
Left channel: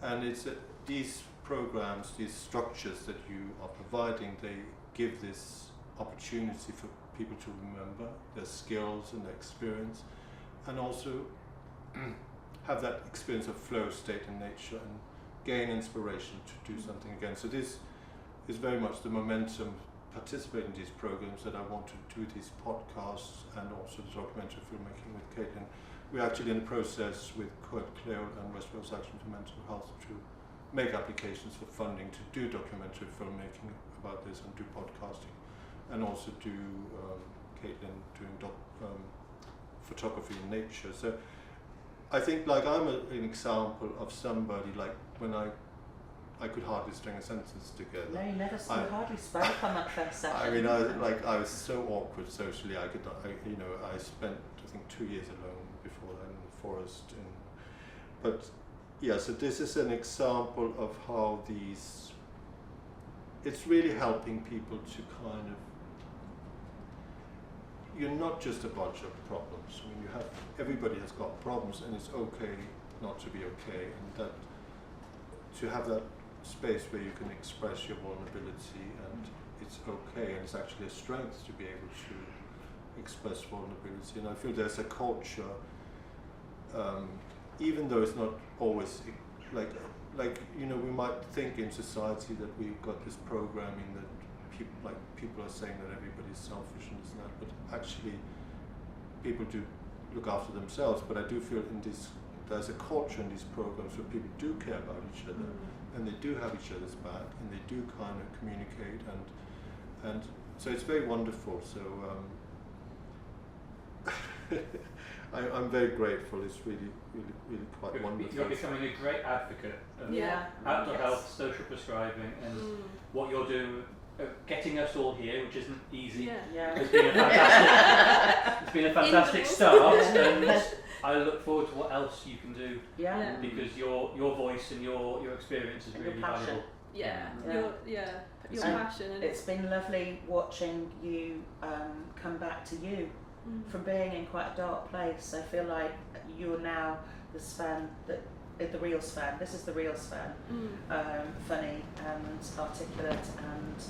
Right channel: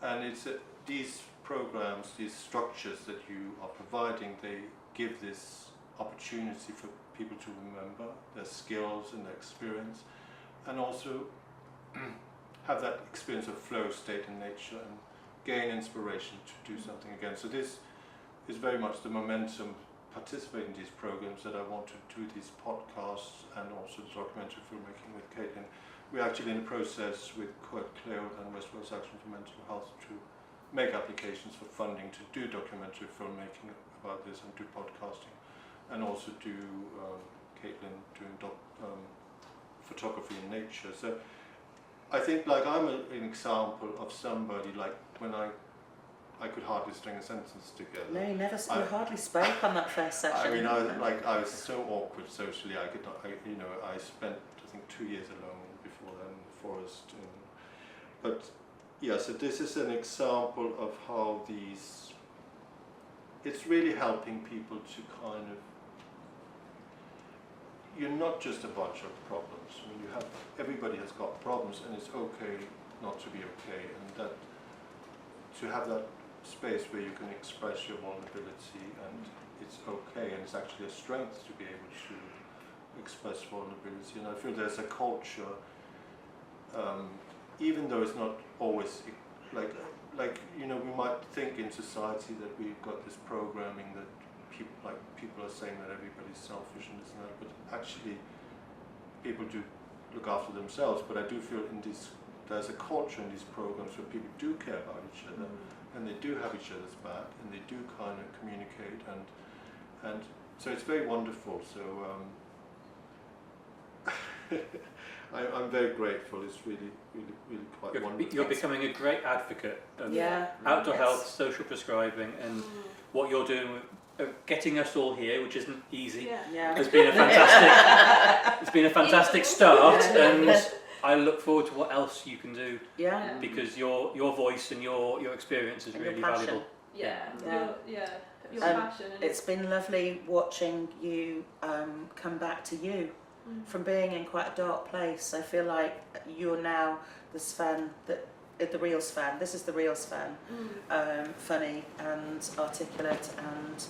and it's these programs, these structures that you are providing, they give this opportunity for people to remember their skills and their experience, and also have that experience of flow state in nature and gain inspiration to do something again. So this is very much the momentum, participate in these programs, that I want to do these podcasts and also documentary filmmaking with Caitlin. We're actually in the process with Coed and West Wales Action for Mental Health to make applications for funding to do documentary filmmaking about this and do podcasting, and also do Caitlin doing photography in nature. So I think like I'm an example of somebody, like when I could hardly string a sentence together. No, you hardly spoke on that first session. I mean, I was so awkward socially. I could not. I spent I think 2 years alone before then in the forest. But yeah, so this is an example of how these. It's really helping people to kind of. You're not just a bunch of problems. I mean, everybody has got problems, and it's okay not to be okay, and that to have that space where you can express your vulnerability, and it's okay, and it's actually a strength to be able to express vulnerability. And I feel there's a culture, even though it's not always like you know, we might think in society that we've got this programming that people are saying that everybody's selfish and this and that, but actually people do look after themselves. But I do feel there's a culture in these programs where people do care about each other, and they do have each other's back, and they do kind of communicate, and so it's very wonderful. So I'm very grateful. It's really quite wonderful. You're becoming a great advocate of Yeah. outdoor health, social prescribing, and what you're doing with getting us all here, which isn't easy. Yeah. It's been a fantastic. It's been a fantastic start, and I look forward to what else you can do, Yeah. because your voice and your experience is And really your passion. valuable. Yeah, Yeah. your Um, passion. And It's been lovely watching you come back to you from being in quite a dark place. I feel like you're now the Sven, the real Sven. This is the real Sven. Funny and articulate and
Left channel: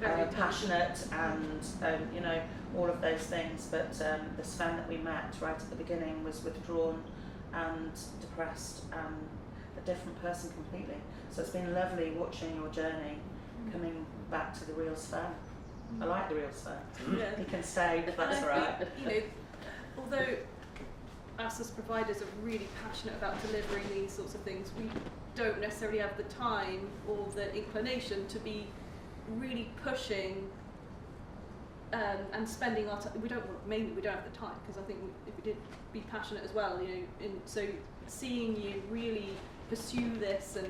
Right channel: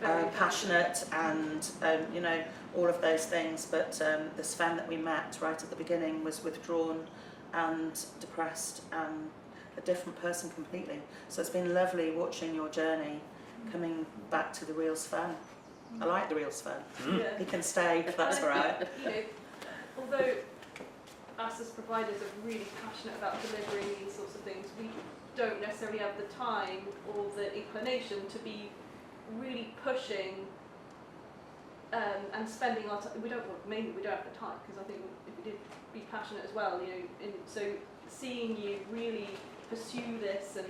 Very passionate and you know, all of those things. But the Sven that we met right at the beginning was withdrawn and depressed and a different person completely. So it's been lovely watching your journey coming back to the real Sven. I like the real Sven. Yeah. He can stay if that's all right. Although us as providers are really passionate about delivering these sorts of things, we don't necessarily have the time or the inclination to be really pushing and spending our time. We don't have the time, because I think if we did be passionate as well, you know, and so seeing you really pursue this and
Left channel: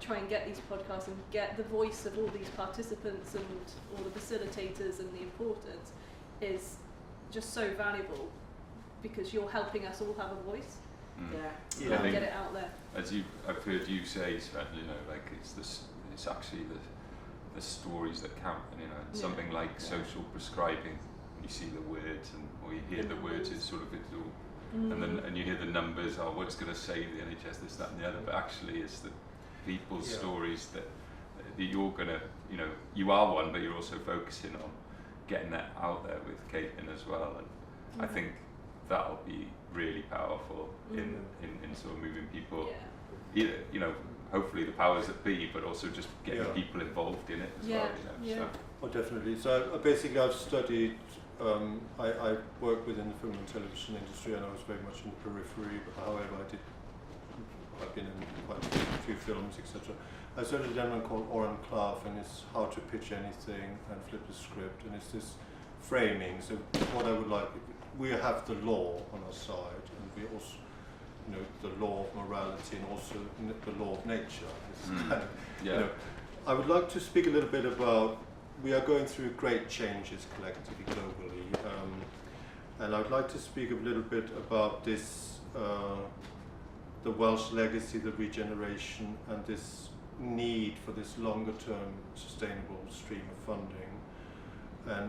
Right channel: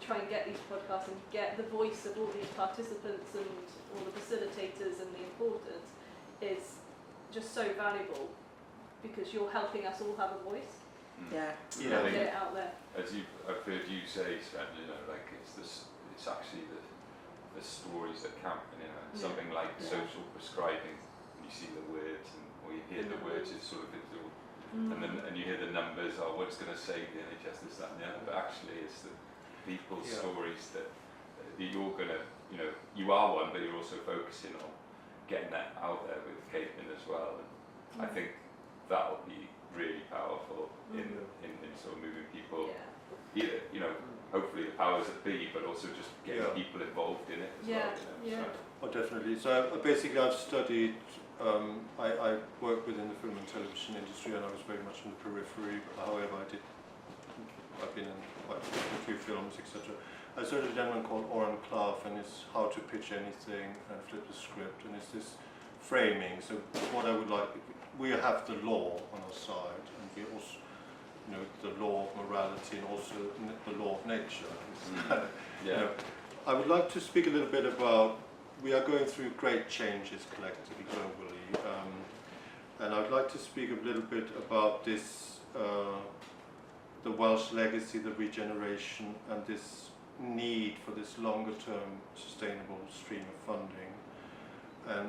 try and get these podcasts and get the voice of all these participants and all the facilitators and the importance is just so valuable, because you're helping us all have a voice Yeah. Yeah. and get it out there. As I've heard you say, Svend, you know, like it's actually the stories that count. You know, something like social prescribing. You see the words, or you hear the words, it's sort of it's all, and you hear the numbers. Oh, what's going to save the NHS? This, that, and the other. But actually, it's the people's stories that you're going to. You know, you are one, but you're also focusing on getting that out there with Cynefin as well. And I think that'll be really powerful in sort of moving people, either, you know, hopefully the powers that be, but also just getting people involved in it as well. You know, Oh, definitely. So basically, I've studied. I work within the film and television industry, and I was very much in the periphery. But however, I've been in quite a few films, etc. I studied a gentleman called Oren Clough, and it's how to pitch anything and flip the script, and it's this framing. So what I would like, we have the law on our side, and we also, you know, the law of morality and also the law of nature. You know, I would like to speak a little bit about. We are going through great changes collectively, globally, and I'd like to speak a little bit about this, the Welsh legacy, the regeneration, and this need for this longer-term sustainable stream of funding,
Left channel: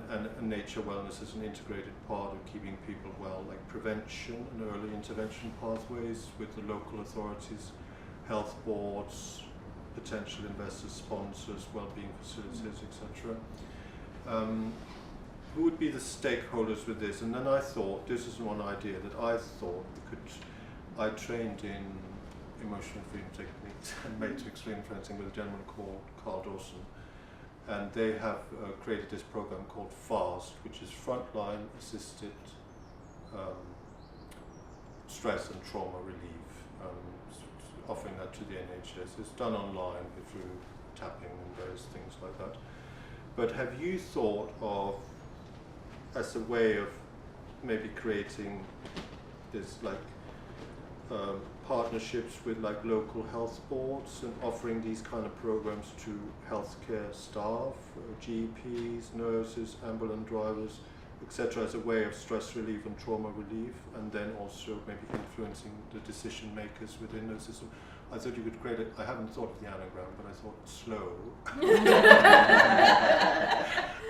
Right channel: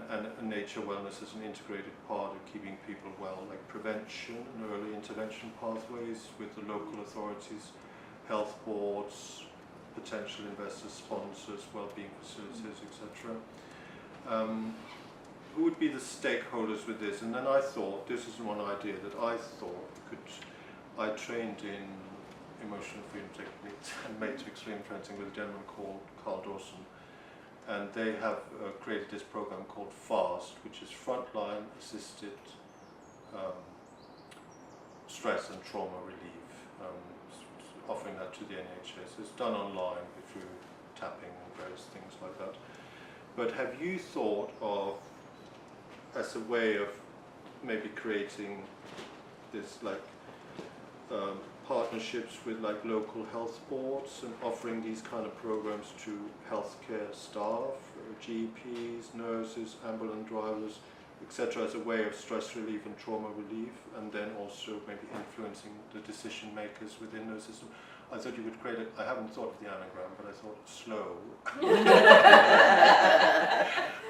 and nature wellness as an integrated part of keeping people well, like prevention and early intervention pathways with the local authorities, health boards, potential investors, sponsors, wellbeing facilitators, etc. Who would be the stakeholders with this? And then I thought, this is one idea that I thought we could. I trained in emotional freedom techniques and matrix reinforcing with a gentleman called Carl Dawson, and they have created this program called FAST, which is Frontline Assisted Stress and Trauma Relief, offering that to the NHS. It's done online through tapping and various things like that. But have you thought of, as a way of maybe creating this like partnerships with like local health boards and offering these kind of programs to healthcare staff, GPs, nurses, ambulance drivers, etc., as a way of stress relief and trauma relief, and then also maybe influencing the decision makers within the system? I thought you could create it. I haven't thought of the anagram, but I thought slow.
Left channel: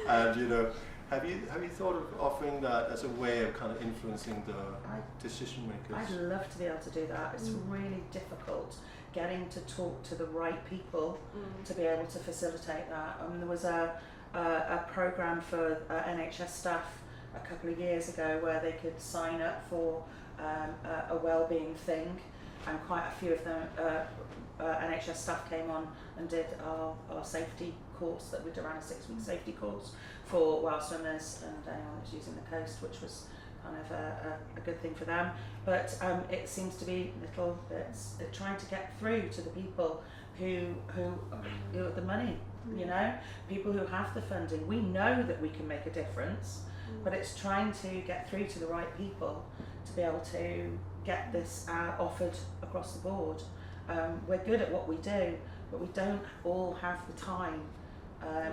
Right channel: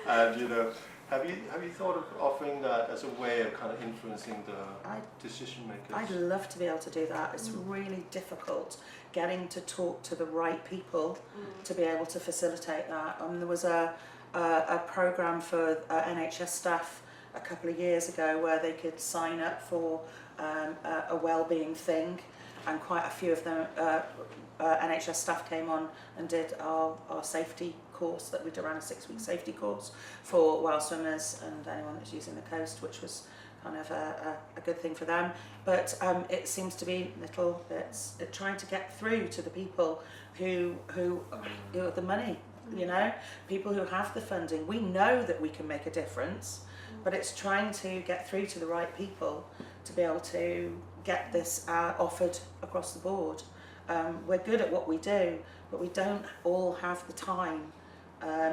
And you know, have you thought of offering that as a way of kind of influencing the decision makers? I'd love to be able to do that. It's really difficult getting to talk to the right people to be able to facilitate that. There was a program for NHS staff a couple of years ago where they could sign up for a wellbeing thing, and quite a few of them NHS staff came on and did our safety course that we did, around a 6-week safety course for Welsh swimmers and anyone that's using the coast, which was kind of a good thing for them. But it seems to be little bits trying to get through to the people who the money, you know, people who have the funding. We know that we can make a difference, but it's trying to get through to the right people to be able to get this offered across the board. We're good at what we do, but we don't all have the time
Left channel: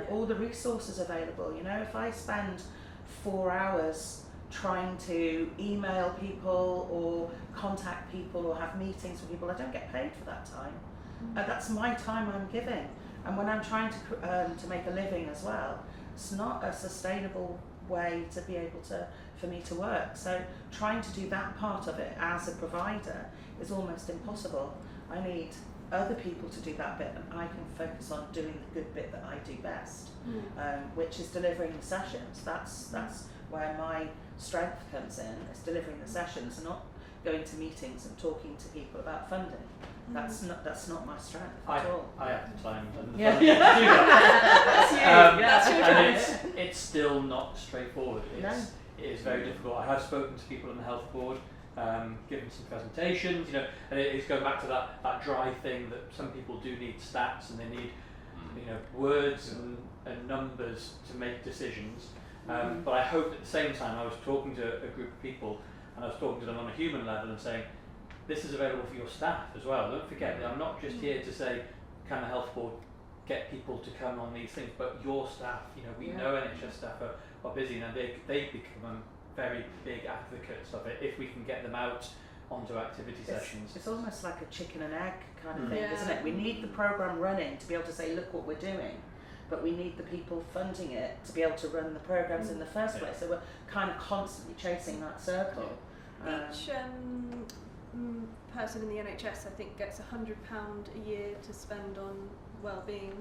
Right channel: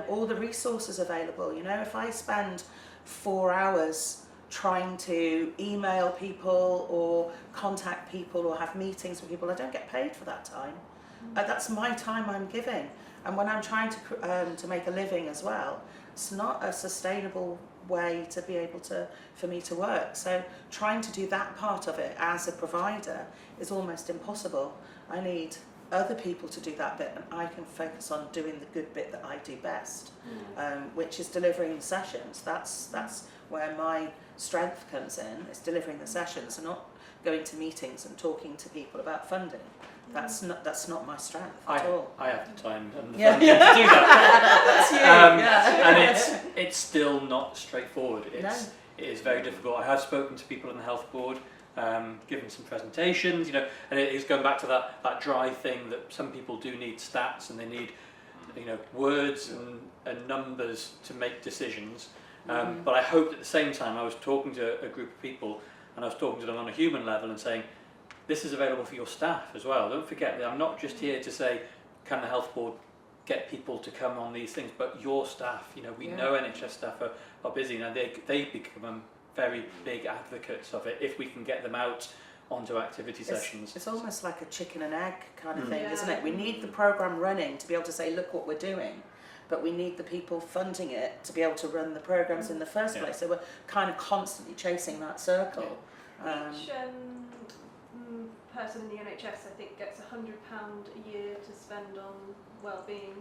or the resources available. You know, if I spend 4 hours trying to email people or contact people or have meetings with people, I don't get paid for that time. That's my time I'm giving, and when I'm trying to make a living as well, it's not a sustainable way to be able to for me to work. So trying to do that part of it as a provider is almost impossible. I need other people to do that bit, and I can focus on doing the good bit that I do best, which is delivering the sessions. That's where my strength comes in. It's delivering the sessions and not going to meetings and talking to people about funding. That's not my strength at all. I have the time and the Yeah. funding to do that. That's you. And it's still not straightforward. It is very difficult. I have spoken to people on the health board, given some presentations, you know, and it is going back to that dry thing that some people do need stats and they need, you know, words and numbers to make decisions. But I hope at the same time I was talking to a group of people, and I was talking to them on a human level and saying, this is available for your staff as well. Don't forget that I'm not just here to say, can the health board get people to come on these things, but your staff, you know, we know NHS staff are busy, and they become very big advocates of it if we can get them out onto activity sessions. It's almost like a chicken and egg kind of thing, isn't it? We need the programme running to be able to say, look what we're doing, but we need the people funding it to be able to run the programmes in the first place. So we're kind of constantly chasing that circle. Each person in the NHS, I think, gets £100 a year to spend on wellbeing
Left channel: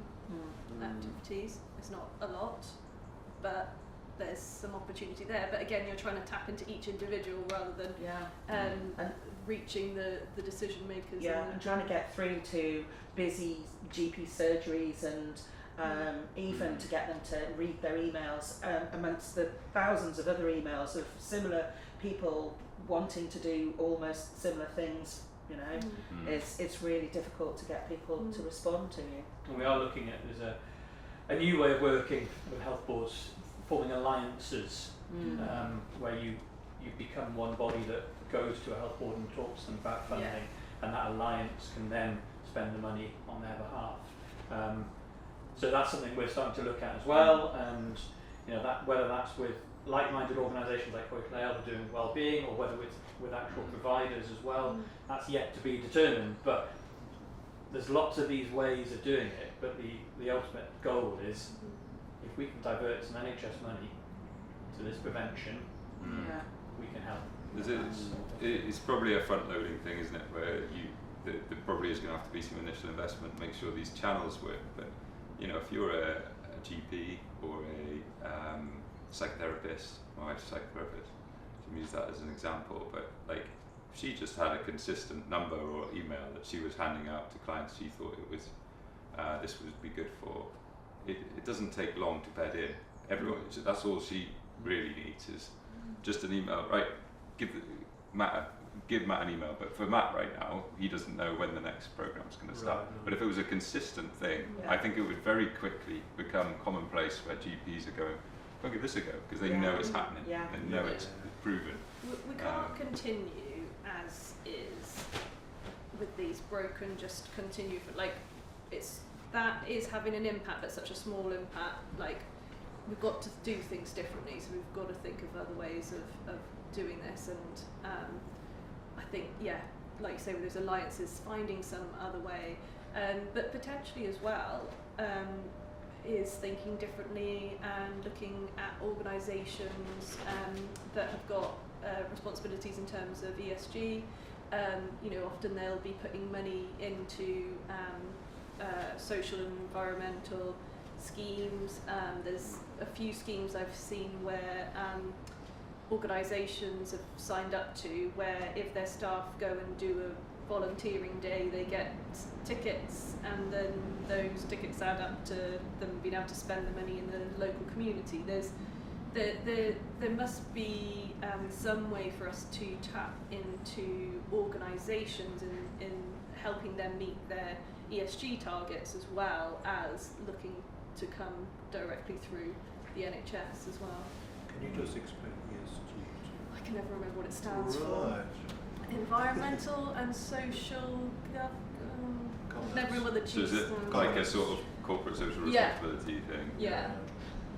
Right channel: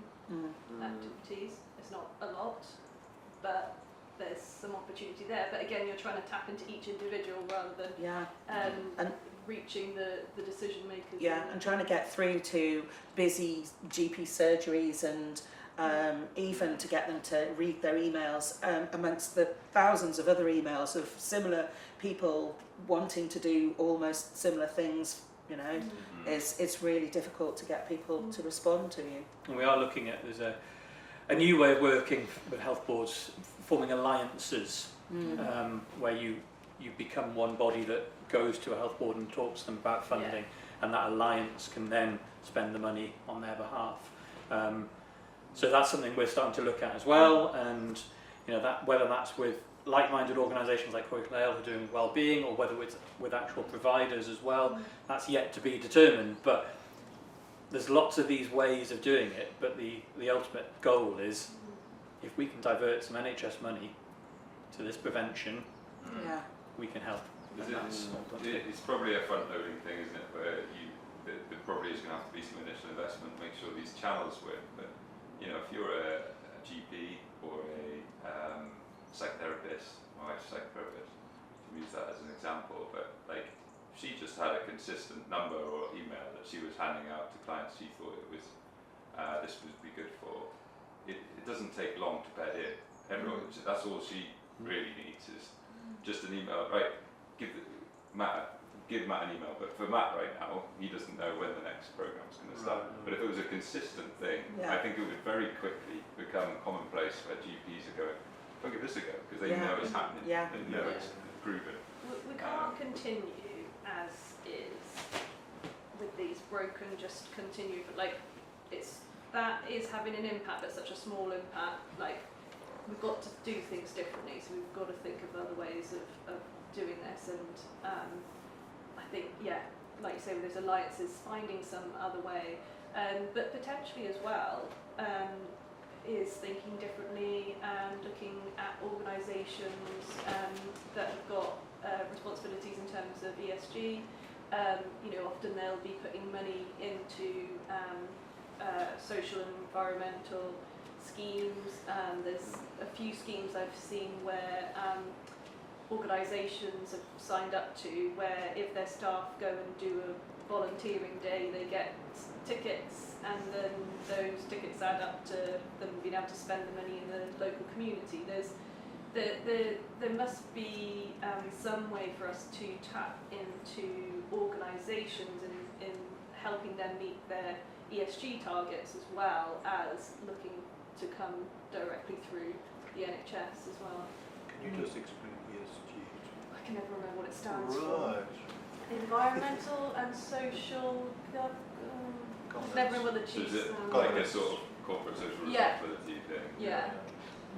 activities. It's not a lot, but there's some opportunity there. But again, you're trying to tap into each individual rather than and reaching the decision makers. And trying to get through to busy GP surgeries and even to get them to read their emails amongst the thousands of other emails of similar people wanting to do almost similar things, you know. It's really difficult to get people to respond to you. And we are looking at, there's a new way of working with health boards, forming alliances, where you become one body that goes to a health board and talks to them about funding, and that alliance can then spend the money on their behalf. So that's something we're starting to look at as well, and you know, that whether that's with like-minded organisations like Coed who are doing Wellbeing, or whether it's with actual providers as well, that's yet to be determined. But there's lots of these ways of doing it, but the ultimate goal is, if we can divert some NHS money to this prevention, we can help. It's probably a front-loading thing, isn't it? Where there probably is going to have to be some initial investment, make sure these channels work. But you know, if you're a GP or a psychotherapist, my wife's a psychotherapist, so I use that as an example. But like, she just had a consistent number or email that she was handing out to clients. She thought it was this would be good for. It doesn't take long to bed in. Everyone, that's all she really needs is just an email. Right, give Matt an email. But for Matt right now, he doesn't know when the next program's going to start. But if it was a consistent thing, I think it would very quickly become commonplace where GPs are going, I'll give this a go, because they know it's happening and know it's proven. We can't continue as is with these broken, just continue, but like that is having an impact, but such a small impact. Like, we've got to do things differently, so we've got to think of other ways of doing this. And I think, like you say, with those alliances, finding some other way, but potentially as well, is thinking differently and looking at organisations that have got responsibilities in terms of ESG. You know, often they'll be putting money into social and environmental schemes. There's a few schemes I've seen where organisations have signed up to, where if their staff go and do a volunteering day, they get tickets, and then those tickets add up to them being able to spend the money in the local community. There must be some way for us to tap into organisations in helping them meet their ESG targets, as well as looking to come directly through the NHS as well. Can you just explain ESG? I can never remember what it stands for. Right. Environmental and social Governance. never remember the So is G's it now. like a sort of corporate social Yeah. responsibility thing? Yeah.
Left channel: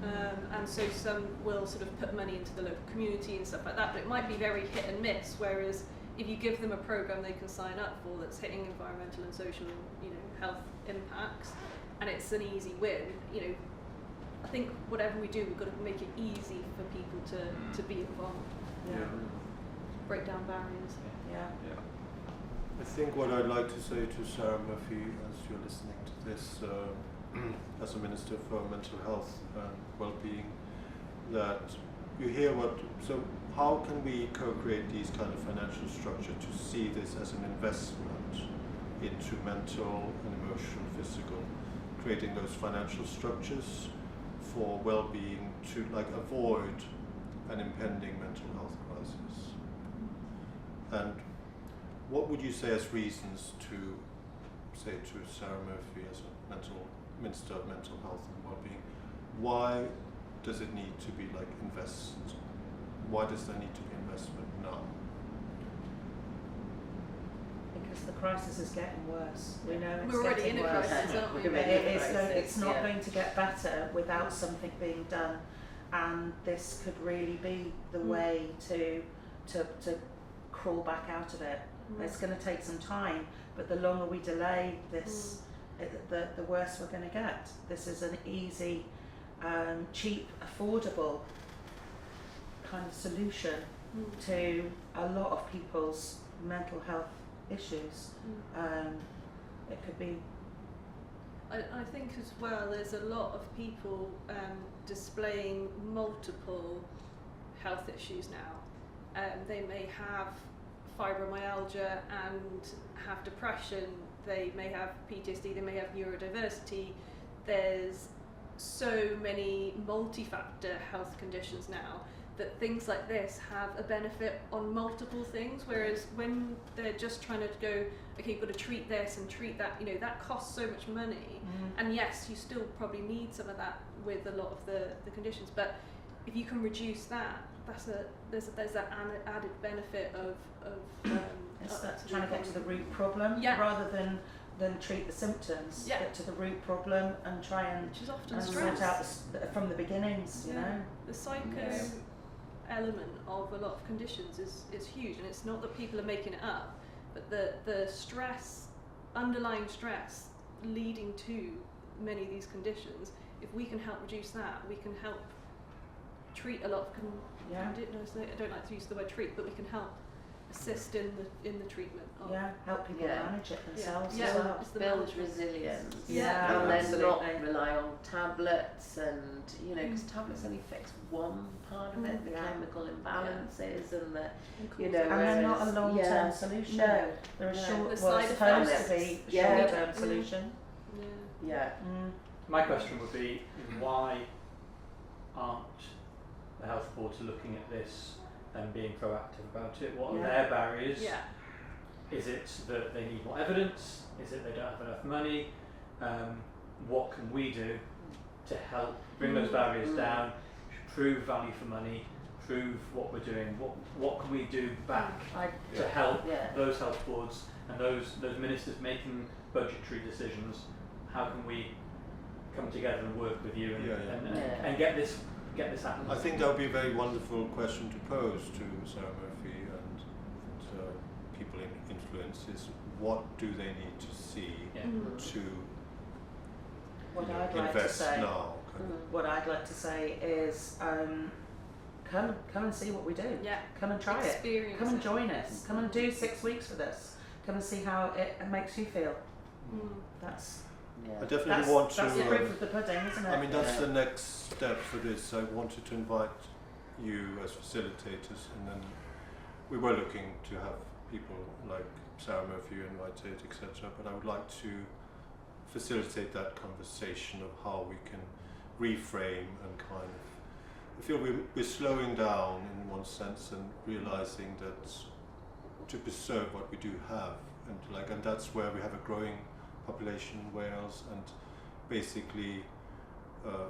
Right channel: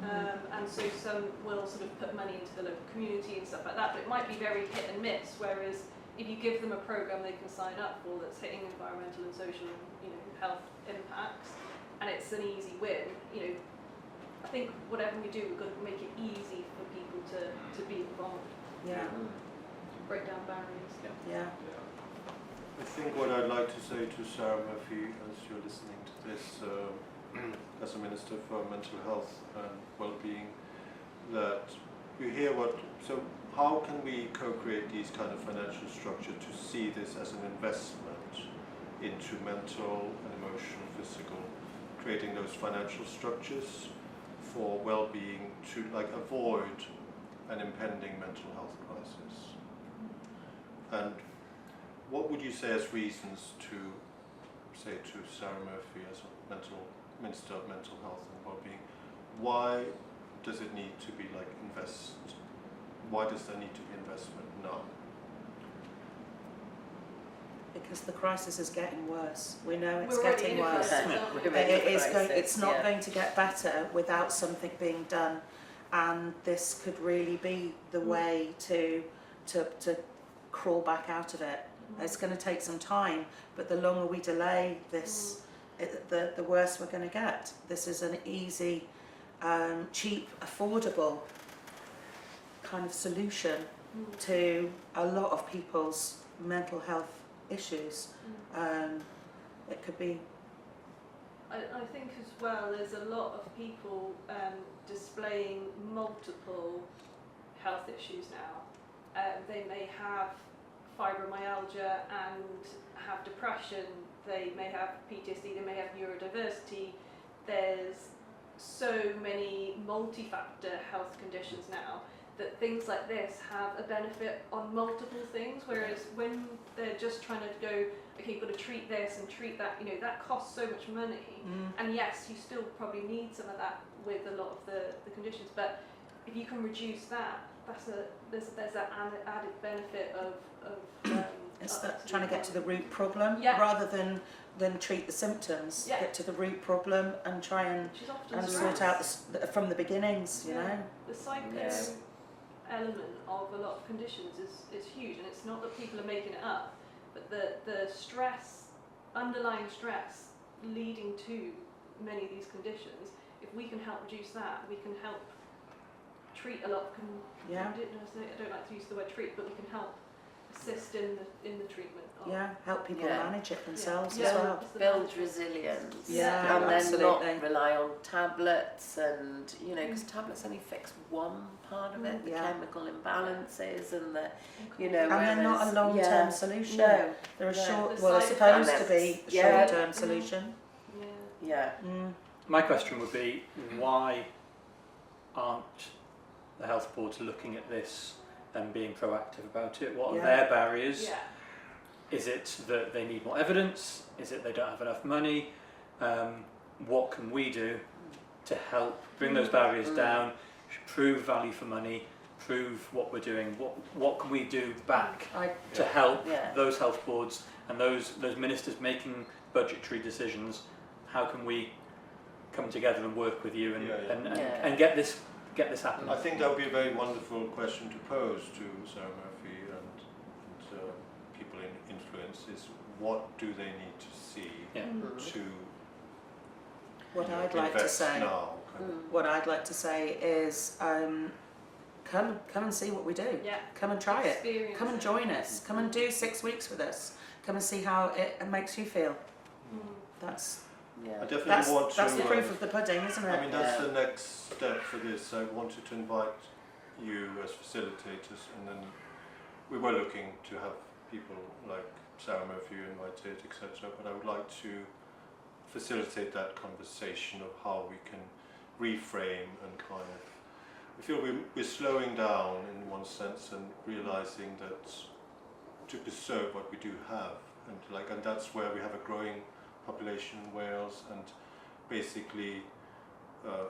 And so some will sort of put money into the local community and stuff like that, but it might be very hit and miss, whereas if you give them a programme they can sign up for that's hitting environmental and social and health impacts, and it's an easy win, I think whatever we do, we've got to make it easy for people to be involved, Yeah. break down barriers. Yeah. I think what I'd like to say to Sarah Murphy, as you're listening to this, as a Minister for Mental Health and Wellbeing, that you hear so how can we co-create these kind of financial structure to see this as an investment into mental and emotional, physical, creating those financial structures for well-being to avoid an impending mental health crisis. And what would you say as reasons to Sarah Murphy as a Minister of Mental Health and Wellbeing, why does it need to be why does there need to be investment now? Because the crisis is getting worse. We know it's We're already getting in a worse. crisis, aren't we? We're in a It's not crisis, going to get better without something being done, and this could really be the way to crawl back out of it. It's going to take some time, but the longer we delay this, the worse we're going to get. This is an easy, cheap, affordable kind of solution to a lot of people's mental health issues. It could be. I think as well, there's a lot of people displaying multiple health issues now. They may have fibromyalgia and have depression, they may have PTSD, they may have neurodiversity. There's so many multi-factor health conditions now that things like this have a benefit on multiple things, whereas when they're just trying to go, okay, you've got to treat this and treat that, that costs so much money. And yes, you still probably need some of that with a lot of the conditions, but if you can reduce that, there's that added benefit of It's that trying to get to the root problem rather than treat the symptoms. Yeah. Get to the root problem and try and which is often sort stress. out from the beginnings. You know. The psycho element of a lot of conditions is huge, and it's not that people are making it up, but the stress, underlying stress leading to many of these conditions, if we can help reduce that, we can help treat a lot of I don't like to use the word treat, but we can help assist in the treatment of help people manage it themselves Yeah. as well. build resilience, Yeah, and then absolutely. not rely on tablets, and because tablets only fix one part of it, the chemical imbalances and the And they're not a whereas- long-term solution. No, They're a no. short. The Well, they're side supposed effects. to be a Yeah. short-term solution. yeah. My question would be, why aren't the health boards looking at this and being proactive about it? What are their barriers? Yeah. Is it that they need more evidence? Is it they don't have enough money? What can we do to help bring those barriers down, prove value for money, prove what we're doing? What can we do back to help those health boards and those ministers making budgetary decisions? How can we come together and work with you and get this happening? I think that would be a very wonderful question to pose to Sarah Murphy and people in influence, is what do they need to see to What I'd like to invest say. now? What I'd like to say is, come and see what we do. Yeah. Come and try it. Experience Come and it. join us. Come and do 6 weeks with us. Come and see how it makes you feel. That's I definitely want to. that's the proof of the pudding, isn't it? I mean, that's the next step for this. I wanted to invite you as facilitators, and then we were looking to have people like Sarah Murphy you invited, etc. But I would like to facilitate that conversation of how we can reframe and kind of, I feel we're slowing down in one sense and realizing that to preserve what we do have, and that's where we have a growing population in Wales and basically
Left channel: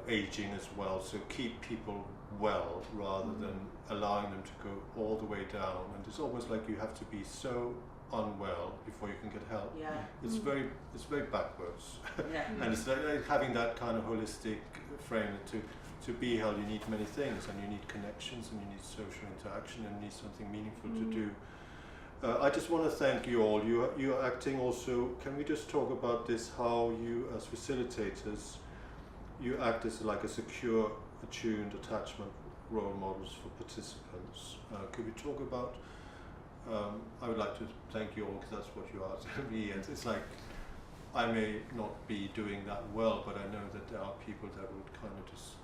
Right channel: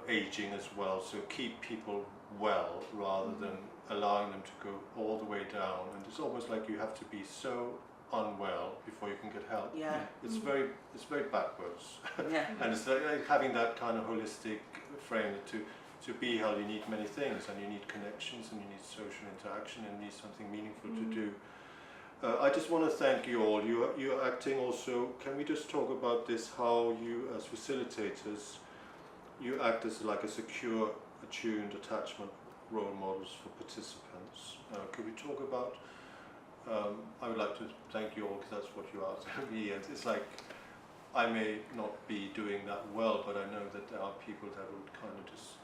aging as well, so keep people well rather than allowing them to go all the way down, and it's almost like you have to be so unwell before you can get help. Yeah. It's very backwards. Yeah. And it's like having that kind of holistic frame that to be healthy you need many things, and you need connections and you need social interaction and you need something meaningful to do. I just want to thank you all. You're acting also, can we just talk about this, how you as facilitators, you act as like a secure, attuned attachment role models for participants. Could we talk about, I would like to thank you all because that's what you asked me. It's like, I may not be doing that well, but I know that there are people that would kind of just,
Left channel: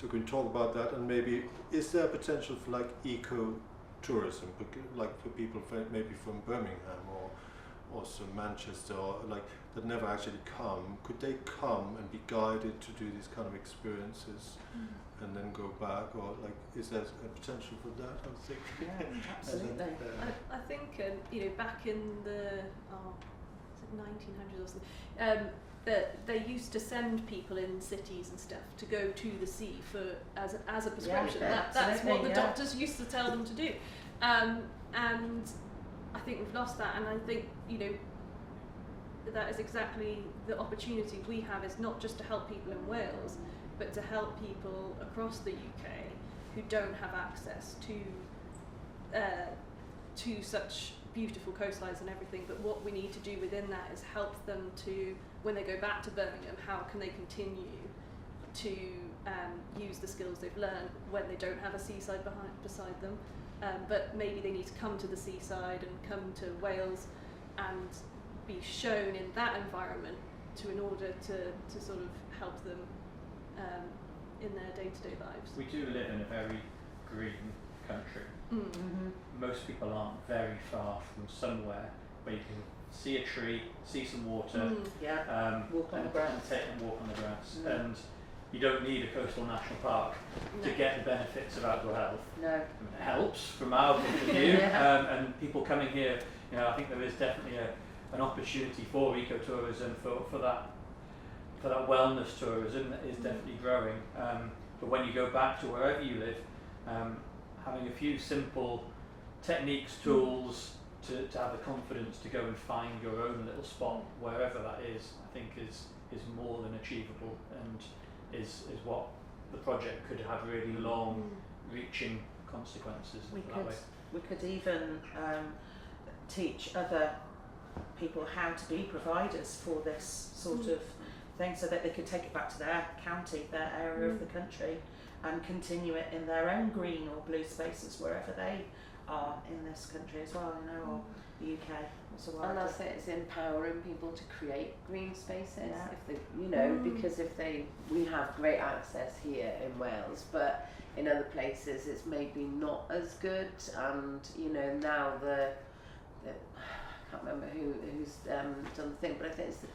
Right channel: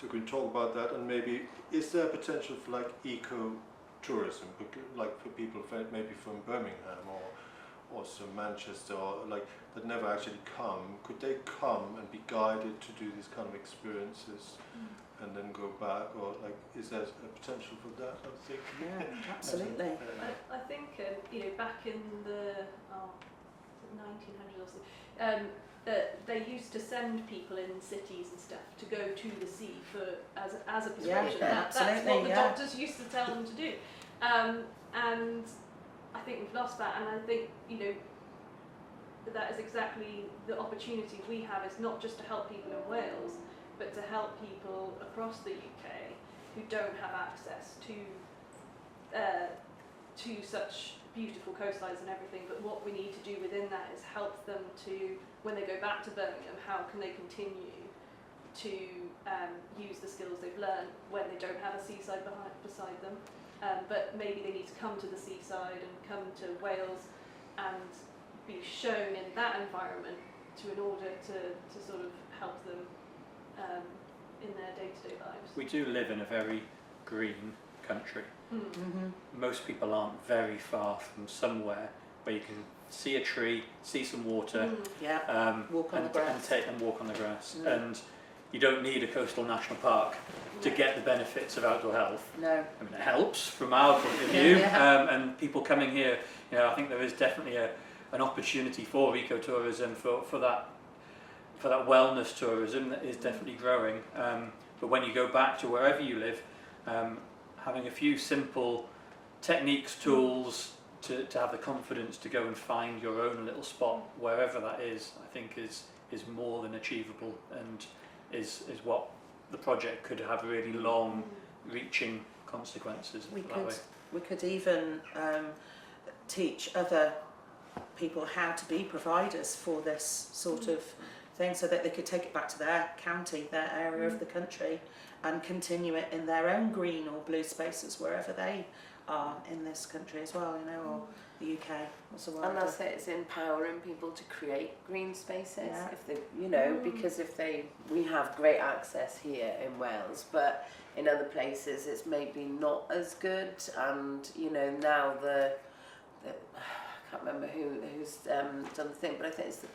so can we talk about that, and maybe, is there potential for like eco-tourism, like for people maybe from Birmingham or some Manchester, or like that never actually come, could they come and be guided to do these kind of experiences and then go back, or like, is there a potential for that, I think? Yeah, absolutely. I think back in the 1900s or something, that they used to send people in cities and stuff to go to the sea for as a prescription. Yeah, That's what absolutely, the yeah. doctors used to tell them to do. And I think we've lost that, and I think that is exactly the opportunity we have. Is not just to help people in Wales, but to help people across the UK who don't have access to such beautiful coastlines and everything. But what we need to do within that is help them to, when they go back to Birmingham, how can they continue to use the skills they've learned when they don't have a seaside beside them. But maybe they need to come to the seaside and come to Wales and be shown in that environment in order to sort of help them in their day-to-day lives. We do live in a very green country. Mm-hmm. Most people aren't very far from somewhere where you can see a tree, see some water, Yeah. Walk on the grass. and walk on the grass. And you don't need a coastal national park to get the benefits of outdoor health. No. I mean, it helps from our point of view, and people coming here, I think there is definitely an opportunity for ecotourism, for that wellness tourism that is definitely growing. But when you go back to wherever you live, having a few simple techniques, tools to have the confidence to go and find your own little spot wherever that is, I think is more than achievable, and is what the project could have really long reaching consequences. We could even teach other people how to be providers for this sort of thing, so that they could take it back to their county, their area of the country, and continue it in their own green or blue spaces wherever they are in this country as well, or the UK as well. And that's it, it's empowering people to create green spaces. Yeah. If they, because we have great access here in Wales, but in other places it's maybe not as good. And now the I can't remember who's done the thing, but I think it's the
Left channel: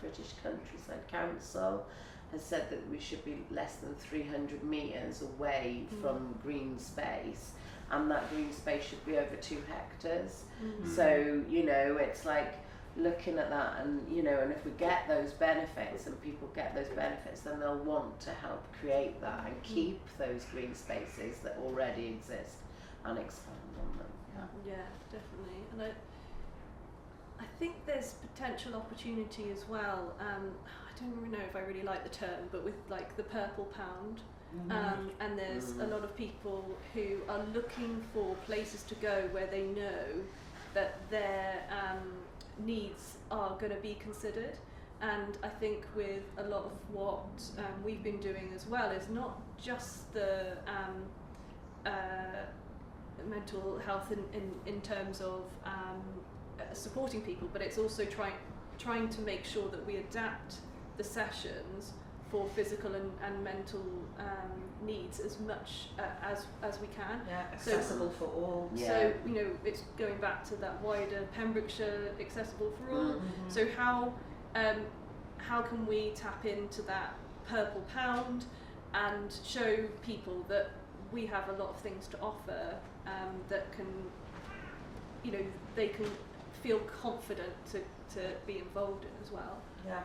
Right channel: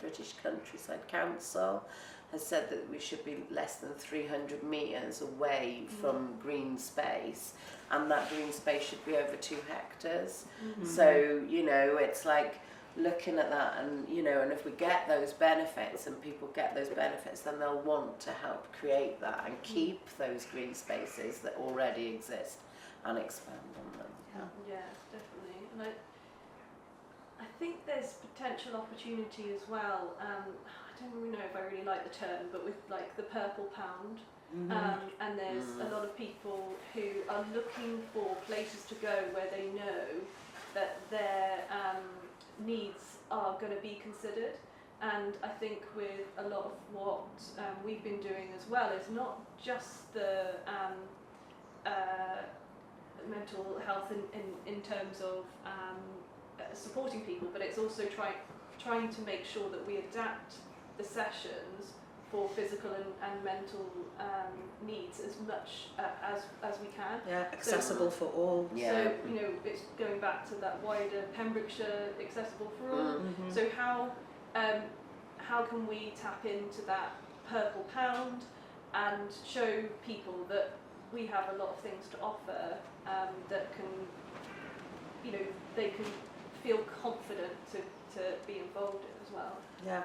British Countryside Council has said that we should be less than 300 metres away from green space, and that green space should be over 2 hectares. So it's like looking at that, and and if we get those benefits and people get those benefits, then they'll want to help create that and keep those green spaces that already exist and expand on them. Yeah, definitely. And I think there's potential opportunity as well. I don't really know if I really like the term, but with like the purple pound, and there's a lot of people who are looking for places to go where they know that their needs are going to be considered. And I think with a lot of what we've been doing as well is not just the mental health in terms of supporting people, but it's also trying to make sure that we adapt the sessions for physical and mental needs as much as we can. Yeah, accessible for all. Yeah. So, you know, it's going back to that wider Pembrokeshire accessible for all. Mm-hmm. So how can we tap into that purple pound and show people that we have a lot of things to offer that can, you know, they can feel confident to be involved in as well. Yeah.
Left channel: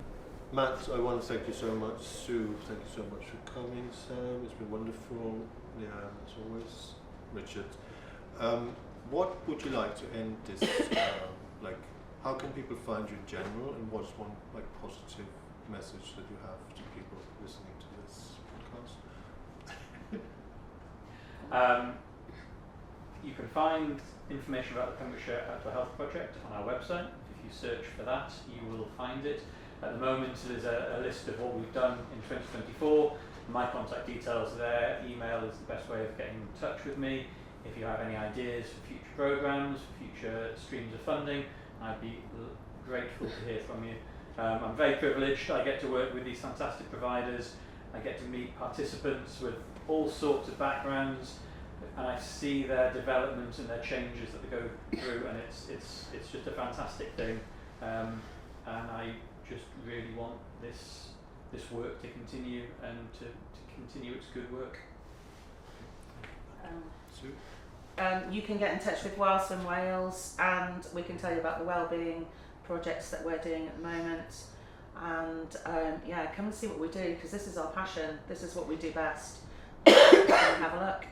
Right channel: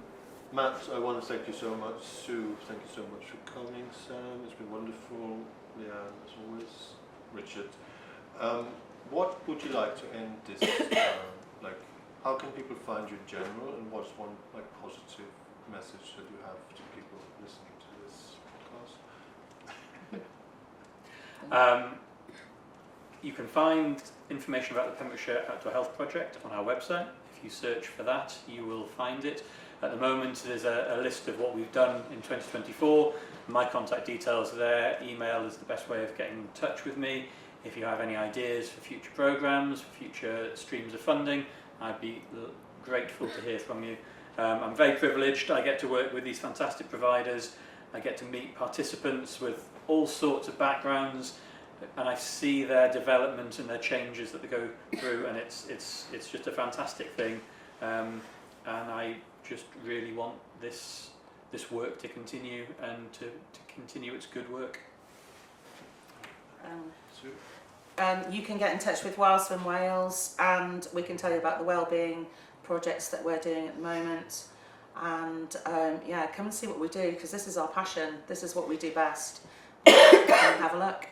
Matt, I want to thank you so much. Sue, thank you so much for coming. Sam, it's been wonderful. Leanne, as always. Richard. What would you like to end this, like, how can people find you in general, and what's one, like, positive message that you have to people listening to this podcast? You can find information about the Pembrokeshire Outdoor Health Project on our website. If you search for that, you will find it. At the moment, there's a list of what we've done in 2024. My contact details are there. Email is the best way of getting in touch with me. If you have any ideas for future programmes, future streams of funding, I'd be grateful to hear from you. I'm very privileged. I get to work with these fantastic providers. I get to meet participants with all sorts of backgrounds, and I see their development and their changes that they go through, and it's just a fantastic thing. And I just really want this work to continue and to continue its good work. Sue? You can get in touch with Welsh and Wales, and we can tell you about the Wellbeing projects that we're doing at the moment. And yeah, come and see what we do, because this is our passion. This is what we do best. Come have a look.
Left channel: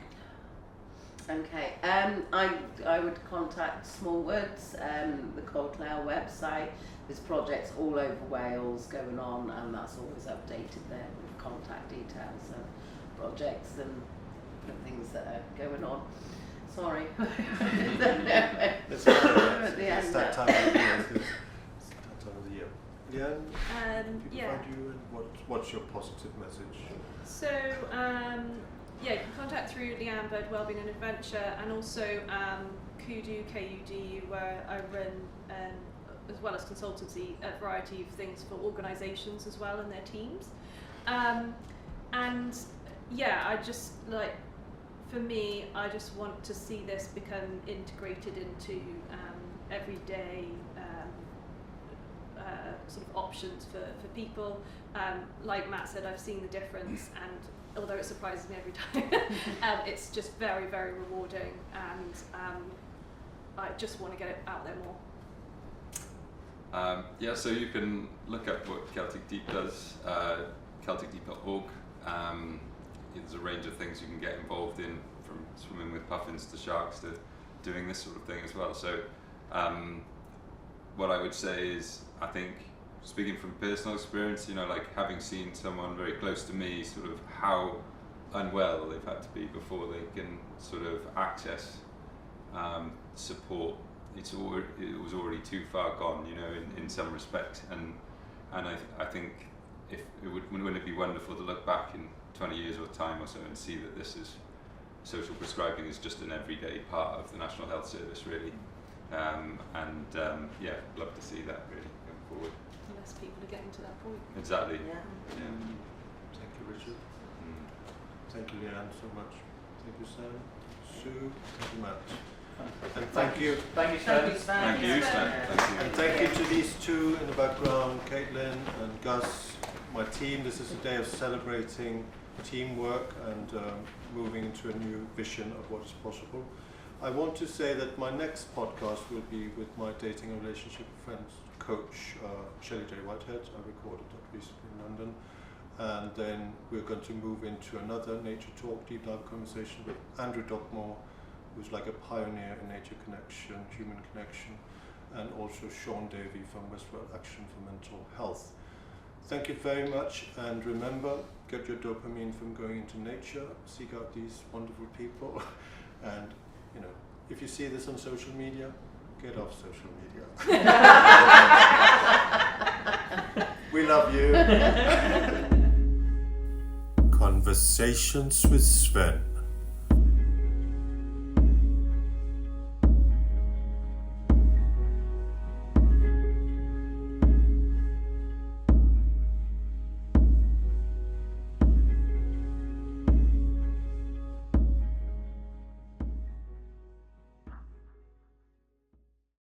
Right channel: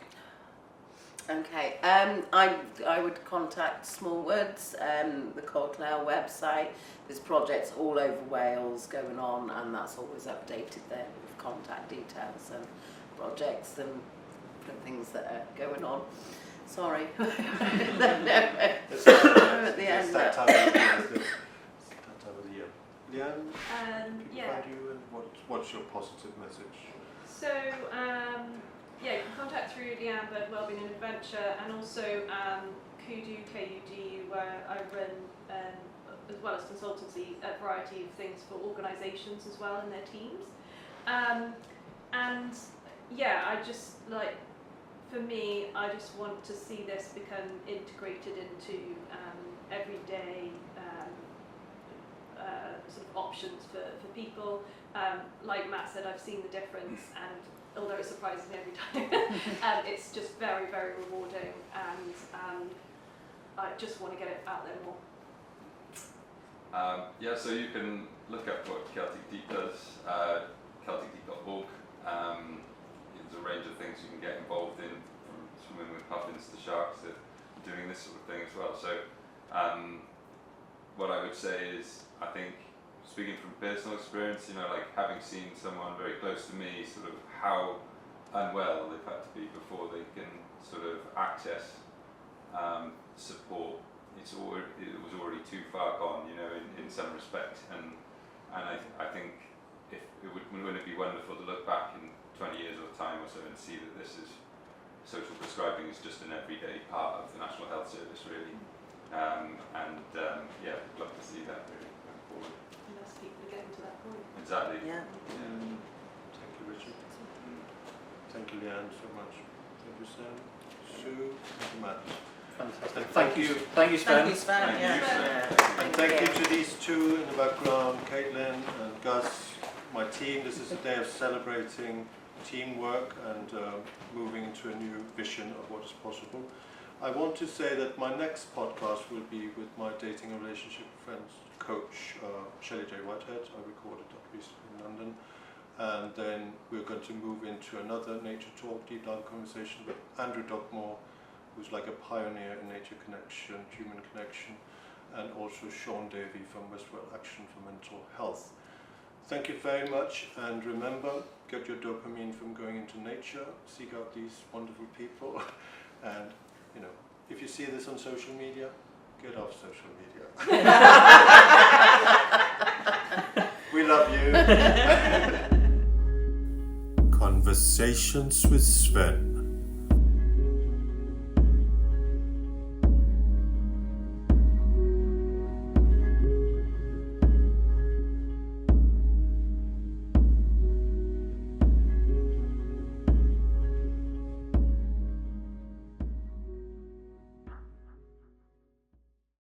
Okay, I would contact Small Woods, the Coed website. There's projects all over Wales going on, and that's always updated there with contact details and projects and things that are going on. Sorry. It's that time of the year. It's that time of the year. Leanne, people Yeah. find you, and what's your positive message? So yeah, you can contact through Leanne Bird Wellbeing and Adventure, and also Coed, where I run, as well as consultancy, a variety of things for organisations as well and their teams. And yeah, I just like, for me, I just want to see this become integrated into everyday sort of options for people. Like Matt said, I've seen the difference, and although it surprises me every time, it's just very, very rewarding, and I just want to get it out there more. Yeah, so you can look at what Celtic Deep does, celticdeep.org. There's a range of things you can get involved in, from swimming with puffins to sharks to doing this sort of thing as well. So what I would say is, I think, speaking from personal experience, you know, like having seen someone very close to me sort of how unwell they've had to be before they can sort of access support, it was already too far gone, you know, in some respect, and I think wouldn't it be wonderful to look back in 20 years or time or so and see that this is social prescribing is just an everyday part of the National Health Service, really, yeah, I'd love to see that really going forward. Less people are getting to that point. Exactly. Yeah. Thank you, Richard. Thank you, Leanne, so much. Thank you, Sam. Sue. Thank you, Matt. And thank you. Thank you, Svend. Thank you, Svend. Thank you, Yeah. Svend. And thank you to these two in the background, Caitlin and Gus, my team. This is a day of celebrating teamwork and moving into a new vision of what is possible. I want to say that my next podcast will be with my dating and relationship friends coach, Shelley J. Whitehead. I recorded that recently in London. And then we're going to move into another nature talk, deep dive conversation with Andrew Dockmore, who's like a pioneer in nature connection, human connection, and also Sean Davey from West Wales Action for Mental Health. Thank you very much, and remember, get your dopamine from going into nature, seek out these wonderful people, and you know, if you see this on social media, get off social media. We love you. Conversations with Svend.